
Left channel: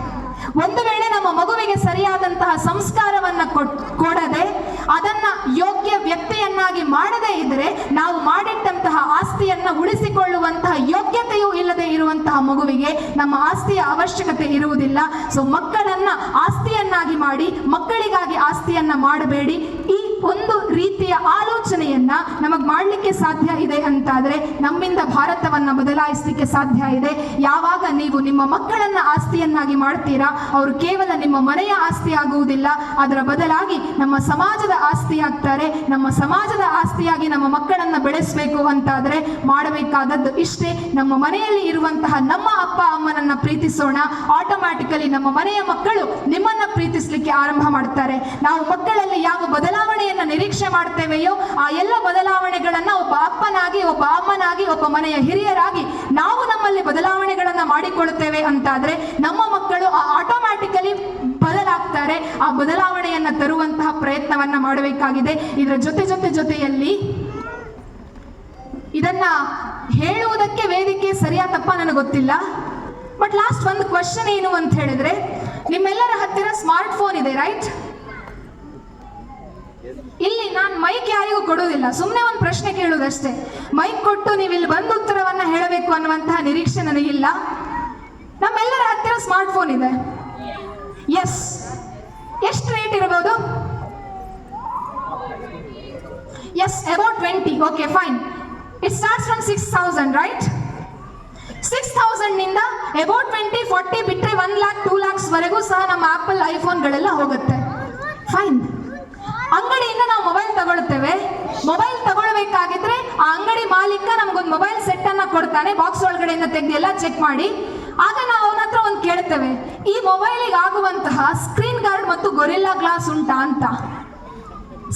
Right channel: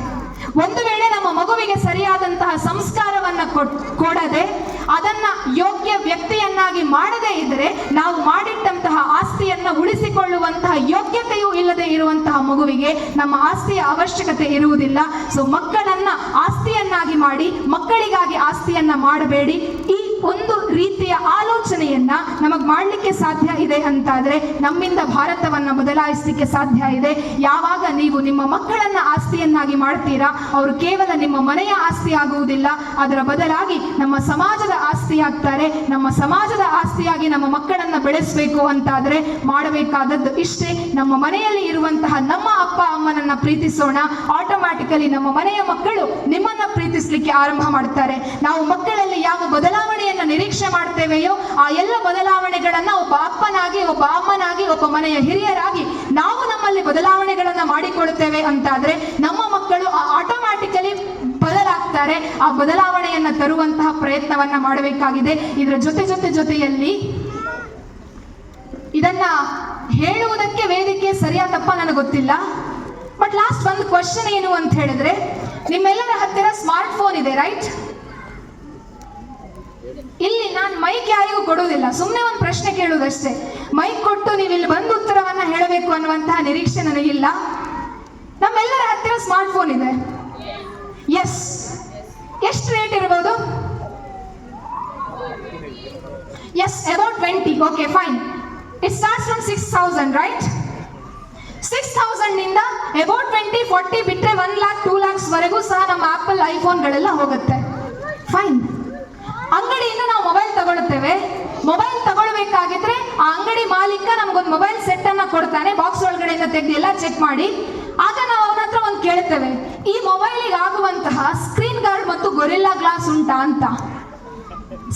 ಒಂದು ವೇಳೆ ನಮ್ಮ ಮಗುವಿಗೆ ಸರಿಯಾದಂತಹ ಸಂಸ್ಕಾರವನ್ನ ಕೊಡದೆ ಅದನ್ನ ಯೋಗ್ಯ ವ್ಯಕ್ತಿಯನ್ನಾಗಿ ಮಾಡದೇ ಇದ್ರೆ ನಾವು ಮಾಡಿಟ್ಟಂತಹ ಆಸ್ತಿಯನ್ನ ಆಗುವುದಿಲ್ಲ. ಸೊ ಮಕ್ಕಳನ್ನ ಆಸ್ತಿಯನ್ನಾಗಿ ಮಾಡಿ, ಮಕ್ಕಳಿಗಾಗಿ ಆಸ್ತಿಯನ್ನ ಮಾಡಬೇಡಿ. ಈ ಒಂದು ರೀತಿಯ ಆಲೋಚನೆಯನ್ನ ನಮಗ್ ಮಾಡ್ಲಿಕ್ಕೆ ಸಾಧ್ಯ ಇದೆ ಅಂತಾದ್ರೆ ನಮ್ಮಿಂದ ಭಾರತವನ್ನ ಬದಲಾಯಿಸಲಿಕ್ಕೆ ಸಾಧ್ಯ ಇದೆ. ಯಾವಾಗ ನೀವು ನಿಮ್ಮ ಮಕ್ಕಳನ್ನ ಆಸ್ತಿಯನ್ನಾಗಿ ಮಾಡ್ತೀರಾ, ಅವರು ಕೇವಲ ನಿಮ್ಮ ಮನೆಯ ಆಸ್ತಿ ಆಗುವುದಿಲ್ಲ, ಅದರ ಬದಲಾಗಿ ನಮ್ಮ ಸಮಾಜದ ಆಸ್ತಿ ಆಗ್ತಾರೆ. ನಮ್ಮ ಸಮಾಜದ ಆಸ್ತಿಯಾಗಿ ನಮ್ಮ ಮಕ್ಕಳನ್ನ ಬೆಳೆಸಬೇಕು ಅಂತಾದ್ರೆ ಮಾಡಬೇಕಾದದ್ದು ಇಷ್ಟೇ. ನಮ್ಮ ಮನೆಯಲ್ಲಿ ಇರುವಂತಹ ನಮ್ಮ ಅಪ್ಪ ಅಮ್ಮನನ್ನ ಪ್ರೀತಿಸೋಣ. ಆಟೋಮ್ಯಾಟಿಕಲಿ ನಮ್ಮ ಮನೆಯ ಮಕ್ಕಳು ನಿಮ್ಮನ್ನ ಪ್ರೀತಿಸಲಿಕ್ಕೆ ಆರಂಭ ಮಾಡ್ತಾರೆ. ನಾವು ಮಕ್ಕಳಲ್ಲಿ ಯಾವ ಬದಲಾವಣೆಯನ್ನ ನಿರೀಕ್ಷೆ ಮಾಡ್ತೇವೆಯೋ ಆ ಎಲ್ಲ ಬದಲಾವಣೆಗಳನ್ನ ಒಬ್ಬ ಅಪ್ಪನಾಗಿ, ಒಬ್ಬ ಅಮ್ಮನಾಗಿ, ಒಬ್ಬ ಮನೆಯ ಹಿರಿಯರಾಗಿ ನಾವು ನಮ್ಮಲ್ಲಿ ಬದಲಾವಣೆಗಳನ್ನ ಮಾಡಿಕೊಳ್ಳುತ್ತೇವೆ ಅಂತಾದ್ರೆ ನಮ್ಮ ಮಕ್ಕಳು ಆಟೋಮ್ಯಾಟಿಕಲಿ ಬದಲಾಗ್ತಾರೆ. ಆ ಬದಲಾವಣೆಯನ್ನ ತರುವಂತಹ ಪ್ರಯತ್ನವನ್ನ ಮಾಡಬೇಕಾಗಿದೆ. ಇದರ ಜೊತೆಯಲ್ಲಿ ಇದನ್ನ ಹೇಳುವುದಕ್ಕೆ ವೇದಿಕೆ ಸರಿಯಾ ತಪ್ಪ ನನಗೆ ಗೊತ್ತಿಲ್ಲ. ಬಟ್ ಲಾಸ್ಟ್ ಒಂದು ಕ್ವಶನ್ ಏನು ಅಂತ ಹೇಳಿದ್ರೆ, ನಿಮ್ಮೆಲ್ಲರ ಹತ್ತಿರ ಸ್ಮಾರ್ಟ್ ಫೋನ್ ಇದೆ, ರೈಟ್? ಇಲ್ಲಿ ನಾನು ಮೈಕ್ ಯಾರಿಗೂ ಕೊಡೋದಿಲ್ಲ, ಸುಮ್ಮನೆ ಒಂದು ಪ್ರಶ್ನೆ ಕೇಳುವುದಷ್ಟೇ. ಮೈಕ್ ಕೊಟ್ಟು ನೀವು ಇಲ್ಲಿ ಬಂದು ಉತ್ತರವನ್ನ ಹೇಳಬೇಕು ಅನ್ನುವಂತಹ ನಿರೀಕ್ಷೆ ನನಗಿಲ್ಲ. ನಮ್ಮೆಲ್ಲರ ಹತ್ತಿರ ಸ್ಮಾರ್ಟ್ ಫೋನ್ ಇದೆ. ಎಸ್, ಎಷ್ಟು ರೇಟ್ ಇರಬಹುದು? Yes, about 20. Okay, fine. It starts from 6,000, right? 6,000 ನಿಂದ about 20, 40 ಬಿಟ್ಟರೆ 1 lakh, 2 lakhs ವರೆಗೂ ಸಹ ನಮ್ಮ ಆಪಲ್ ಐಫೋನ್ಗಳೆಲ್ಲ ಹೋಗುತ್ತೆ. ಫೈನ್. ಅಂಗಡಿಯಿಂದ ನಾವು ಮೊಬೈಲ್ ತಗೊಳ್ತೇವೆ. ಮೊಬೈಲ್ ತಗೊಳ್ಬೇಕಾಗಿದ್ರೆ ಆ ಅಂಗಡಿ ಮಾಲೀಕ ನಮಗೊಂದು ಮೊಬೈಲ್ ಸೆಟ್ ಅನ್ನ ಕೊಡ್ತಾನೆ, ಬಾಕ್ಸ್ ಒಳಗಡೆಯಿಂದ ತೆಗೆದು ಎಲ್ಲ ಚೆಕ್ ಮಾಡಿ. ಆಗ ನಾವು ಅವನ ಹತ್ರ ಒಂದು ಕೇಳ್ತೇವೆ, ಈ ಮೊಬೈಲಿಗೆ ಆಗುವಂತಹ ಸ್ಕ್ರೀನ್ ಗಾರ್ಡ್ ಮತ್ತು ಗೊರಿಲ್ಲಾ ಗ್ಲಾಸ್ ಉಂಟಾ ಅಂತ.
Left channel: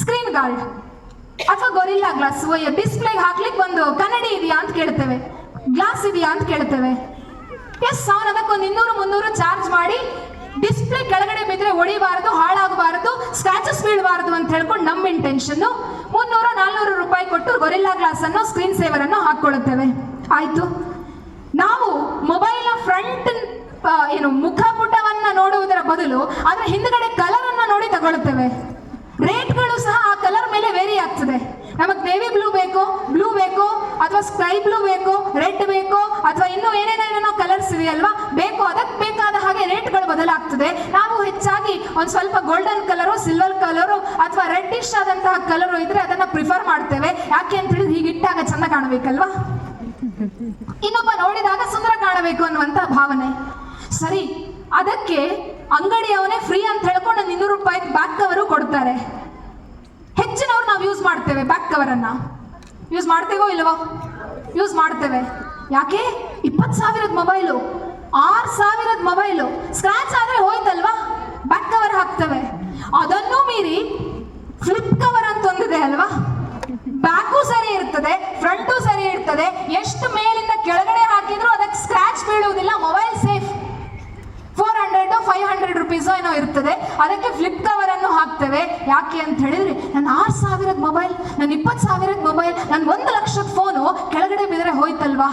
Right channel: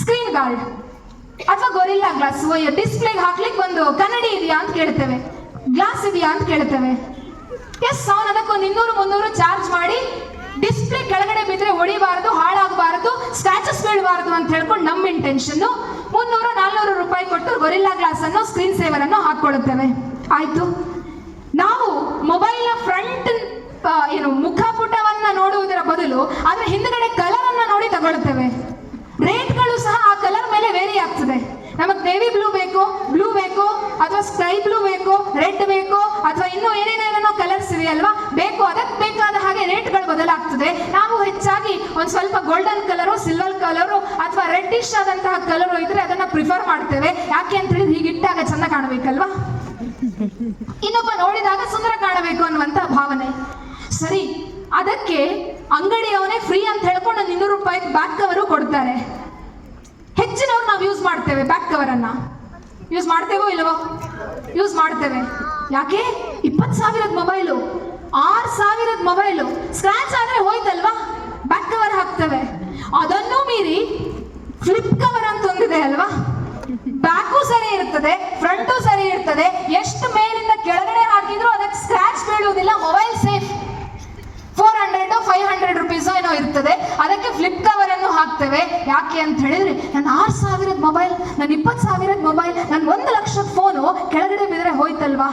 ಸ್ಕ್ರೀನ್ ಗಾರ್ಡ್ ಅಥವಾ ಗೊರಿಲ್ಲಾ ಗ್ಲಾಸ್, ಡಿಸ್ಪ್ಲೇಗೆ ಹಾಕ್ಲಿಕ್ಕೆ ಒಂದು ಕನ್ನಡಿ ಇದೆಯಾ ಅಂತ ಕೇಳ್ತೇವೆ, ಗ್ಲಾಸ್ ಇದೆಯಾ ಅಂತ ಕೇಳ್ತೇವೆ. ಎಸ್, ಅವನು ಅದಕ್ಕೊಂದು 200-300 ಚಾರ್ಜ್ ಮಾಡಿ ಡಿಸ್ಪ್ಲೇ ಕೆಳಗಡೆ ಬಿದ್ದರೆ ಹೊಡಿಬಾರದು, ಹಾಳಾಗಬಾರದು, ಸ್ಕ್ರಾಚಸ್ ಬೀಳಬಾರದು ಅಂತ ಹೇಳ್ಕೊಂಡು ನಮ್ಮ ಇಂಟೆನ್ಷನ್ 300-400 ರೂಪಾಯಿ ಕೊಟ್ಟು ಗೊರಿಲ್ಲಾ ಗ್ಲಾಸ್ ಅನ್ನು, ಸ್ಕ್ರೀನ್ ಸೇವರ್ ಅನ್ನು ಹಾಕೊಳ್ಳುತ್ತೇವೆ. ಆಯ್ತು, ನಾವು ಮೊಬೈಲ್ನ ಫ್ರಂಟ್ ಮುಖಪುಟವನ್ನ ನೋಡುವುದರ ಬದಲು ಅದರ ಹಿಂದ್ಗಡೆ ಕಲರ್ ಅನ್ನ ನೋಡಿ ತಗೊಳ್ತೇವೆ. ರೇಟ್ಗಳು ಸಹ ಆ ಕಲರ್ ಮೇಲೆ ವೇರಿ ಆಗ್ತದೆ. ನಮಗೆ ನೇವಿ ಬ್ಲೂ ಬೇಕು ಅಥವಾ ಸ್ಕೈ ಬ್ಲೂ ಬೇಕು, ರೆಡ್ ಬೇಕು, ಅಥವಾ ಇನ್ನೂ ಏನೇನೇನೋ ಕಲರ್ಸ್ ಇದೆಯಲ್ವಾ ಬೇಕು, ಅದಕ್ಕೆ ಬೇಕಾದ ಹಾಗೆ ರೇಟ್ಗಳು ಬದಲಾಗ್ತದೆ. ನಾವು ಹೆಚ್ಚಾಗಿ ಒಂದು ಸ್ವಲ್ಪ ಗೋಲ್ಡನ್ ಕಲರು, ಸಿಲ್ವರ್ ಕಲರು ಅಥವಾ ರೆಡ್ಡಿಶ್ ಆದಂತಹ ಕಲರು ಇದ್ರೆ ಅದನ್ನ ಪ್ರಿಫರ್ ಮಾಡ್ತೇವೆ. ಯಾಕೆ ಅಂತ ಹೇಳಿದ್ರೆ ಹೀಗಿಟ್ಟಾಗ ಚಂದ ಕಾಣಬೇಕಲ್ವಾ, ಇನ್ನೊಬ್ಬ ನೋಡಿದಾಗ ಸುಂದರ ಕಾಣಬೇಕು ಅನ್ನುವಂತ ಭಾವನೆ. ಸರಿ, ಅದಕ್ಕೆ ಅಂಗಡಿಯವನೇ ಫ್ರೀ ಅಂತ ಹೇಳ್ಕೊಂಡು 200 ರೂಪಾಯಿ ಬ್ಯಾಕ್ ಕವರು ಕೊಡ್ತಾರೆ. ಹೆಚ್ಚಿನವ್ರು ನಾವು ಯೂಸ್ ಮಾಡ್ತೇವೆ, ಬ್ಯಾಕ್ ಕವರ್ ಅನ್ನ ಯೂಸ್ ಮಾಡ್ತೇವೋ ಇಲ್ಲವೋ? ಯೂಸ್ ಮಾಡ್ತೇವೆ. ಯಾಕೆ? 20,000 ಮೊಬೈಲು, 6,000 ಮೊಬೈಲು ಸ್ಕ್ರಾಚ್ ಆದ್ರೆ ಹೋಯ್ತಲ್ವಾ, ಬ್ಯಾಕ್ ಕವರ್ ಹಾಕ್ತೇವೆ. ಅದನ್ನು ಮೀರಿ ಫ್ಲಿಪ್ ಕವರ್ ಅಂತ ಒಂದಿದೆ ಅಲ್ವಾ, ಬ್ಯಾಕು ಸರಿ ಇರ್ತದೆ, ಫ್ರಂಟು ಸರಿ ಇರ್ತದೆ, ಎಷ್ಟು ಮೇಲಿಂದ ಕೆಳಗಡೆ ಹಾಕಿದ್ರು ಅದಕ್ಕೆ ಸ್ಕ್ರಾಚ್ ಬೀಳುವುದಿಲ್ಲ, ಮೊಬೈಲ್ ಸೇಫ್. 400-500 ರುಪೀಸ್ ಏನೋ ಇರ್ತದೆ, ಅದಕ್ಕೆ ಫ್ಲಿಪ್ ಕವರ್ ಅನ್ನು ಹಾಕ್ತೇವೆ. ಯಾಕೆ ಅಂತ ಹೇಳಿದ್ರೆ, ನನ್ನ 6,000 ಮೊಬೈಲ್, ನನ್ನ 20,000 ಮೊಬೈಲ್, ನನ್ನ 1 ಲಕ್ಷದ ಫೋನು ಕೆಳಗಡೆ ಬಿದ್ದರೆ ಹೋಯ್ತಲ್ವಾ.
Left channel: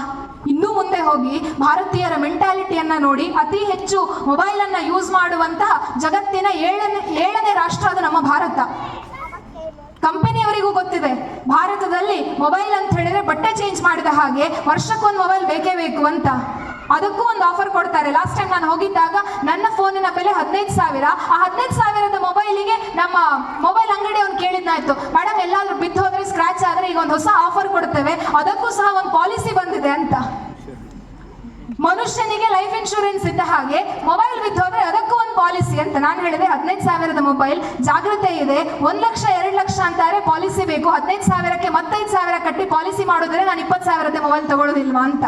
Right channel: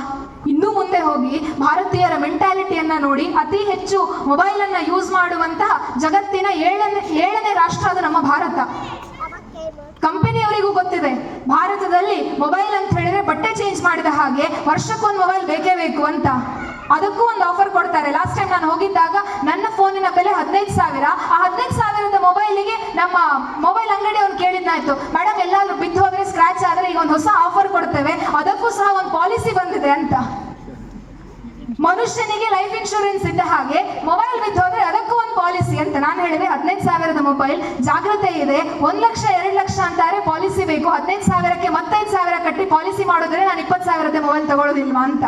ಇನ್ನೂ ಮುಂದೆ ಹೋಗಿ ಭಾರತೀಯರ ಮೆಂಟಾಲಿಟಿಯನ್ನ ನೋಡಿ, ಅತಿ ಹೆಚ್ಚು ಮೊಬೈಲ್ ಅನ್ನ ಯೂಸ್ ಮಾಡುವಂತಹ ಜಗತ್ತಿನ 7ನೇ ರಾಷ್ಟ್ರ ಅದು ನಮ್ಮ ಭಾರತ. ಕಂಪನಿಯವರಿಗೂ ಗೊತ್ತಿದೆ, ಭಾರತದಲ್ಲಿ ಮೊಬೈಲ್ ಅಂತ ಹೇಳಿದ್ರೆ ಬಟ್ಟೆ ಚೇಂಜ್ ಮಾಡಿದ ಹಾಗೆ ವರ್ಷಕ್ಕೊಂದು ಮೊಬೈಲ್ ಬೇಕೇ ಬೇಕು ಅಂತ. ಅದಕ್ಕೂ ಒಂದು ಆಫರ್ ಕೊಡ್ತಾರೆ. ಲಾಸ್ಟ್ ಟೈಮ್ ನಾನು ಹೋಗಿದ್ದಾಗ ನನ್ನ ಫೋನಿನ ಬೆಲೆ 15,000. ಆ 15,000ದ ಮೊಬೈಲಿಗೆ ನಮ್ಮ ಮೊಬೈಲ್ ಅಂಗಡಿ ಅವ್ರು ಕೇಳಿದ್ನಾಯ್ತು, ಮೇಡಮ್ ಎಲ್ಲಾದ್ರೂ ಬಿದ್ದು ಹೋದ್ರೆ, ಸ್ಕ್ರಾಚ್ ಆದ್ರೆ ಈಗ ಒಂದು ಹೊಸ ಆಫರ್ ಕೊಡ್ತೇವೆ, ಅದಕ್ಕೂ ಸಹ ಒಂದು ಪಾಲಿಸಿ ಬಂದಿದೆ ಅಂತ. ಮನುಷ್ಯನಿಗೆ ಲೈಫ್ ಇನ್ಶೂರೆನ್ಸ್ ಇದ್ದ ಹಾಗೆ ಮೊಬೈಲ್ ಬಿದ್ದು ಹೋದ್ರೆ ಅದಕ್ಕೂ ಒಂದು ಪಾಲಿಸಿ ಅಂತ. ನಾನು ಹೇಳಿದೆ 15,000ದ ಮೊಬೈಲ್ ಜಾಗ್ರತೆ ಇದೆ, 1 ಲಕ್ಷ 2 ಲಕ್ಷ ಅಂತಾರೆ ಪಾಲಿಸಿ ಬೇಕು, 15,000ಕ್ಕೆ ಮತ್ತೆ 5,000 ಕಟ್ಟಿ ಪಾಲಿಸಿ ಮಾಡಿದ್ರೆ ನಾನು 20,000ದ ಮೊಬೈಲ್ ತಗೊಳ್ಳೋದಿಲ್ವಾ ಅಂತ.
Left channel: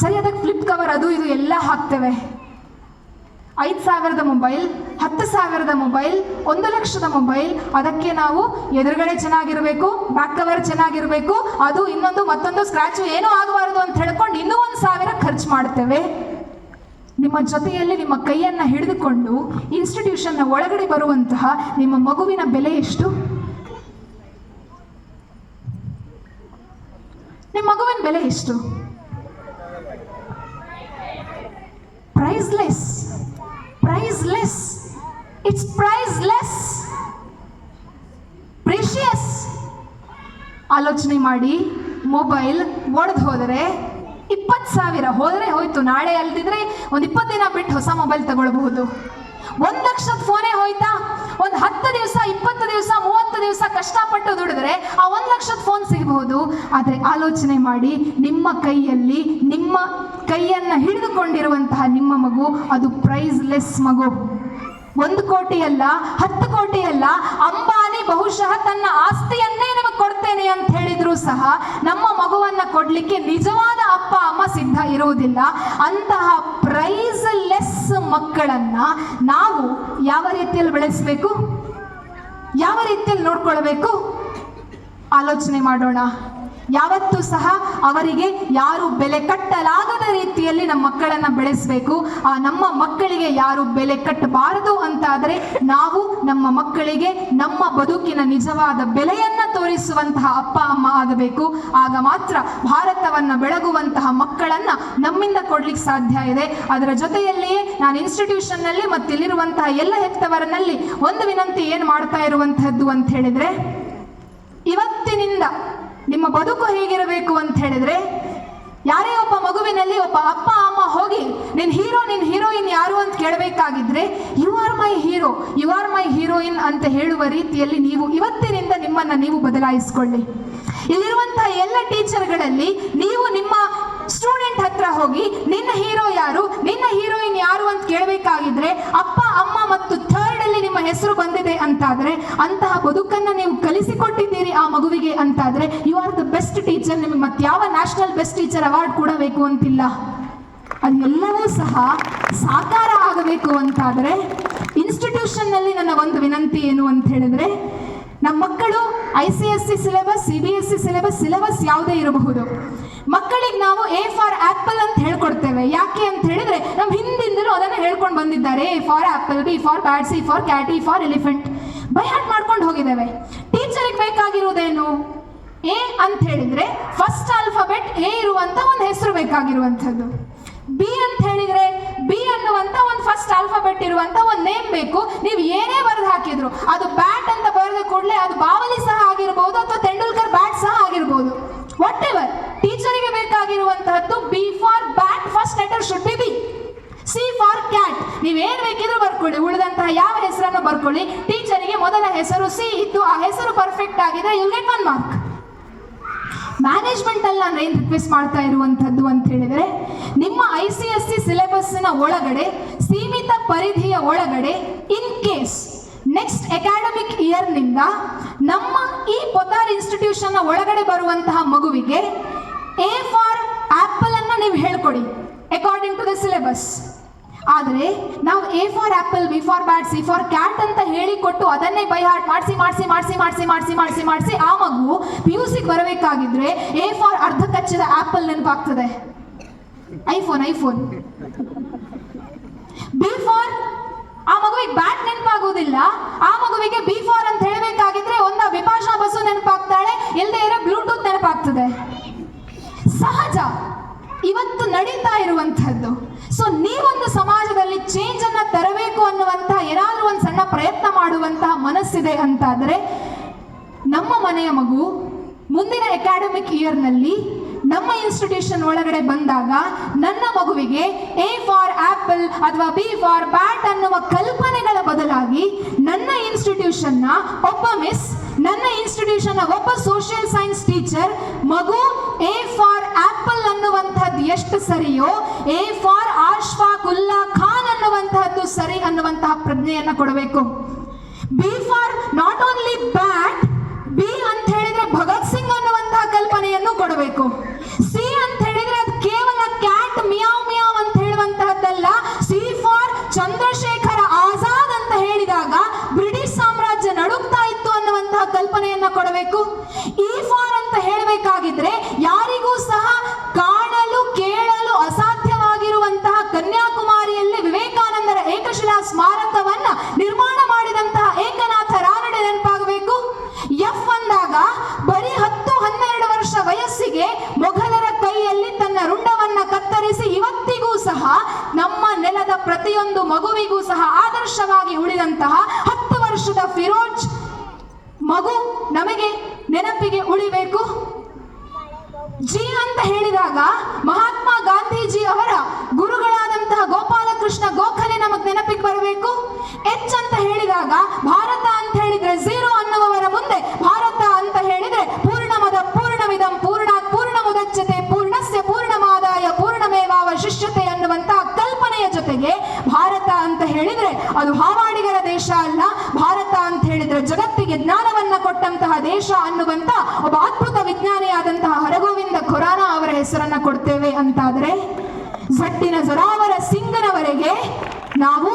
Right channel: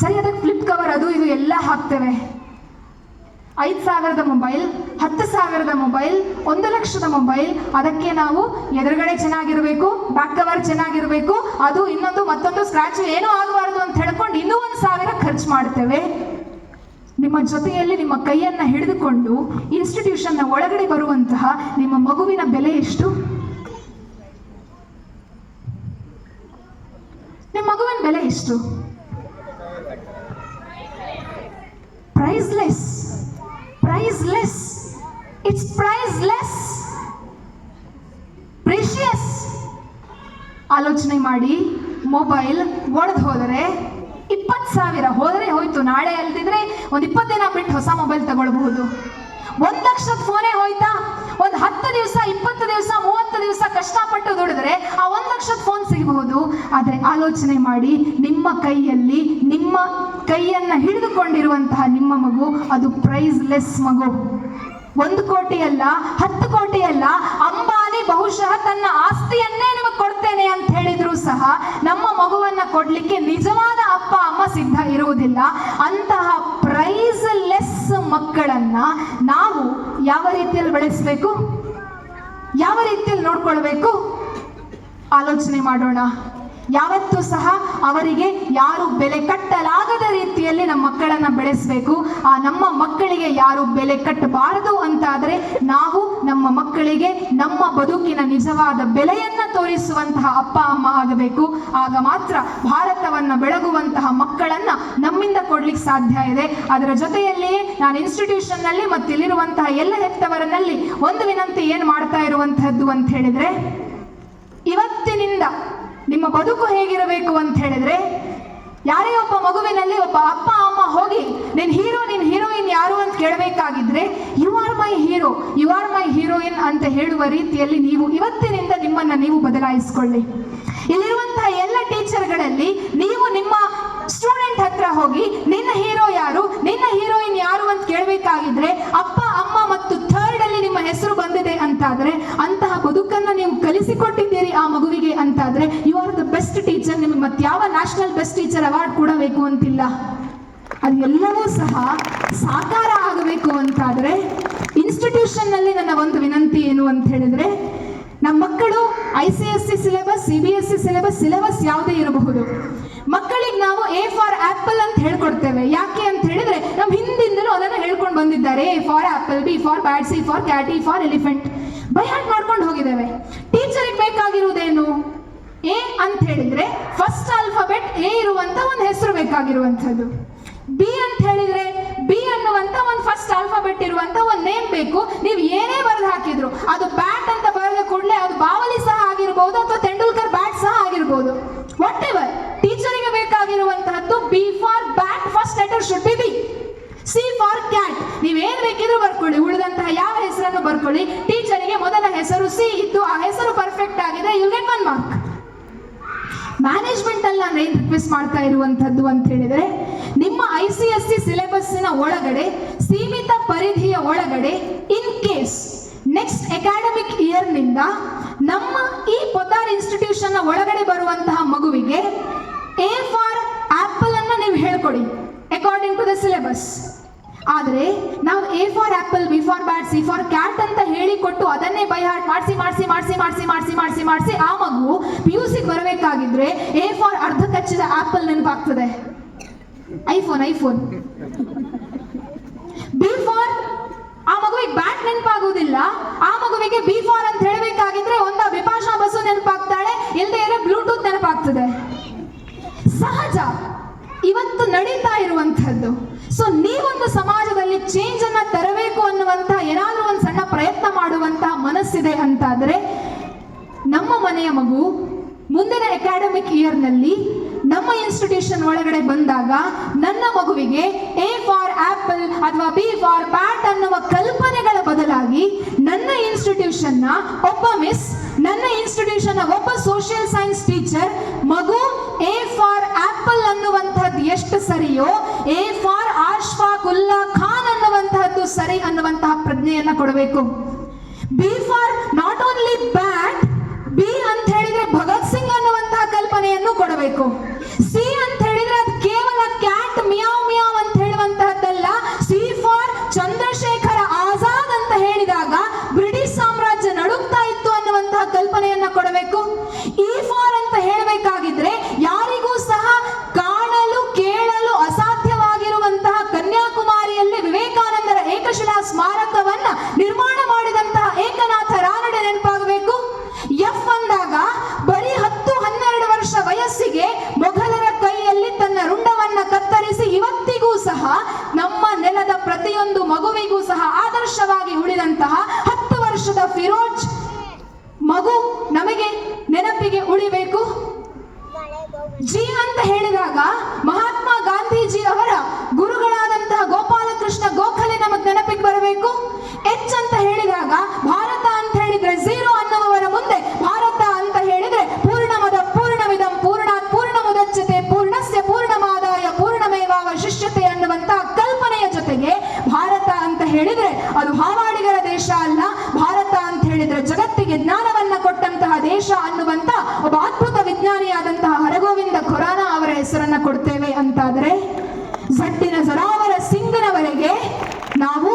ಸರಿ, ಅದಕ್ಕೆ ಫ್ಲಿಪ್ ಕವರ್ ಅದು ಇದು ಎಲ್ಲ ಹಾಕ್ತೇವೆ. 5,000ದ ಮೊಬೈಲ್, 10,000ದ ಮೊಬೈಲ್, 1 ಲಕ್ಷದ ಮೊಬೈಲ್, ಅದಕ್ಕೆ ನಾವು ಎದುರುಗಡೆ ಚೆನ್ನಾಗಿರ್ಬೇಕು, ಬ್ಯಾಕ್ ಕವರ್ ಚೆನ್ನಾಗಿರ್ಬೇಕು, ಅದು ಇನ್ನೊಂದು ಮತ್ತೊಂದು ಸ್ಕ್ರಾಚ್ ಏನೂ ಆಗಬಾರ್ದು ಅಂತ ಹೇಳ್ಕೊಂಡು ಇನ್ನೂ 1,000 ಖರ್ಚು ಮಾಡ್ತೇವೆ. ನಿಮ್ಮ ಜೊತೆಯಲ್ಲಿ ನಿಮ್ಮ ಕೈಯನ್ನ ಹಿಡಿದುಕೊಂಡು ಇನ್ಸ್ಟಿಟ್ಯೂಷನ್ನ ಒಳಗಡೆ ಬರುವಂತಹ ನಿಮ್ಮ ಮಗುವಿನ ಬೆಲೆ ಎಷ್ಟು? ನಿಮ್ಮ ಮಗುವಿನ ಬೆಲೆ ಎಷ್ಟು? Priceless. It's priceless. Precious. ಆಲೋಚನೆ ಮಾಡಿ, ಮೊಬೈಲ್ ಒಡೆದು ಹೋದರೆ 20,000 ಹೋದರೆ ಹೋಯ್ತು, ನಾಳೆ ಅಲ್ದಿದ್ರೆ ಒಂದು 20 ದಿನ ಬಿಟ್ಟು ಹೊಸ ಹೊಸ ಮೊಬೈಲ್ ತಗೊಳ್ಬಹುದು. 1 ಲಕ್ಷದ ಫೋನೇ ಹೋಯ್ತಾ? ಒಂದು 10 ದಿವಸ 20 ದಿವಸ 30 ದಿವಸ ಕಷ್ಟಪಟ್ಟು ದುಡಿದ್ರೆ ಆ 1 ಲಕ್ಷದ ಫೋನ್ ಸಿಗಬಹುದು. ಆದರೆ ಆಲೋಚನೆ ಮಾಡಿ, ನಿಮ್ಮ ಕೈಯಲ್ಲಿ ನಿಮ್ಮ ಕೈಯನ್ನ ಹಿಡಿದುಕೊಂಡಿರುವಂತಹ ನಿಮ್ಮ ಮಗು ಅದು ಪ್ರೈಸ್ಲೆಸ್ ಮಗು. 1 ಕೋಟಿ ಅಲ್ಲ, 10 ಕೋಟಿ ಅಲ್ಲ, ಅಂಬಾನಿ ಬಹುಶಃ ತನ್ನ ಆಸ್ತಿಯನ್ನೇ ನಿಮಗೆ ಕೊಡ್ತೇನೆ ಅಂತ ಹೇಳಿದ್ರು ಸಹ ನಮ್ಮ ಮಗುವನ್ನ ಕೊಡ್ಲಿಕ್ಕೆ ನಿಜವಾದ ಅಪ್ಪ ಅಮ್ಮ ಸಿದ್ಧ ಇರುವುದಿಲ್ಲ. ಅಂತಹ ಪ್ರೈಸ್ಲೆಸ್ ಮಕ್ಕಳನ್ನ ನಾವು ಯಾವ ರೀತಿಯಲ್ಲಿ ಬೆಳೆಸಬೇಕು, ಯಾವ ರೀತಿಯಲ್ಲಿ ನೋಡ್ಕೊಳ್ಬೇಕು ಆಲೋಚನೆ ಮಾಡೋಣ. ಯಾವತ್ತೂ ಸಹ ಅವರಿಗೆ ಯಾರು ಬೆಲೆ ಕಟ್ಟಲಾಗದ ರೀತಿಯಲ್ಲಿ ನಮ್ಮ ಮಕ್ಕಳನ್ನ ಬೆಳೆಸಬೇಕು. ಆ ನಮ್ಮ ಮಕ್ಕಳಿಗೆ ಯಾರು ಬೆಲೆ ಕಟ್ಟಬಾರದು ಅಂತಾದರೆ ನಾವು ನಮ್ಮ ಮಕ್ಕಳಿಗೆ ನಮ್ಮ ಬದುಕಿನ ನಿಜವಾದ ಬೆಲೆಯನ್ನ ತೋರಿಸುವಂತಹ ಅಪ್ಪ ಅಮ್ಮ ಆಗಬೇಕು. ಆಗ ಮಾತ್ರ ಭಾರತವನ್ನ ಬೆಳಗುವಂತಹ ಮಕ್ಕಳನ್ನ ನಮ್ಮಿಂದ ಕೊಡ್ಲಿಕ್ಕೆ ಸಾಧ್ಯ ಇದೆ. ಅದರ ಜೊತೆಯಲ್ಲಿಯೇ ನಾನು ಇನ್ಸ್ಟಿಟ್ಯೂಷನ್ ನಲ್ಲಿ ಮತ್ತು ಇಲ್ಲಿರುವಂತಹ ಎಲ್ಲ ಹೆತ್ತವರನಲ್ಲಿ ಒಂದು ವಿನಂತಿ ಏನ್ ಮಾಡ್ತಾ ಇರುವಂತಹದ್ದು ಅಂತ ಹೇಳಿದ್ರೆ, ಇವತ್ತಿನಿಂದ ನಿಮ್ಮ ಬದುಕು ಹೇಗಿರಬೇಕು ಅಂತ ಹೇಳಿದ್ರೆ, ಯಾರೇ ಒಬ್ಬ ಮಗುವಿನಲ್ಲಿ ಒಬ್ಬ ಅಪ್ಪ ಅಮ್ಮ ಹೋಗಿ ನಿನ್ ಹೀರೋ ನಿನ್ ಹೀರೋಯಿನ್ ಯಾರು ಅಂತ ಕೇಳಬೇಕಾಗಿದ್ರೆ you are my hero, you are my heroine ಅಂತ ಹೇಳುವ ರೀತಿಯಲ್ಲಿ ನೀವು ಇವತ್ತಿನಿಂದ ನಿಮ್ಮನ್ನ ನೀವು ಬದಲಾಯಿಸಿಕೊಳ್ಳಿ. ಇಲ್ಲಿರುವಂತಹ ಎಲ್ಲ ಟೀಚರ್ಗಳಲ್ಲಿ ನೀವು ನಿಮ್ಮ ಸ್ಟೂಡೆಂಟ್ ಹತ್ರ ಹೋಗಿ ನಿನ್ನ ಹೀರೋ ಯಾರು, ನಿನ್ನ ಹೀರೋಯಿನ್ ಯಾರು ಅಂತ ಕೇಳಬೇಕಾಗಿದ್ರೆ ಅಪ್ಪ ಅಮ್ಮ ಮತ್ತು ಥರ್ಡ್ ಅಲ್ಲಿ ನಿಮ್ಮ ಹೆಸರು ಬಂದಿದೆ ಅಂತಾದ್ರೆ, ಅಂತಹ ಬದುಕನ್ನು ನೀವು ಕಲಿಸಿಕೊಟ್ಟಿದ್ದೀರಿ ಆ ಮಗುವಿಗೆ ಅಂತಾದ್ರೆ you are the best teacher. ನಿಮಗೆ ಮತ್ತೆ ಯಾವ ನ್ಯಾಷನಲ್ ಬೆಸ್ಟ್ ಟೀಚರ್ ಅವಾರ್ಡ್ ಕೊಡಬೇಕು ಅಂತಿಲ್ಲ. ಅದು ಎಲ್ಲವೂ ಸಹ ಸಾಕಾರ ಆಗಬೇಕು ಅಂತಾದ್ರೆ ಇನ್ಸ್ಟಿಟ್ಯೂಷನ್ ನಲ್ಲಿ ನನ್ನ ಒಂದು ವಿನಂತಿ ಏನು ಅಂತ ಹೇಳಿದ್ರೆ, ನಮ್ಮ ಮಕ್ಕಳು ICSE ಸಿಲೆಬಸ್, CBSE ಸಿಲೆಬಸ್ ಯಾವುದೇ ಇರಬಹುದು, ಮಕ್ಕಳಿಗೆ ನಾವು A ಫಾರ್ ಆಪಲ್ ಅಂತ ಹೇಳ್ಕೊಡ್ತೇವೆ. ಯಾಕೆ ಅಂತ ಹೇಳಿದ್ರೆ ನಮ್ಮ ಹಿಂದಿಂದಲೂ ಅದನ್ನು ಹೇಳ್ಕೊಂಡು ಬಂದಿದ್ದಾರೆ. A for apple, B for bat, C for cat, E for elephant by heart ಮಾಡ್ಕೊಂಡು ಹೋಗಿದ್ದೇವೆ. ಟೀಚರಿಗೆ ಬೇಕಾಗಿರುವುದೇನು? A ಅಂತ ಹೇಳಿದ್ರೆ ಫಸ್ಟ್ ಆಲ್ಫಾಬೆಟ್ A ಇರುವಂತ ಒಂದು ಹೆಸರು ಬೇಕಾಗಿರುವಂಥದ್ದು. B ಅಂತ ಹೇಳಿದ್ರೆ B ಅನ್ನುವಂತ ಒಂದು ಫಸ್ಟ್ ಆಲ್ಫಾಬೆಟ್ ಇರುವಂತ ಒಂದು ನೇಮ್ ಬೇಕು. ನೀವು ಏನೇ ಬರೆದು ಹಾಕಿದ್ರು ಅದು ಬ್ಯಾಟ್ ಅಂತ ಬರೆದ ಕೂಡಲೇ ಅದು ಬಾವಲಿ ಸಹ ಆಗಿರಬಹುದು ಅಥವಾ ತೆಂಡೂಲ್ಕರ್ ಬ್ಯಾಟ್ ಸಹ ಆಗಿರಬಹುದು. ವಾಟ್ ಎವರ್, ಟೀಚರಿಗೆ ಬೇಕಾಗಿರುವಂತಹದ್ದು B for bat, first letter should be B. C for cat, ನೀವೇನ್ ಬೇಕಿದ್ರು ಬರ್ಕೊಳ್ಳಿ, ಉಳಿದಂತಹ ಯಾವ ಹೆಸರನ್ನು ಬರ್ಕೊಳ್ಳಿ. ಟೀಚರಿಗೆ ಮೊದಲ ಹೆಸರು C ಇತ್ತು, ಆ ಹೆಸರು ಪರ್ಫೆಕ್ಟ್ ಆಗಿದೆ, ಯು ಗೆಟ್ 1 ಮಾರ್ಕ್. ಮ್ಯಾನೇಜ್ಮೆಂಟ್ ಅಲ್ಲಿ ನಾನು ಏನ್ ರಿಕ್ವೆಸ್ಟ್ ಮಾಡ್ತಾ ಇರುವಂತದ್ದು ಅಂತ ಹೇಳಿದ್ರೆ, ನಿಮ್ಮ ICSE ಸಿಲೆಬಸ್ಸಿನ ಒಳಗಡೆ ಸೀಮಿತ ಪರಿಧಿಯ ಒಳಗಡೆ in case next academic year ನಿಂದ ನಮ್ಮ ಈ ಪೊದ್ದಾರ್ ಇನ್ಸ್ಟಿಟ್ಯೂಷನ್ ಒಳಗಡೆ ಬರುವಂತಹ ಮಗುವಿಗೆ A ಫಾರ್ ಆಪಲ್ ಅನ್ನ ನೀವು ಹೇಳ್ಕೊಡಿ ಅಕಾರ್ಡಿಂಗ್ ಟು ದ ಸಿಲೆಬಸ್. ಆದರೆ ನಾವು A for apple, B for bat, C for cat ಅಂತ ಹೇಳಿಕೊಟ್ಟು ಅದನ್ನೇ ಬೈ ಹಾರ್ಟ್ ಮಾಡಿಸಿ ಆ ಮಗು PUC ಬರಬೇಕಾಗಿದ್ರೆ A ಫಾರ್ ಅರ್ಧ ಕಚ್ಚಿದ ಆಪಲ್ ನೆನಪಾಗ್ತದೆ, ಐಫೋನ್. B ಫಾರ್ ಆ ಮಗುವಿಗೆ ಬ್ಯಾಟ್ ನೆನಪಾಗುವುದಿಲ್ಲ. ಆ ಮಗುವಿಗೆ B ಫಾರ್ ಅಂತ ಹೇಳಬೇಕಾಗಿದ್ರೆ ಒಂದ ವಿಪಾಶಾ ಬಸ್ಸು ನೆನಪಾಗ್ತಾಳೆ, ಇಲ್ಲದೆ ಇರೋ ಬ್ಲೂಟೂತ್ ನೆನಪಾಗ್ತದೆ. ಸಹಜ, ಇವತ್ತು ನಡೀತಾ ಇರುವಂತಹದ್ದು. ಸೊ ನೀವೊಂದು ಸಮಾಜದಲ್ಲಿ ಚೇಂಜ್ ಅನ್ನ ತರಬೇಕು ಅನ್ನುವಂತಹ ಏನಾದ್ರೂ ಒಂದು ಸಣ್ಣ ಪ್ರಯತ್ನ ಮಾಡುವಂತಹ ಮನಸ್ಸಿದೆ ಅಂತಾದ್ರೆ, ನಮ್ಮ ಮನೆಯ ಮಗು ಮುಂದಿನ ಅಕಾಡೆಮಿಕ್ ಇಯರ್ ನಲ್ಲಿ ನಮ್ಮ ಇನ್ಸ್ಟಿಟ್ಯೂಷನ್ ಒಳಗಡೆ ಬಂದಾಗ ನನ್ನ ಮಗುವಿಗೆ A ಫಾರ್ ಆಪಲ್ ಅಥವಾ B ಫಾರ್ ಬ್ಯಾಟ್ ಅನ್ನುವ ಕಲ್ಪನೆಗಳ ಬದಲಾಗಿ ನನ್ನ ಇನ್ಸ್ಟಿಟ್ಯೂಷನ್ ನ ಒಬ್ಬ ಮಿಸ್, ನನ್ನ ಇನ್ಸ್ಟಿಟ್ಯೂಷನ್ ನ ಒಬ್ಬ ಸೋಷಿಯಲ್ ಸೈನ್ಸ್ ಟೀಚರ್ ಮಗು A ಫಾರ್ ಆಪಲ್ ಅನ್ನುವಂತಹದ್ದು ಎಷ್ಟು ಸರಿಯೋ A ಫಾರ್ ಅಶ್ಫಾಕ್ ಉಲ್ಲಾ ಖಾನ್ ಅನ್ನುವಂತಹದ್ದು ಸರಿ ಅನ್ನುವಂತಹ ಪ್ರಜ್ಞೆಯನ್ನ ಕೊಡಬೇಕು. B for not only bat, B ಅಂತ ಹೇಳಿದ್ರೆ ಭಗತ್ ಸಿಂಗ್ ಅನ್ನುವಂತಹ ಕಲ್ಪನೆಯನ್ನು ಕೊಡಬೇಕು. C ಅಂತ ಹೇಳಿದ್ರೆ ಅದು ಕೇವಲ ಕ್ಯಾಟ್ ಮಿಯಾವ್ ಮಿಯಾವ್ ಅಂತ ಹೇಳುವಂತಹದ್ದಲ್ಲ. C ಫಾರ್ ಚಂದ್ರಶೇಖರ ಆಜಾದ್ ಅಂತ ಹೇಳಿದಾಗ ಬ್ರಿಟಿಷ್ ಸಾಮ್ರಾಜ್ಯ ನಡುಗ್ತಾ ಇತ್ತು ಅನ್ನುವಂತಹ ಕಲ್ಪನೆಯನ್ನ ಕೊಡಬೇಕು. E ಫಾರ್ ಅಂತ ಹೇಳಬೇಕಾಗಿದ್ರೆ ಯಾರಿಗೂ ಸಹ ಕಾಣಲು ಕೇಳಲು ಅಸಾಧ್ಯವಾಗಿರುವಂತಹ ಕನ್ಯಾಕುಮಾರಿಯಲ್ಲಿ ವಿವೇಕಾನಂದರ ಏಕಶಿಲಾ ಸ್ಮಾರಕವನ್ನ ನಿರ್ಮಾಣ ಮಾಡಿದಂತಹ ಏಕನಾಥ ರಾನಡೆ ನೆನಪಾಗಬೇಕು. F ಅಂದಾಗ ಬರೀ 10-12 ವರ್ಷ ವಯಸ್ಸಿಗೆ ಮೊಘಲರ ಕೈಯಲ್ಲಿ ತನ್ನ ರುಂಡವನ್ನ ಕತ್ತರಿಸಿ ಇವತ್ತಿಗೂ ಸಹ ನಮ್ಮ ನೆಲದ ಪ್ರತಿಯೊಂದು ಮಗುವಿಗೂ ಸಹ ಆದರ್ಶವಾಗಿ ಉಳಿದಂತಹ 10 ವರ್ಷದ ಫಿರೋಜ್ ಮಗು ನಮಗೆ ನೆನಪಿಗೆ ಉಳಿಬೇಕು. G ಅಂತ ಹೇಳಿದಾಗ ಮಹಾತ್ಮ ಗಾಂಧೀಜಿ ಅವರ ಗುರುಗಳಾದಂತಹ ಗೋಪಾಲಕೃಷ್ಣ ಗೋಖಲೆ ಕೊಡಬೇಕು. ಎಚ್ ಅಂತ ಹೇಳಿದಾಗ ಭಾರತ ಅಂತ ಹೇಳಿದ್ರೆ ಝೀರೋ ಅನ್ನುವವರ ಮುಂದೆ ಭಾರತ ಅಂತ ಹೇಳಿದ್ರೆ ಪೂರ್ಣಮದ ಪೂರ್ಣವಿದಂ ಪೂರ್ಣಾತ್ ಪೂರ್ಣಮುದಚ್ಯತೆ ಪೂರ್ಣಸ್ಯ ಪೂರ್ಣಮಾದಾಯ ಪೂರ್ಣಮೇವಾವಶಿಷ್ಯತೆ ಅನ್ನುವಂತ ಕಲ್ಪನೆಯ ಜೊತೆಗೆ ಭಾರತ ಅಂತ ಹೇಳಿದ್ರೆ ಅದು ಹಾವಾಡಿಗರ ದೇಶ ಅಲ್ಲ, ಭಾರತ ಅಂತ ಹೇಳಿದ್ರೆ ಜಗತ್ತಿಗೆ ಜ್ಞಾನವನ್ನ ಕೊಟ್ಟಂತಹ ದೇಶ ಅನ್ನುವಂತ ಒಬ್ಬ ಅದ್ಭುತ ವಿಜ್ಞಾನಿಯಾದಂತಹ ಹರಗೋವಿಂದ ಖುರಾನ ಅವರ ಹೆಸರನ್ನ ಕೊಡ್ತೇವೆ ಅಂತಾದರೆ ಝಟ್ಟಿನ ಜರಾವರ ಸಿಂಗನವರೆಗೆ ನಾವು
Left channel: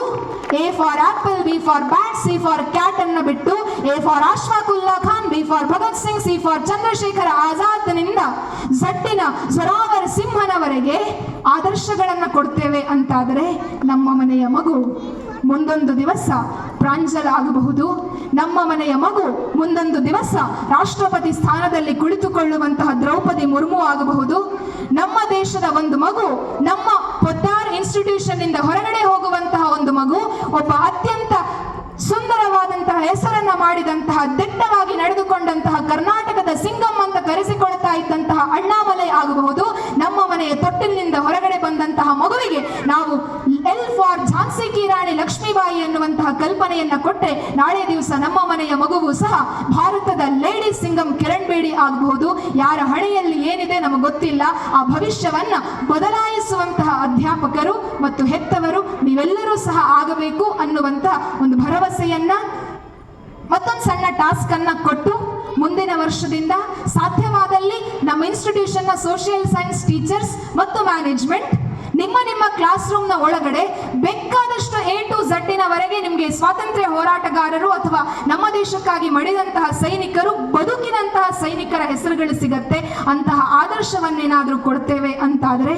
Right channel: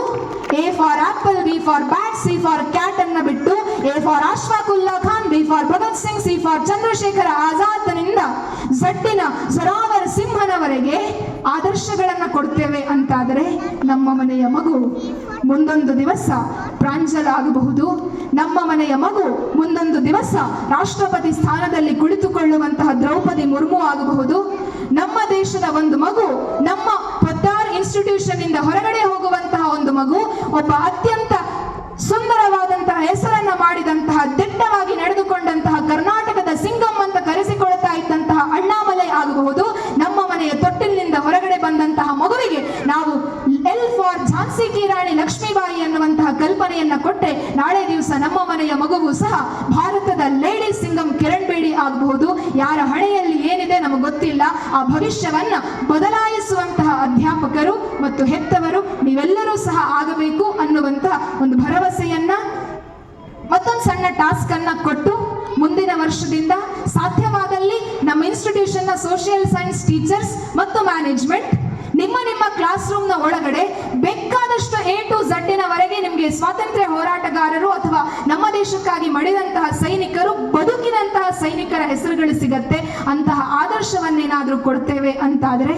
A for apple, B for bat, C for cat ಅನ್ನ ಬಿಟ್ಟು A for Ashfaqulla Khan, B for Bhagat Singh, C for Chandrashekhar ಆಜಾದ್ನಿಂದ ಝಟ್ಟಿನ ಜರಾವರ ಸಿಂಹನವರೆಗೆ ಆದರ್ಶಗಳನ್ನ ಕೊಡ್ತೇವೆ ಅಂತಾದರೆ ನಮ್ಮ ಮನೆಯ ಮಗು ಮುಂದೊಂದು ದಿವಸ ಪ್ರಾಂಜಲ ಆಗಬಹುದು. ನಮ್ಮ ಮನೆಯ ಮಗು ಮುಂದೊಂದು ದಿವಸ ರಾಷ್ಟ್ರಪತಿ ಸ್ಥಾನದಲ್ಲಿ ಕುಳಿತುಕೊಳ್ಳುವಂತಹ ದ್ರೌಪದಿ ಮುರ್ಮು ಆಗಬಹುದು. ನಮ್ಮ ದೇಶದ ಒಂದು ಮಗು ನಮ್ಮ ಪೊದ್ದಾರ್ ಇನ್ಸ್ಟಿಟ್ಯೂಷನ್ ಇಂದ ಹೊರಗಡೆ ಹೋಗುವಂತಹ ಒಂದು ಮಗು ಒಬ್ಬ ಅತ್ಯಂತ ಸುಂದರವಾದಂತಹ ಹೆಸರನ್ನ ಮಾಡಿದಂತಹ ದಿಟ್ಟವಾಗಿ ನಡೆದುಕೊಂಡಂತಹ ಕರ್ನಾಟಕದ ಸಿಂಗಂ ಅಂತ ಕರೆಸಿಕೊಳ್ತಾ ಇದ್ದಂತಹ ಅಣ್ಣಾಮಲೈ ಆಗಬಹುದು. ನಮ್ಮ ಮನೆಯ ತೊಟ್ಟಿಲಿನಿಂದ ಹೊರಗಡೆ ಬಂದಂತಹ ಮಗುವಿಗೆ ನಾವು ಎಲ್ ಫಾರ್ ಝಾನ್ಸಿ ಕಿ ರಾಣಿ ಲಕ್ಷ್ಮೀಬಾಯಿ ಅನ್ನುವಂತಹ ಕಲ್ಪನೆಯನ್ನ ಕೊಟ್ಟರೆ ನಾಳೆ ದಿವಸ ನಮ್ಮ ಮನೆಯ ಮಗುವು ಸಹ ಭಾರತದ ಲೇಡಿ ಸಿಂಗಂ ಕಿರಣ್ ಬೇಡಿ ಆಗಬಹುದು. ಯಾರ ಹಣೆಯಲ್ಲಿ ಏನಿದೆ ನಮಗೆ ಗೊತ್ತಿಲ್ಲ. ಆ ಭವಿಷ್ಯವನ್ನ ಬದಲಾಯಿಸುವಂತಹ ಅಧ್ಯಾಪಕರು ಮತ್ತು ಹೆತ್ತವರು ನೀವೆಲ್ಲರೂ ಸಹ ಆಗಬೇಕು ಅನ್ನುವಂತಹ ಒಂದು ಭರವಸೆಯನ್ನ ಮತ್ತೊಂದು ಸಣ್ಣ ಟಾಸ್ಕ್ ಅನ್ನ ಕೊಟ್ಟು ಮುಂದಿನ ವರ್ಷದಿಂದ ಸಾಧ್ಯವಾದಲ್ಲಿ ನಮ್ಮ ಇನ್ಸ್ಟಿಟ್ಯೂಷನ್ ನ ಸೋಷಿಯಲ್ ಸೈನ್ಸ್ ಟೀಚರ್ಸ್ ಮತ್ತು ಮ್ಯಾನೇಜ್ಮೆಂಟ್ ನಿಮ್ಮ ಕ್ಲಾಸ್ ರೂಮ್ ನ ಒಳಗಡೆ ಬೇಕಾದಷ್ಟು ಎ ಟು ಝಡ್ಡಿನವರೆಗೆ ನಿಮಗೆ ಸ್ವಾತಂತ್ರ್ಯ ಹೋರಾಟಗಾರರು ಅಥವಾ ನಮ್ಮ ದೇಶಕ್ಕಾಗಿ ಮಡಿದಂತಹ ಸೈನಿಕರು, ಬದುಕಿನಂತಹ ಸೈನಿಕರ ಹೆಸರುಗಳು ಸಿಗತ್ತೆ. ಅಂತಹ ಆದರ್ಶವನ್ನೇನಾದ್ರೂ ಕೊಡ್ತೇವೆ ಅಂತಾದರೆ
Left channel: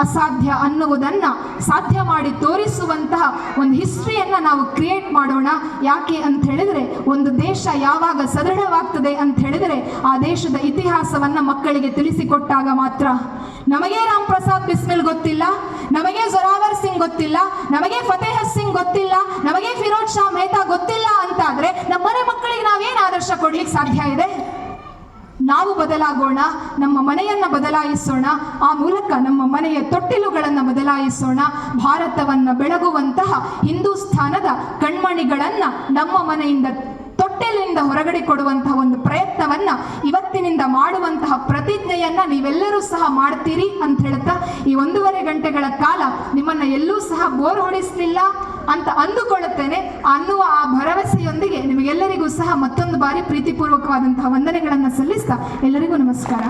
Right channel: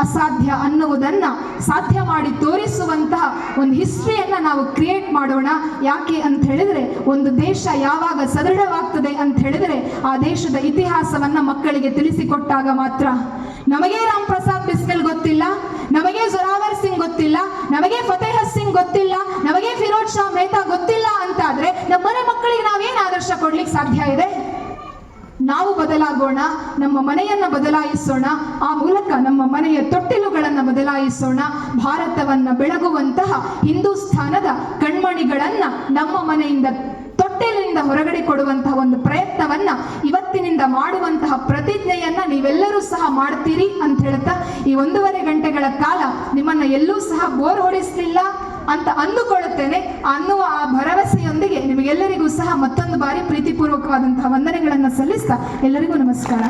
ಅಸಾಧ್ಯ ಅನ್ನುವುದನ್ನ ಸಾಧ್ಯ ಮಾಡಿ ತೋರಿಸುವಂತಹ ಒಂದು ಹಿಸ್ಟ್ರಿಯನ್ನ ನಾವು ಕ್ರಿಯೇಟ್ ಮಾಡೋಣ. ಯಾಕೆ ಅಂತ ಹೇಳಿದ್ರೆ ಒಂದು ದೇಶ ಯಾವಾಗ ಸದೃಢವಾಗ್ತದೆ ಅಂತ ಹೇಳಿದ್ರೆ ಆ ದೇಶದ ಇತಿಹಾಸವನ್ನ ಮಕ್ಕಳಿಗೆ ತಿಳಿಸಿಕೊಟ್ಟಾಗ ಮಾತ್ರ. ನಮಗೆ ರಾಮ್ ಪ್ರಸಾದ್ ಬಿಸ್ಮಿಲ್ ಗೊತ್ತಿಲ್ಲ, ನಮಗೆ ಜೊರಾವರ್ ಸಿಂಗ್ ಗೊತ್ತಿಲ್ಲ, ನಮಗೆ ಫತೇಹ ಸಿಂಗ್ ಗೊತ್ತಿಲ್ಲ, ನಮಗೆ ಫಿರೋಜ್ ಶಾ ಮೆಹ್ತಾ ಗೊತ್ತಿಲ್ಲ ಅಂತಾದ್ರೆ ನಮ್ಮ ಮನೆ ಮಕ್ಕಳಿಗೆ ನಾವೇನ್ ಆದರ್ಶ ಕೊಡ್ಲಿಕ್ಕೆ ಸಾಧ್ಯ ಇದೆ? ನಾವು ಬದಲಾಗೋಣ, ನಮ್ಮ ಮನೆಯನ್ನ ಬದಲಾಯಿಸೋಣ, ಆ ಮೂಲಕ ನಮ್ಮ ಮನೆಯ ತೊಟ್ಟಿಲುಗಳನ್ನ ಬದಲಾಯಿಸೋಣ. ಭಾರತವನ್ನ ಬೆಳಗುವಂತಹ ಹಿಂದೂಸ್ಥಾನದ ಕಣ್ಮಣಿಗಳನ್ನ ನಮ್ಮ ಮನೆಯಿಂದ ತೊಟ್ಟಿಲಿನಿಂದ ಹೊರಗಡೆ ಕೊಡುವಂತಹ ಒಂದು ಪ್ರಯತ್ನವನ್ನ ಇವತ್ತಿನಿಂದ ಮಾಡುವಂತಹ ಪ್ರತಿಜ್ಞೆಯನ್ನ ನೀವೆಲ್ಲರೂ ಸಹ ಮಾಡ್ತೀರಿ ಅಂತ ಹೇಳ್ತಾ ಈ 1.5 ಗಂಟೆಗಳ ಕಾಲ ನಿಮ್ಮನ್ನ ಎಲ್ಲೂ ಸಹ ಬೋರ್ ಹೊಡಿಸ್ಲಿಲ್ಲ ಅಂತ ಅಂದುಕೊಳ್ಳುತ್ತೇನೆ. ಅನ್ನುವ ಆ ಭರವಸೆಯೊಂದಿಗೆ ನಿಮಗೆಲ್ಲರಿಗೂ ಸಹ ಮತ್ತೊಂದು ಬಾರಿ ಪ್ರೀತಿಪೂರ್ವಕವಾದಂತಹ ವಂದನೆಗಳನ್ನು ಸಲ್ಲಿಸ್ತಾ ಎಲ್ಲರಿಗೂ ನಮಸ್ಕಾರ.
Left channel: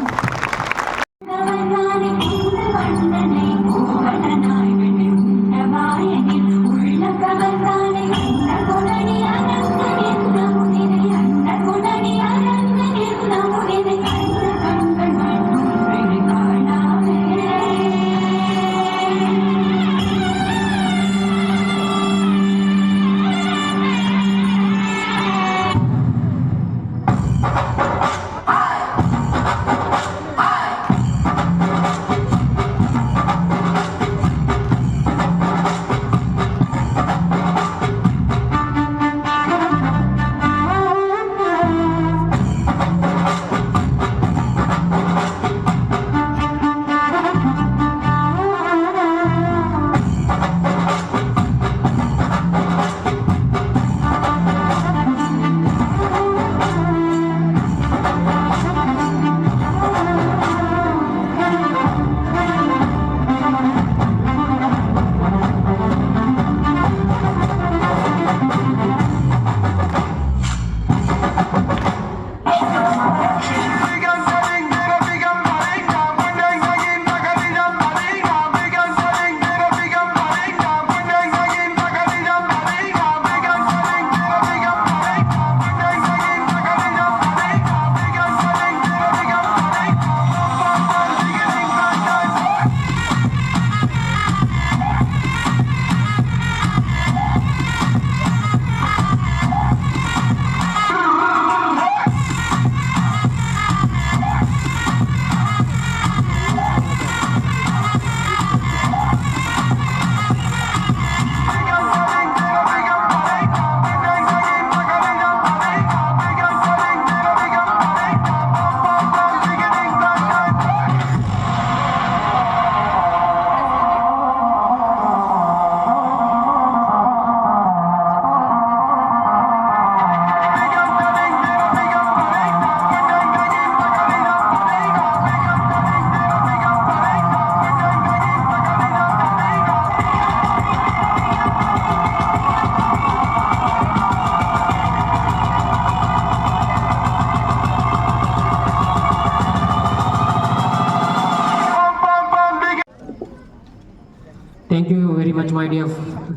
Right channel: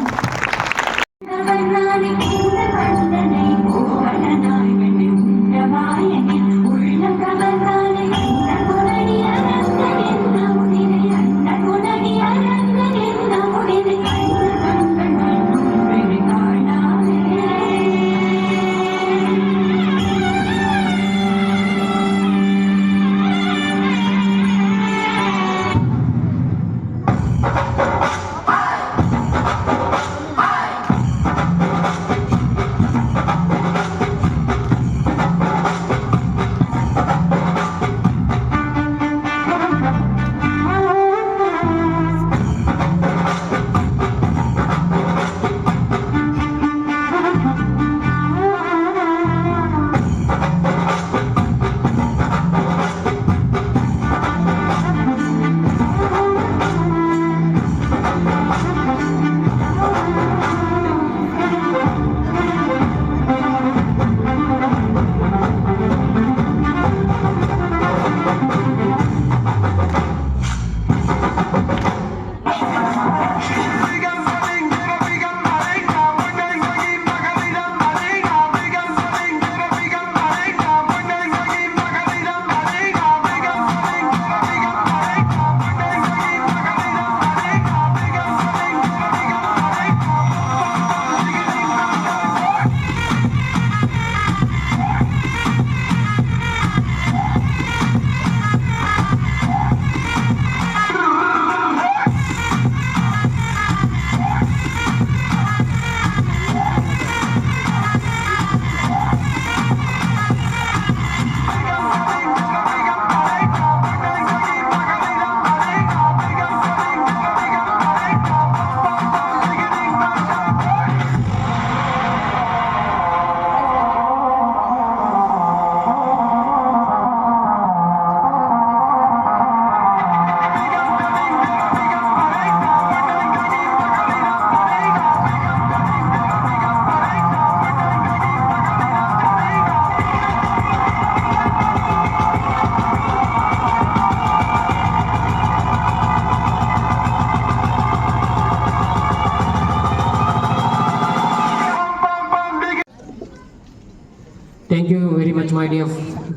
Thank you very much, my dear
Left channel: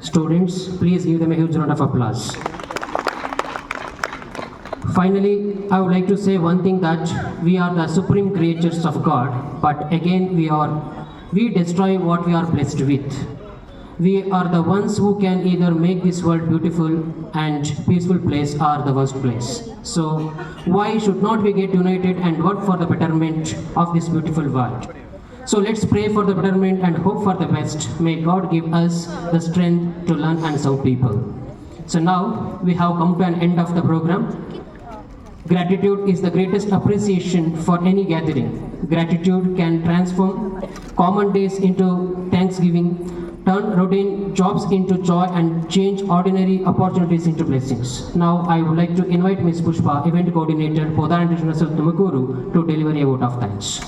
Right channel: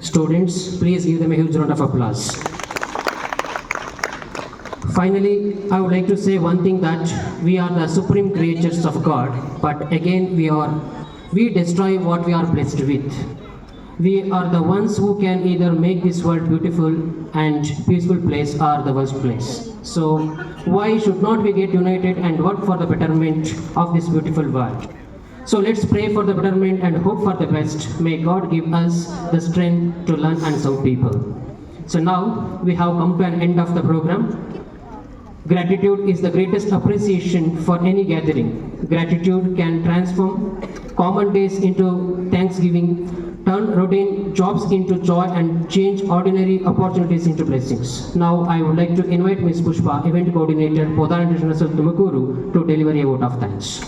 students. Please give them a huge round of applause. Finally, I would like to say one thing, that we are the supreme creatures of God, but again we destroy what we are blessed with. We are the ones who can either make this world beautiful and peaceful place or the worst place. So why should not we get united and work for the betterment of this beautiful world? So let's pray for the betterment and hope for the best. May God give us the strength to learn and serve people. So now we have come to an end of the program. Gratitude is the greatest appreciation for any gathering. Gratitude can transform common days into thanksgiving, turn routine jobs into joy, and change ordinary opportunities into blessings. Now I would like to invite Ms. Pushpa, Event Coordinator, Podar International Tumakuru, to deliver a vote of thanks.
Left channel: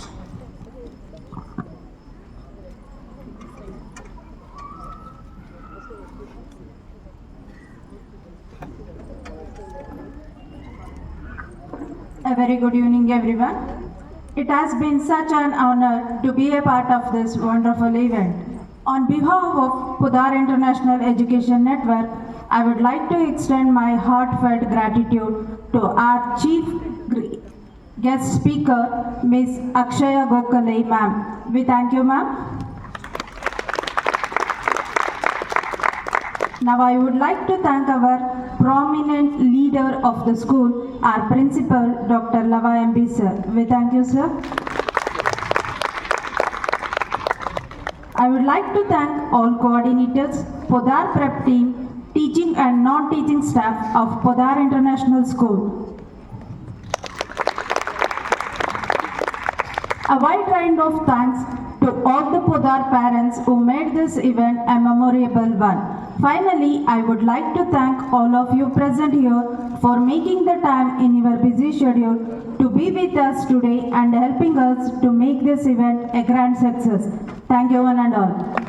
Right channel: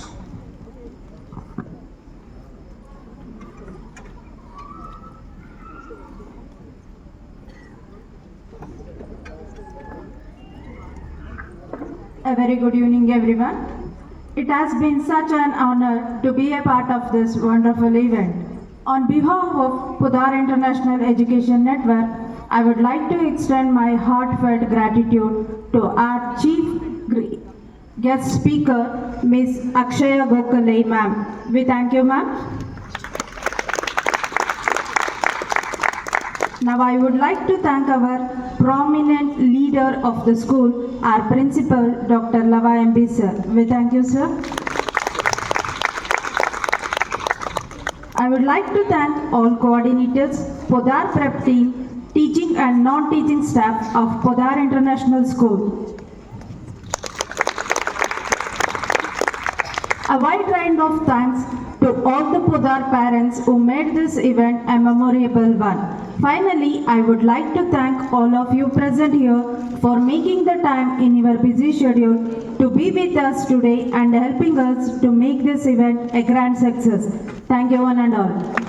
A very good evening, everyone. It has been such an honor to be a part of this wonderful event. On behalf of Podar International Education Network, I would like to extend my heartfelt gratitude to our chief guest speaker, Ms. Akshaya Gokhale, ma'am. We thank you, ma'am. Now I would like to thank our prominent leader of the school, our principal, Dr. Lava MB sir. We thank you, sir. I would like to thank all coordinators, Podar Prep team, teaching and non-teaching staff of Podar International School. A wide range of thanks to all the Podar parents who made this event a memorable one. Finally, I would like to thank all of you present here for making the time in your busy schedule to be with us today and helping us to make this event a grand success. Thank you one and all.